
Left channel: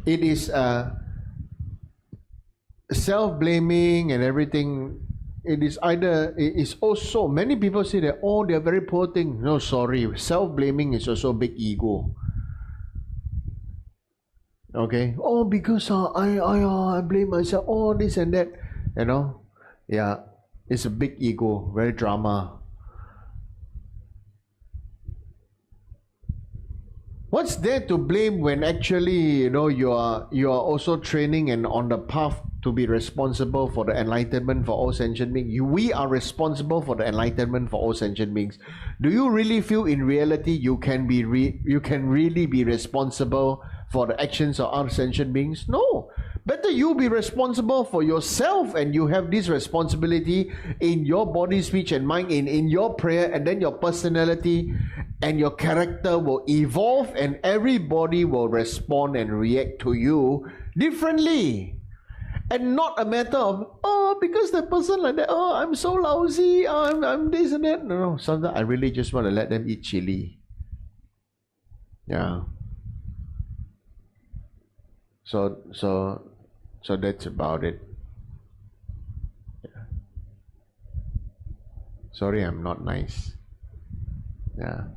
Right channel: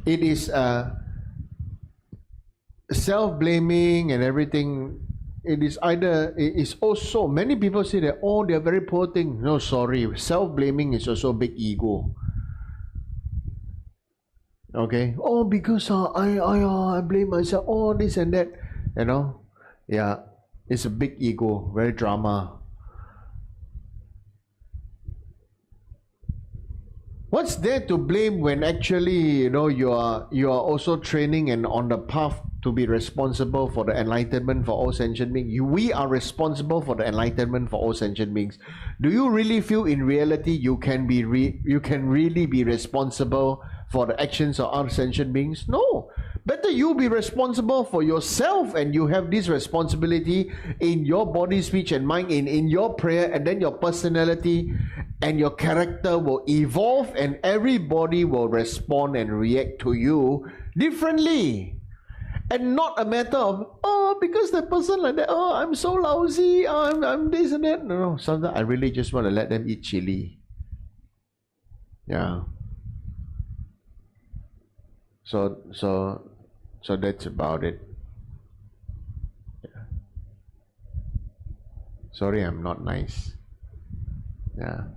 It is self-blaming and everything. It is either, it is also, many people say that, oh, they're very poor thing. No, sorry, self-blaming is also big ego. Okay, oh, because I blame myself, oh, this and that, you know. Yeah, it's a big ego, very drama. What's there to blame when actually, you know, you are also training and on the path to be responsible for the enlightenment for all sentient beings? We are responsible for the enlightenment for all sentient beings. Do you really feel in reality you can really be responsible for the actions of other sentient beings? No. Better you be responsible for yourself, and you have this responsibility in your body, speech and mind, in your prayer, and then your personality and your character will evolve, and everybody will respond and react to you differently. And not a matter of, oh, because that person like that, oh, I'm so lousy, oh, I'm this and that. No, sometimes I really just want to let them eat chili. Yeah. So that's about it. Yeah. Sorry, I'm not nice. Yeah.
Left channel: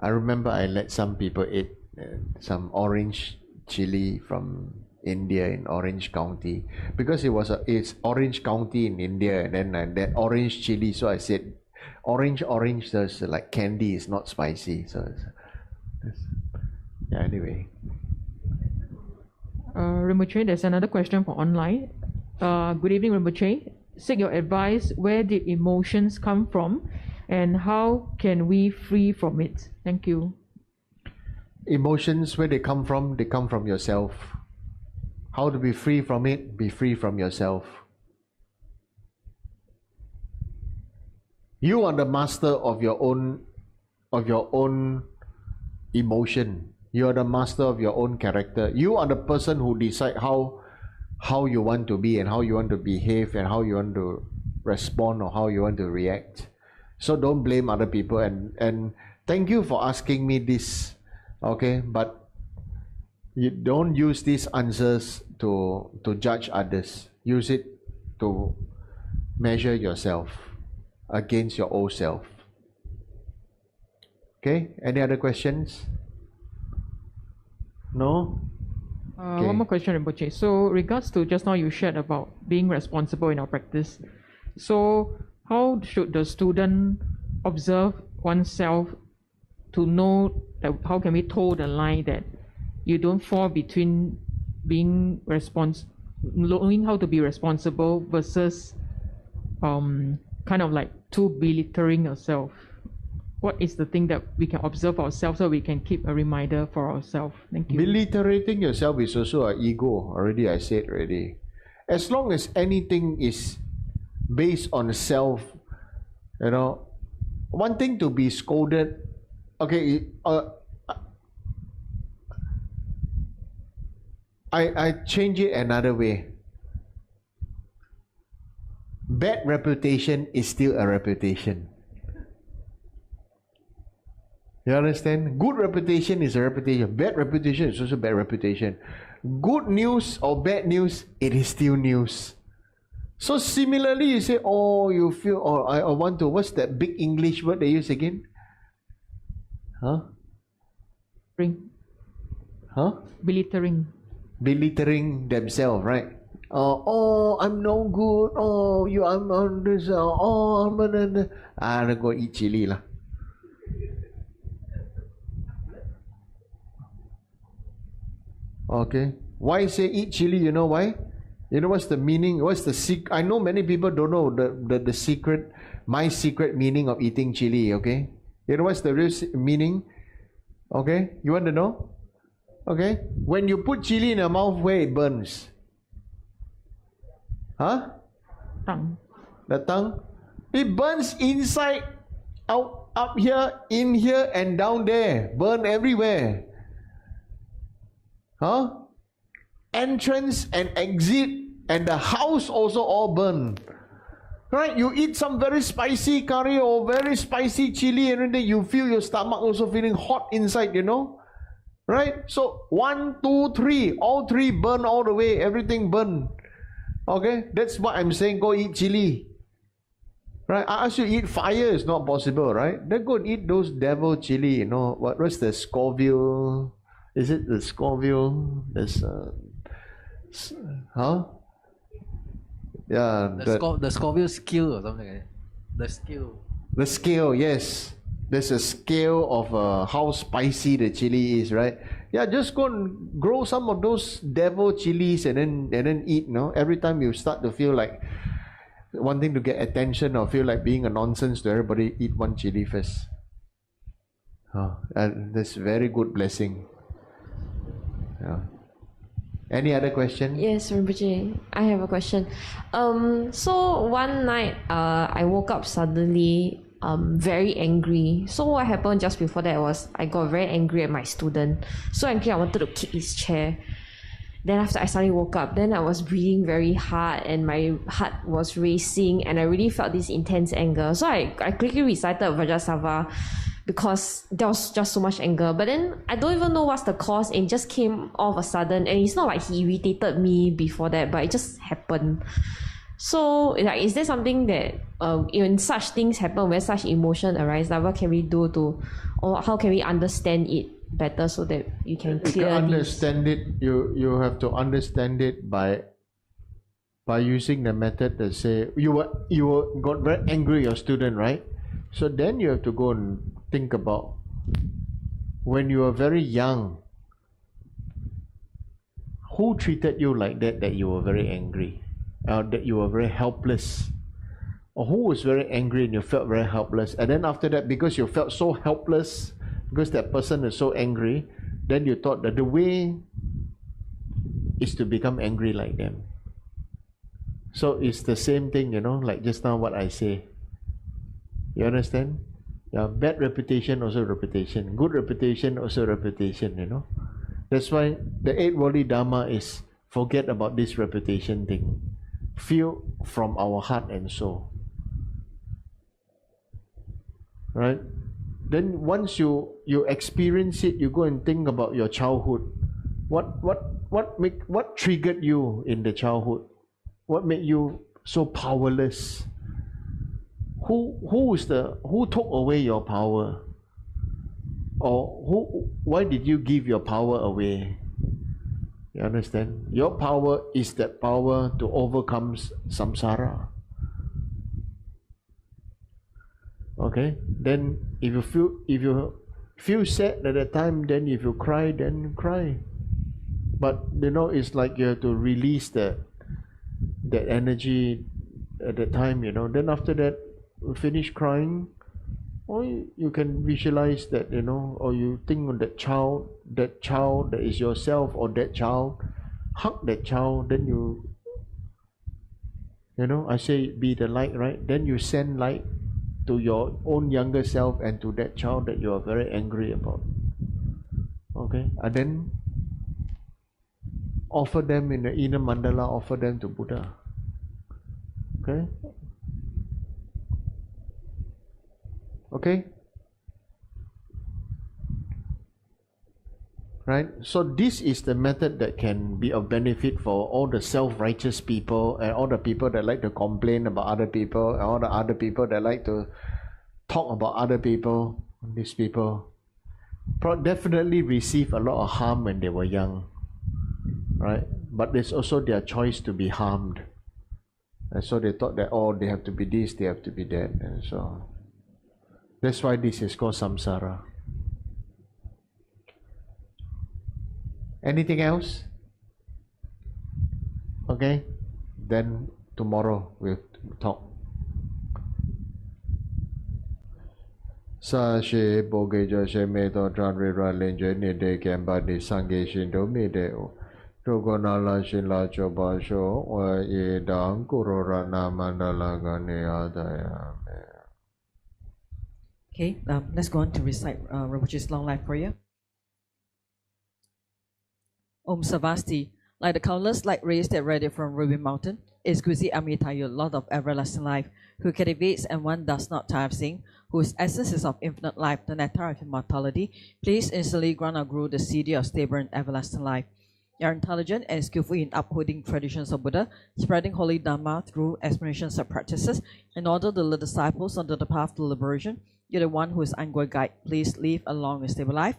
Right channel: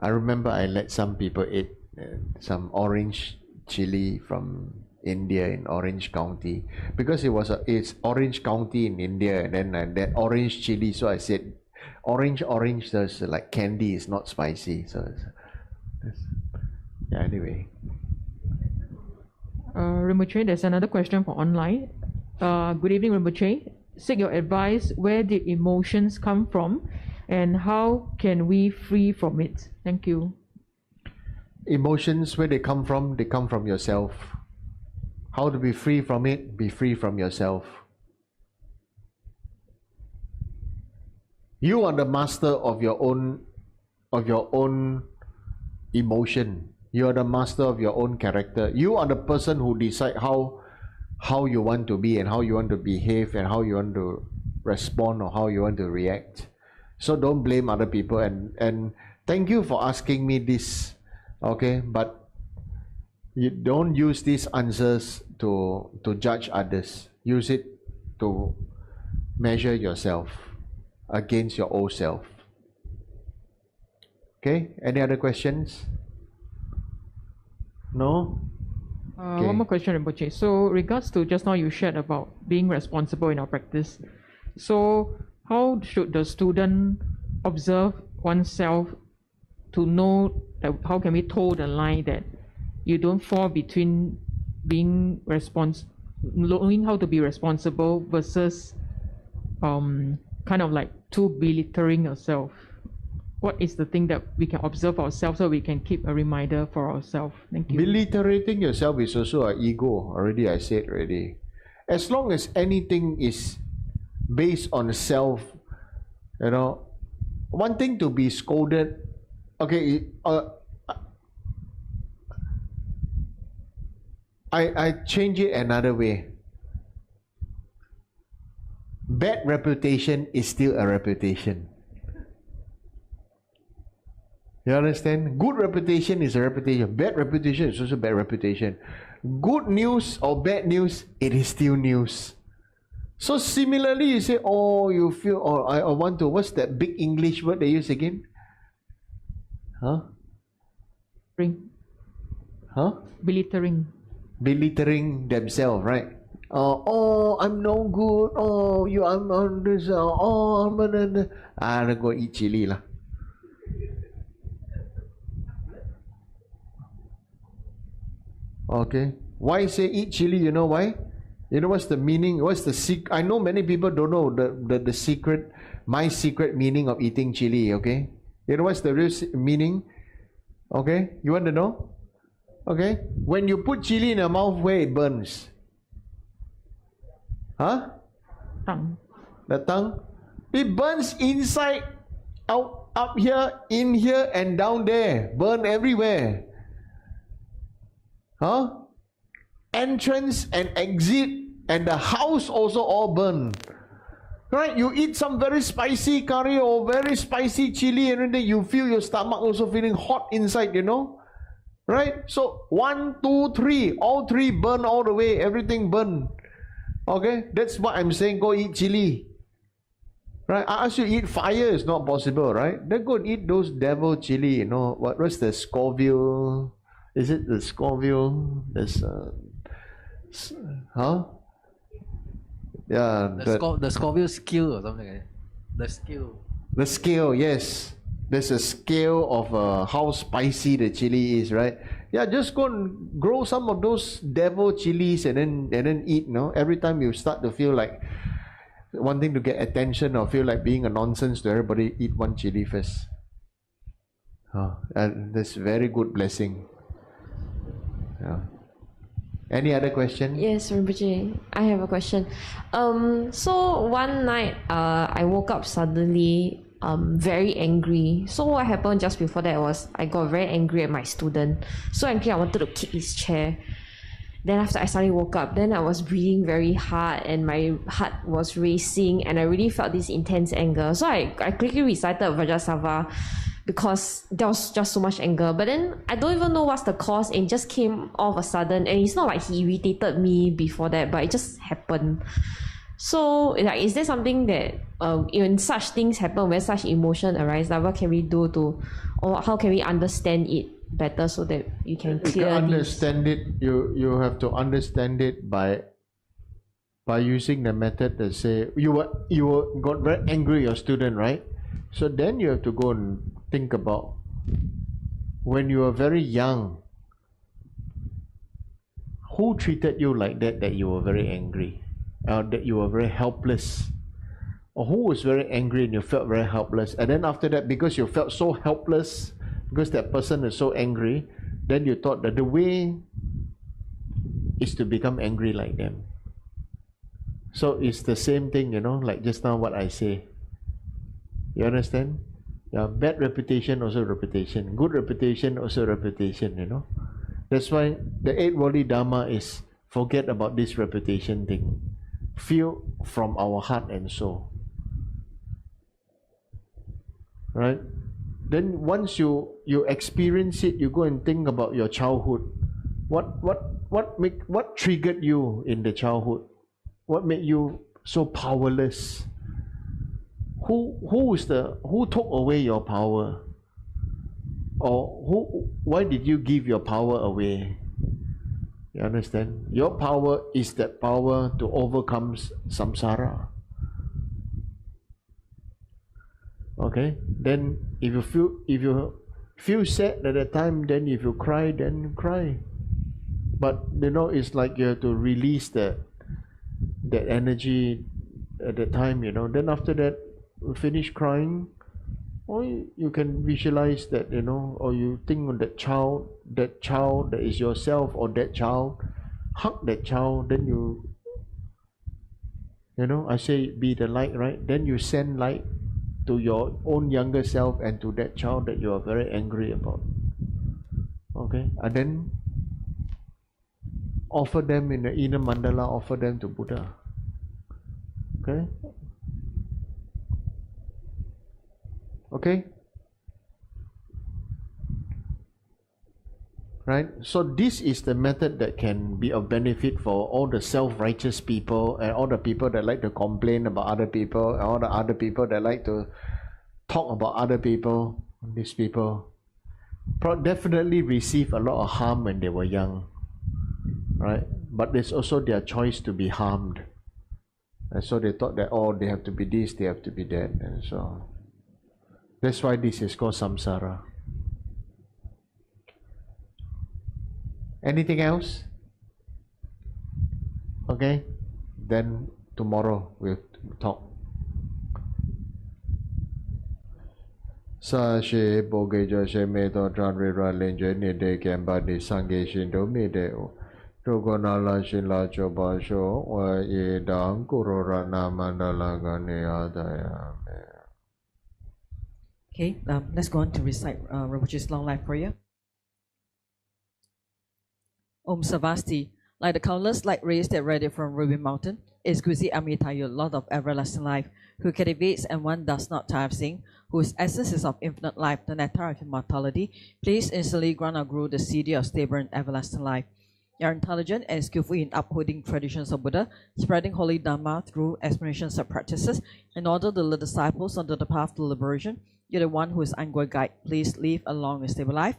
I remember I let some people eat some orange chili from India in Orange County, because it's Orange County in India, and then that orange chili. So I said, orange, there's like candy, it's not spicy. So yeah, anyway. Rinpoche, there's another question for online. Good evening, Rinpoche. Seek your advice. Where did emotions come from, and how can we free from it? Thank you. Emotions, where they come from? They come from yourself. How to be free from it? Be free from yourself. You are the master of your own emotion. You are the master of your own character. You are the person who decide how you want to be and how you want to behave and how you want to respond or how you want to react. So don't blame other people, and thank you for asking me this, okay? But you don't use these answers to judge others. Use it to measure yourself against your old self. Okay, any other questions? No? Okay. One more question, Rinpoche. So regards to just now you shared about being responsible in our practice. So how should the student observe oneself to know that how can we toe the line that you don't fall between being knowing how to be responsible versus kind of like too belittling yourself? What is the thing that we can observe ourselves so we can keep a reminder for ourselves? Thank you. Belittling yourself is also an ego. Already I said already. As long as anything is based on self, you know, one thing to be scolded, okay, I change it another way. Bad reputation is still a reputation. You understand? Good reputation is a reputation. Bad reputation is also bad reputation. Good news or bad news, it is still news. So similarly, you say, oh, you feel, or I want to, what's that big English word they use again? Huh? Huh? Belittling. Belittling themselves, right? Oh, I'm no good. Oh, I'm on this. Oh, I'm gonna. I'm gonna eat chili lah. Okay. Why say eat chili? You know why? You know what's the meaning? What's the secret? I know many people don't know the secret, my secret meaning of eating chili, okay? You know what's the real meaning? Okay? You want to know? Okay? When you put chili in your mouth, where it burns? Huh? Tongue. The tongue? It burns inside, out, up here, in here, and down there. Burn everywhere. Huh? Entrance and exit, and the house also all burn. Right? You eat some very spicy curry or very spicy chili, and then you feel your stomach also feeling hot inside, you know? Right? So 1, 2, 3, all three burn all the way, everything burn. Okay? That's what I'm saying, go eat chili. Right? I ask you eat fire, it's not possible, right? Then go and eat those devil chili, you know, what's the Scoville? Is it the Scoville? There's huh? Yeah, the Scoville skill or something like that. The skill. The scale, yes. There's a scale of how spicy the chili is, right? Yeah, just go and grow some of those devil chilies and then eat, no? Every time you start to feel like wanting to get attention or feel like being a nonsense to everybody, eat one chili first. And that's very good blessing. Yeah. Any other question? Yes, Rinpoche, I have a question. So one night, I woke up suddenly, very angry. So what happened just before that was I got very angry at my student. So angry I wanted to kick his chair. Then after I suddenly woke up, then I was breathing very hard and my heart was racing and I really felt this intense anger. So I quickly recited Vajrasattva because there was just so much anger. But then I don't even know what's the cause and it just came all of a sudden. And it's not like he irritated me before that, but it just happened. So like, is there something that when such things happen, when such emotion arise, like what can we do to, or how can we understand it better so that you can clearly understand it? You have to understand it by using the method that say you got very angry at your student, right? So then you have to go and think about when you were very young, who treated you like that you were very angry, that you were very helpless, or who was very angry and you felt very helpless, and then after that, because you felt so helpless because that person is so angry, then you thought that the way is to become angry like them. So it's the same thing, you know, like just now what I say. You understand? Yeah, bad reputation also reputation, good reputation also reputation, you know. That's why the 8 worldly Dharma is forget about this reputation thing. Feel from our heart and soul. Right? Then once you experience it, you go and think about your childhood. What triggered you in the childhood? What made you so powerless? Who took away your power? Or why did you give your power away? You understand? Your power is that power to overcome samsara. Okay? Then if you feel sad at that time, then if you cry, then cry. But you know, it's like you have to release that energy at the time, you know. Then after that, you finish crying, or you can visualize that, you know, or you think of that child that is yourself, or that child, hug that child, then you know, I say be the light, right? Then you send light to your own younger self and to that child that you are very angry about. Okay? And then offer them in the inner mandala, offer them to Buddha. Okay? Okay? Right? So this is the method that can be of benefit for all the self-righteous people and all the people that like to complain about other people and all the other people that like to talk about other people. These people definitely receive a lot of harm when they were young. Right? But it's also their choice to be harmed. And so they thought that, oh, they have to be this, they have to be that. And so that's why this is called samsara. Anything else? Okay, then tomorrow we'll talk. Sa she boge jo she me to tran re ra len je ni de ken ba di sang ge shin do me de o Tugunala Shila Chobasho, where Yedam Kurorana Mandala Ganeadaya. Okay, let's go on to recite Rinpoche's long life prayer. Om Savasti, like the countless light rays that radiate from Ruby Mountain, exquisite Amritayu, Lord of everlasting life, who cultivates and one does not tire of seeing, whose essence is of infinite life, the nectar of immortality, please instantly grant our Guru the city of stable and everlasting life. You are intelligent and skillful in upholding traditions of Buddha, spreading holy Dharma through explanations of practices, in order to lead disciples onto the path to liberation. You're the one who is ongoing guide. Please live a long and stable life.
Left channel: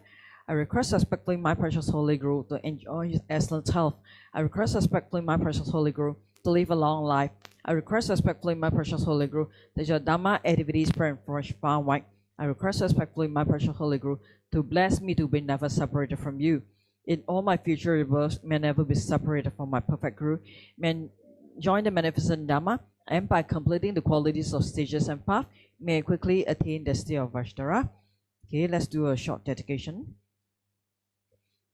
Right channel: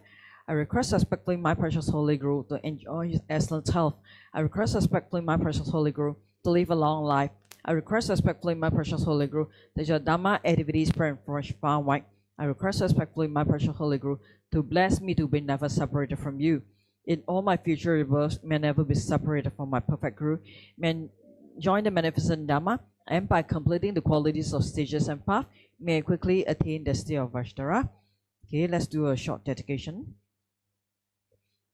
I request respectfully my precious Holy Guru to enjoy his excellent health. I request respectfully my precious Holy Guru to live a long life. I request respectfully my precious Holy Guru that your Dharma activities spread and flourish far and wide. I request respectfully my precious Holy Guru to bless me to be never separated from you. In all my future rebirths, may never be separated from my perfect Guru. May join the magnificent Dharma, and by completing the qualities of stages and path, may I quickly attain the state of Vaishnava. Okay, let's do a short dedication.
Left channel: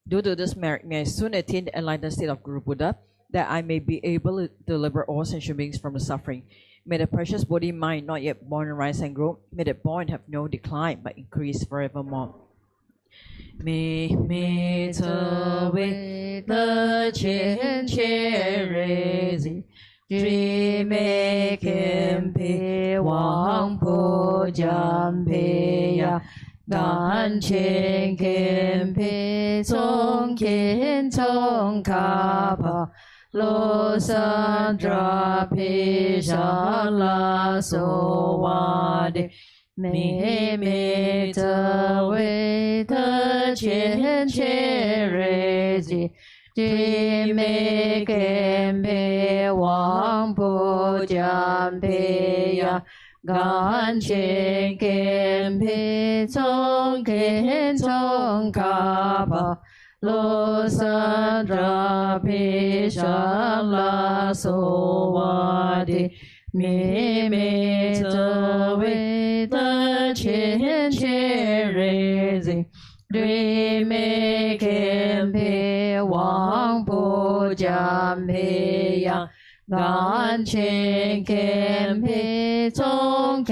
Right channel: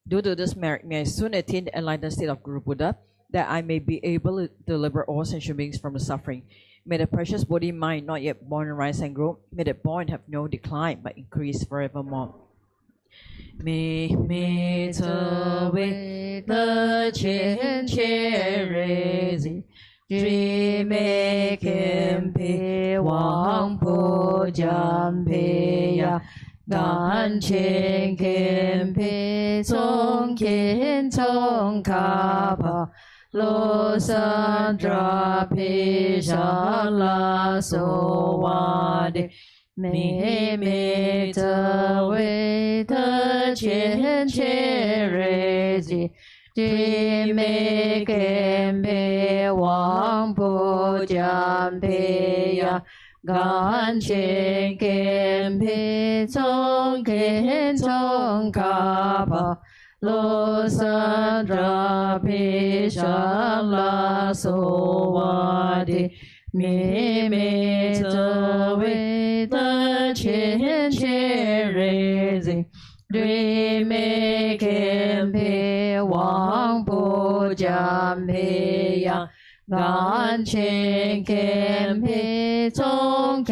Due to this merit, may I soon attain the enlightened state of Guru Buddha, that I may be able to deliver all sentient beings from the suffering. May the precious Bodhi mind not yet born rise and grow. May the born have no decline, but increase forevermore. Me to with the chin raising, make him pay Wang Po Jam Pei Ya. Dan Chen Ken Pei Song Ken Song Ka Lo San Dra Pei Sha La So Wa De Me Ta Wei Ta Chen Re Ji Me Ken Pei Wang Po Jam Pei Ya. Gan Chen Ken Pei Song Ka Lo San Dra Pei Sha La So Wa De Me Ta Wei Ta Chen Re Ji Me Ken Pei Wang Po Jam Pei Ya. Gan Chen Ken Pei Song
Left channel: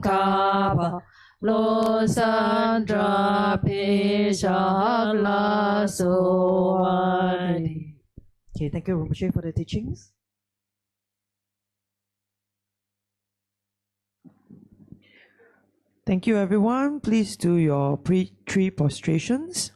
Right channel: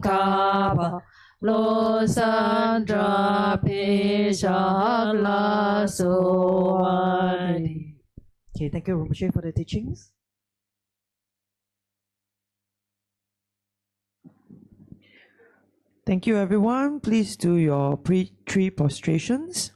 Ka Lo San Dra Pei Sha La So Wa De. Okay, thank you Rinpoche for the teachings. Thank you, everyone. Please do your pre-tree prostrations.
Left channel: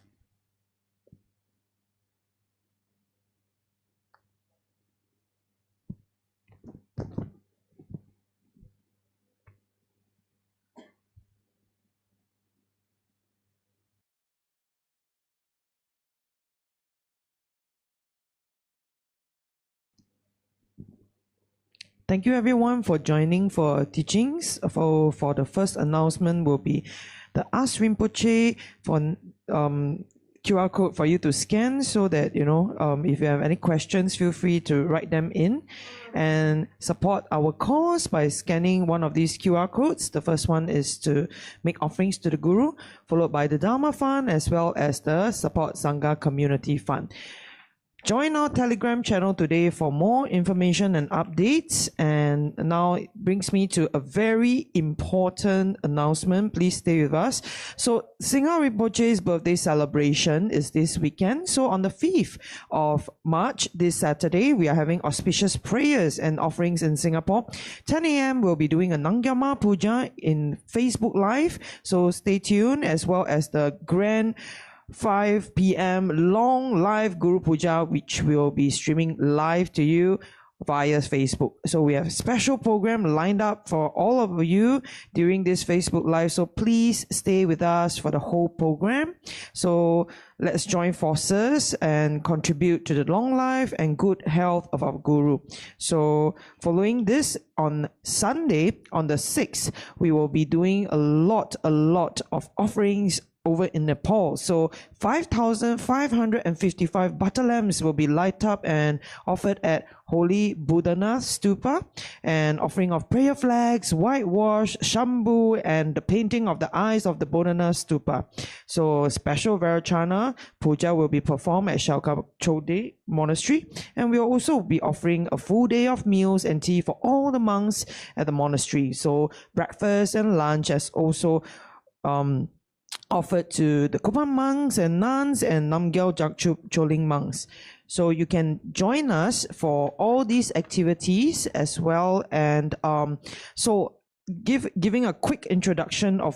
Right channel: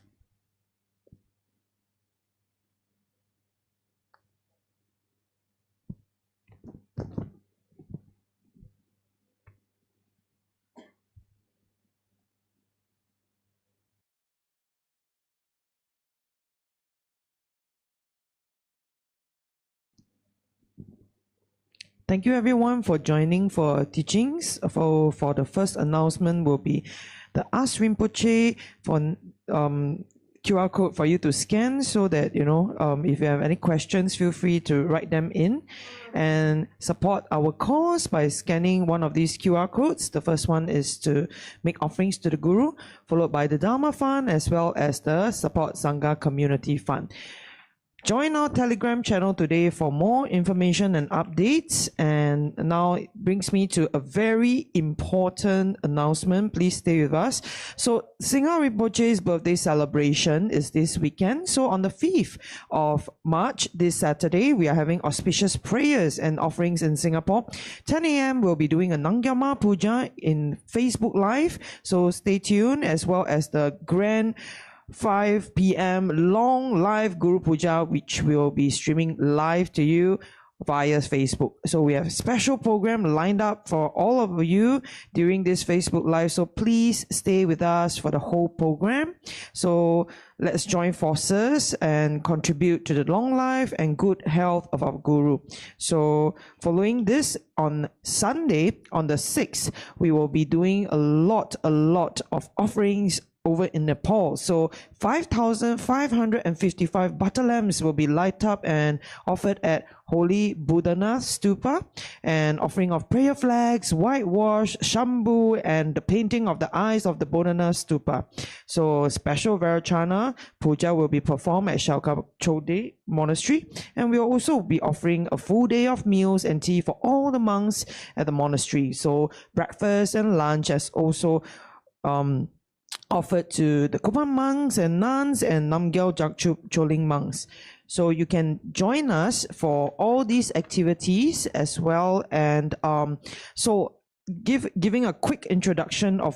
Thank you everyone for joining for teachings. For the first announcement will be the Ask Rinpoche for QR code for you to scan, so that if you have any questions, feel free to write them in and support our cause by scanning one of these QR codes. The first one is to make offerings to the Guru, followed by the Dharma Fund, as well as the Support Sangha Community Fund. Join our Telegram channel today for more information and updates. And now it brings me to a very important announcement. Please stay with us. So Singha Rinpoche's birthday celebration is this weekend. So on the 5th of March, this Saturday, we are having auspicious prayers and offerings in Singapore. 10 a.m. we'll be doing a Nangyama Puja in Facebook Live. So stay tuned, as well as the grand 5 p.m. long live Guru Puja, which will be streaming live to you via Facebook. So we have a special program lined up for all of you during this Facebook Live. So please stay with us for the whole program. So let's join forces and contribute to the long life and good health of our Guru. So following this, on Sunday, on the 6th, we will be doing a lot of offerings over in Nepal. So 5,555 butter lamps will be light up and offered at Holy Budana Stupa, and offering of prayer flags, whitewash, Shambhu, and the painting of the eyes of the Budana Stupa. So special Varachana puja will be performed at Shalkachode Monastery, and we'll also be offering a full day of meals and tea for all the monks at the monastery. So breakfast and lunch as also offered to the Kopan monks and nuns and Namgyal Jakchup Choling monks. So you can join us for all these activities as well. And giving a quick introduction of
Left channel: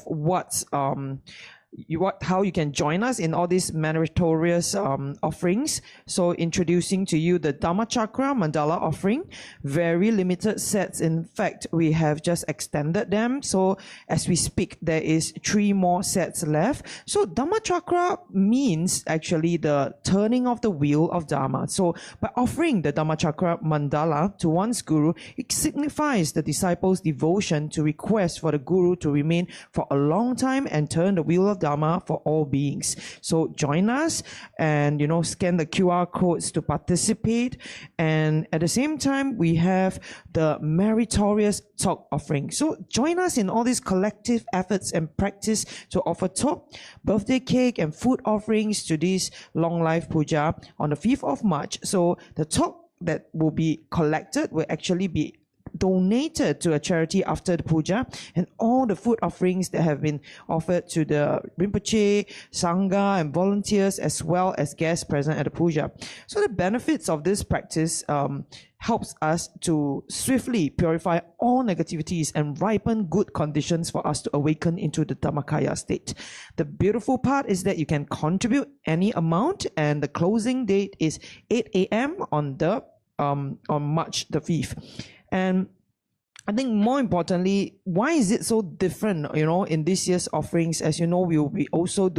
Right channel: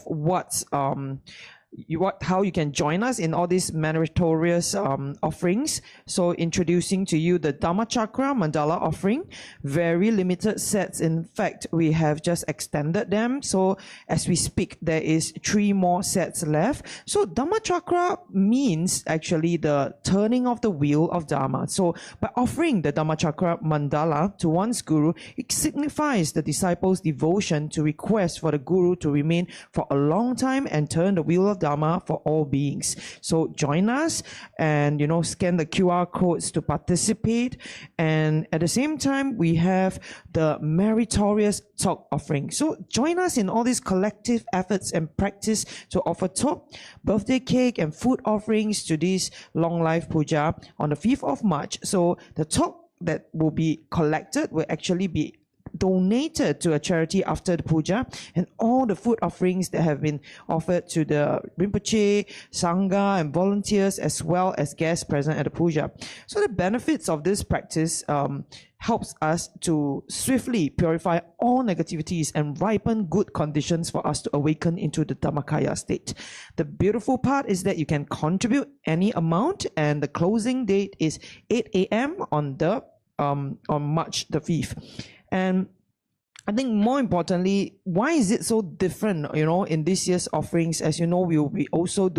how you can join us in all these meritorious offerings. So introducing to you the Dharma Chakra Mandala offering, very limited sets. In fact, we have just extended them. So as we speak, there is 3 more sets left. So Dharma Chakra means actually the turning of the wheel of Dharma. So by offering the Dharma Chakra Mandala to one's Guru, it signifies the disciple's devotion to request for the Guru to remain for a long time and turn the wheel of Dharma for all beings. So join us and scan the QR codes to participate. And at the same time, we have the meritorious talk offering. So join us in all these collective efforts and practice to offer talk, birthday cake, and food offerings to this long life puja on the 5th of March. So the talk that will be collected will actually be donated to a charity after the puja, and all the food offerings that have been offered to the Rinpoche, Sangha, and volunteers, as well as guests present at the puja. So the benefits of this practice helps us to swiftly purify all negativities and ripen good conditions for us to awaken into the Dhammakaya state. The beautiful part is that you can contribute any amount, and the closing date is 8 a.m. on March the 5th. And I think more importantly, why is it so different, in this year's offerings? As you know, we will be also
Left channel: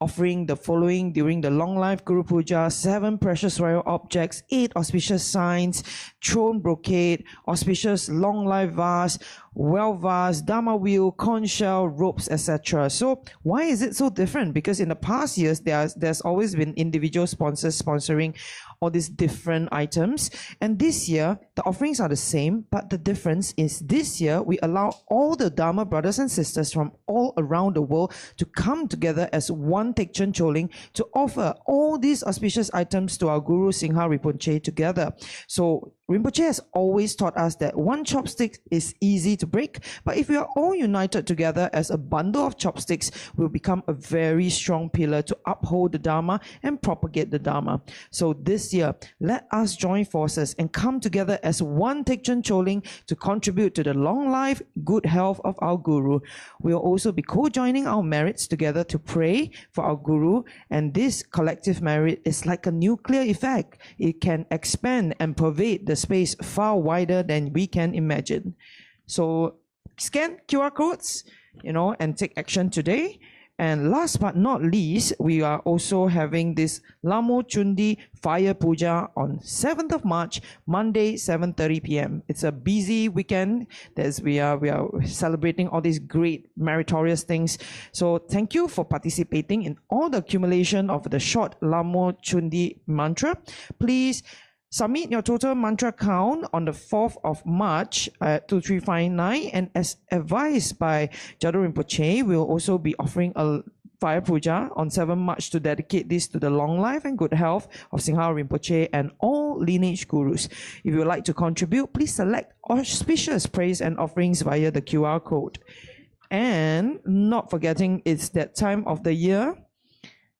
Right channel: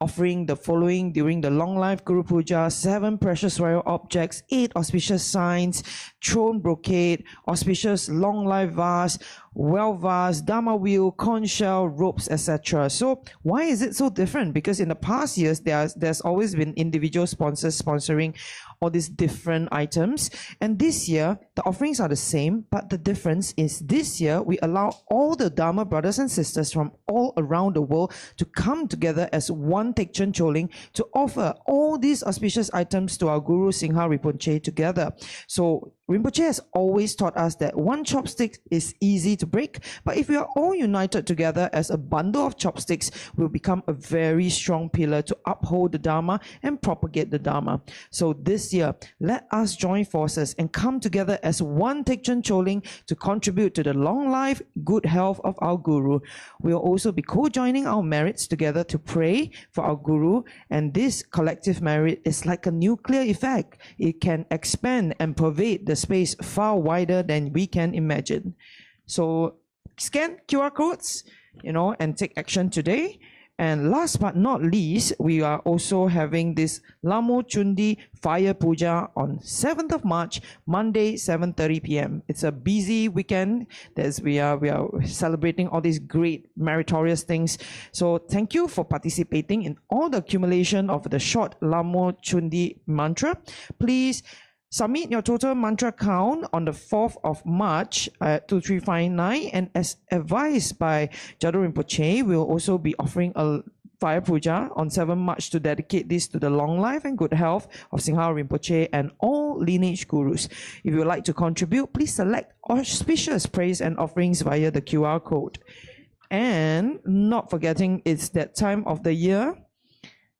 offering the following during the Long Life Guru Puja: 7 precious royal objects, 8 auspicious signs, throne brocade, auspicious long life vase, well vase, Dharma wheel, conch shell, ropes, etc. So why is it so different? Because in the past years, there's always been individual sponsors sponsoring all these different items, and this year the offerings are the same, but the difference is this year we allow all the Dharma brothers and sisters from all around the world to come together as one Tekchen Choling to offer all these auspicious items to our Guru Singha Rinpoche together. So Rinpoche has always taught us that one chopstick is easy to break, but if we are all united together as a bundle of chopsticks, we'll become a very strong pillar to uphold the Dharma and propagate the Dharma. So this year, let us join forces and come together as one Tekchen Choling to contribute to the long life, good health of our Guru. We'll also be co-joining our merits together to pray for our Guru, and this collective merit is like a nuclear effect. It can expand and pervade the space far wider than we can imagine. So scan QR codes, and take action today. And last but not least, we are also having this Lamo Chundi Fire Puja on 7th of March, Monday, 7:30 p.m. It's a busy weekend. We are celebrating all these great meritorious things. So thank you for participating in all the accumulation of the short Lamo Chundi mantra. Please submit your total mantra count on the 4th of March at 2359, and as advised by Jado Rinpoche, we'll also be offering a fire puja on 7 March to dedicate this to the long life and good health of Singha Rinpoche and all lineage gurus. If you would like to contribute, please select auspicious praise and offerings via the QR code. And not forgetting, it's that time of the year.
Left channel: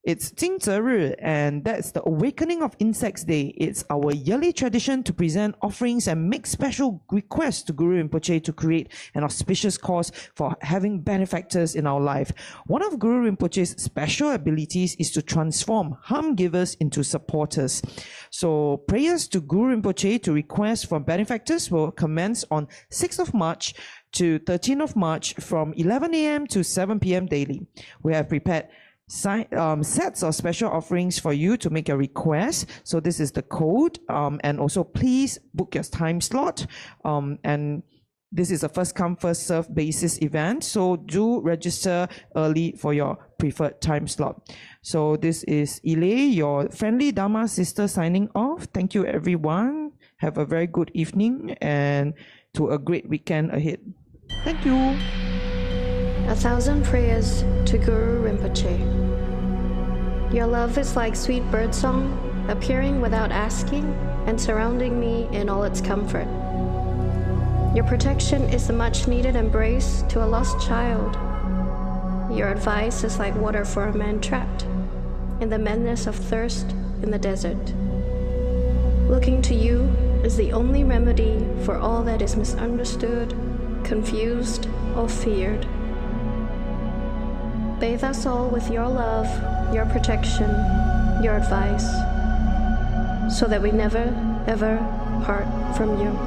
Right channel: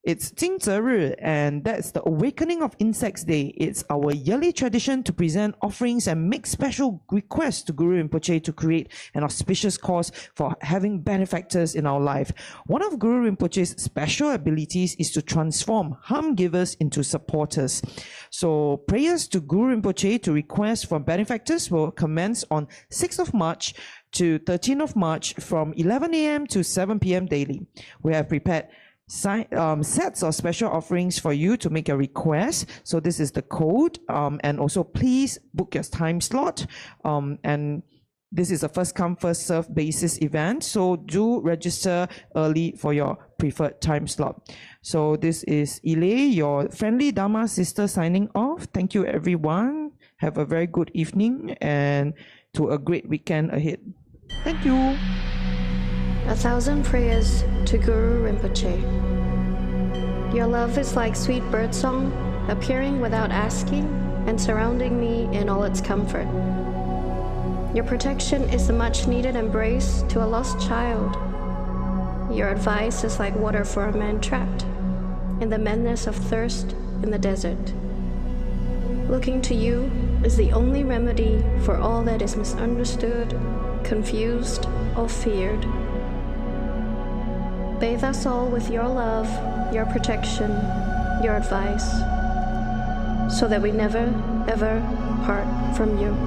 It's Jingzhe, and that's the Awakening of Insects Day. It's our yearly tradition to present offerings and make special requests to Guru Rinpoche to create an auspicious cause for having benefactors in our life. One of Guru Rinpoche's special abilities is to transform harm givers into supporters. So prayers to Guru Rinpoche to request for benefactors will commence on 6th of March to 13th of March from 11 a.m. to 7 p.m. daily. We have prepared sets of special offerings for you to make your request. So this is the code, and also please book your time slot, and This is a first come, first serve basis event. So do register early for your preferred time slot. So this is Ile, your friendly Dharma sister, signing off. Thank you, everyone. Have a very good evening and to a great weekend ahead. Thank you. 1,000 prayers to Guru Rinpoche. Your love is like sweet birdsong, appearing without asking and surrounding me in all its comfort. Your protection is a much-needed embrace to a lost child. Your advice is like water for a man trapped in the madness of thirst in the desert. Looking to you is the only remedy for all that is misunderstood, confused, or feared. Bathe us all with your love, your protection, your advice, so that we never, ever part from you.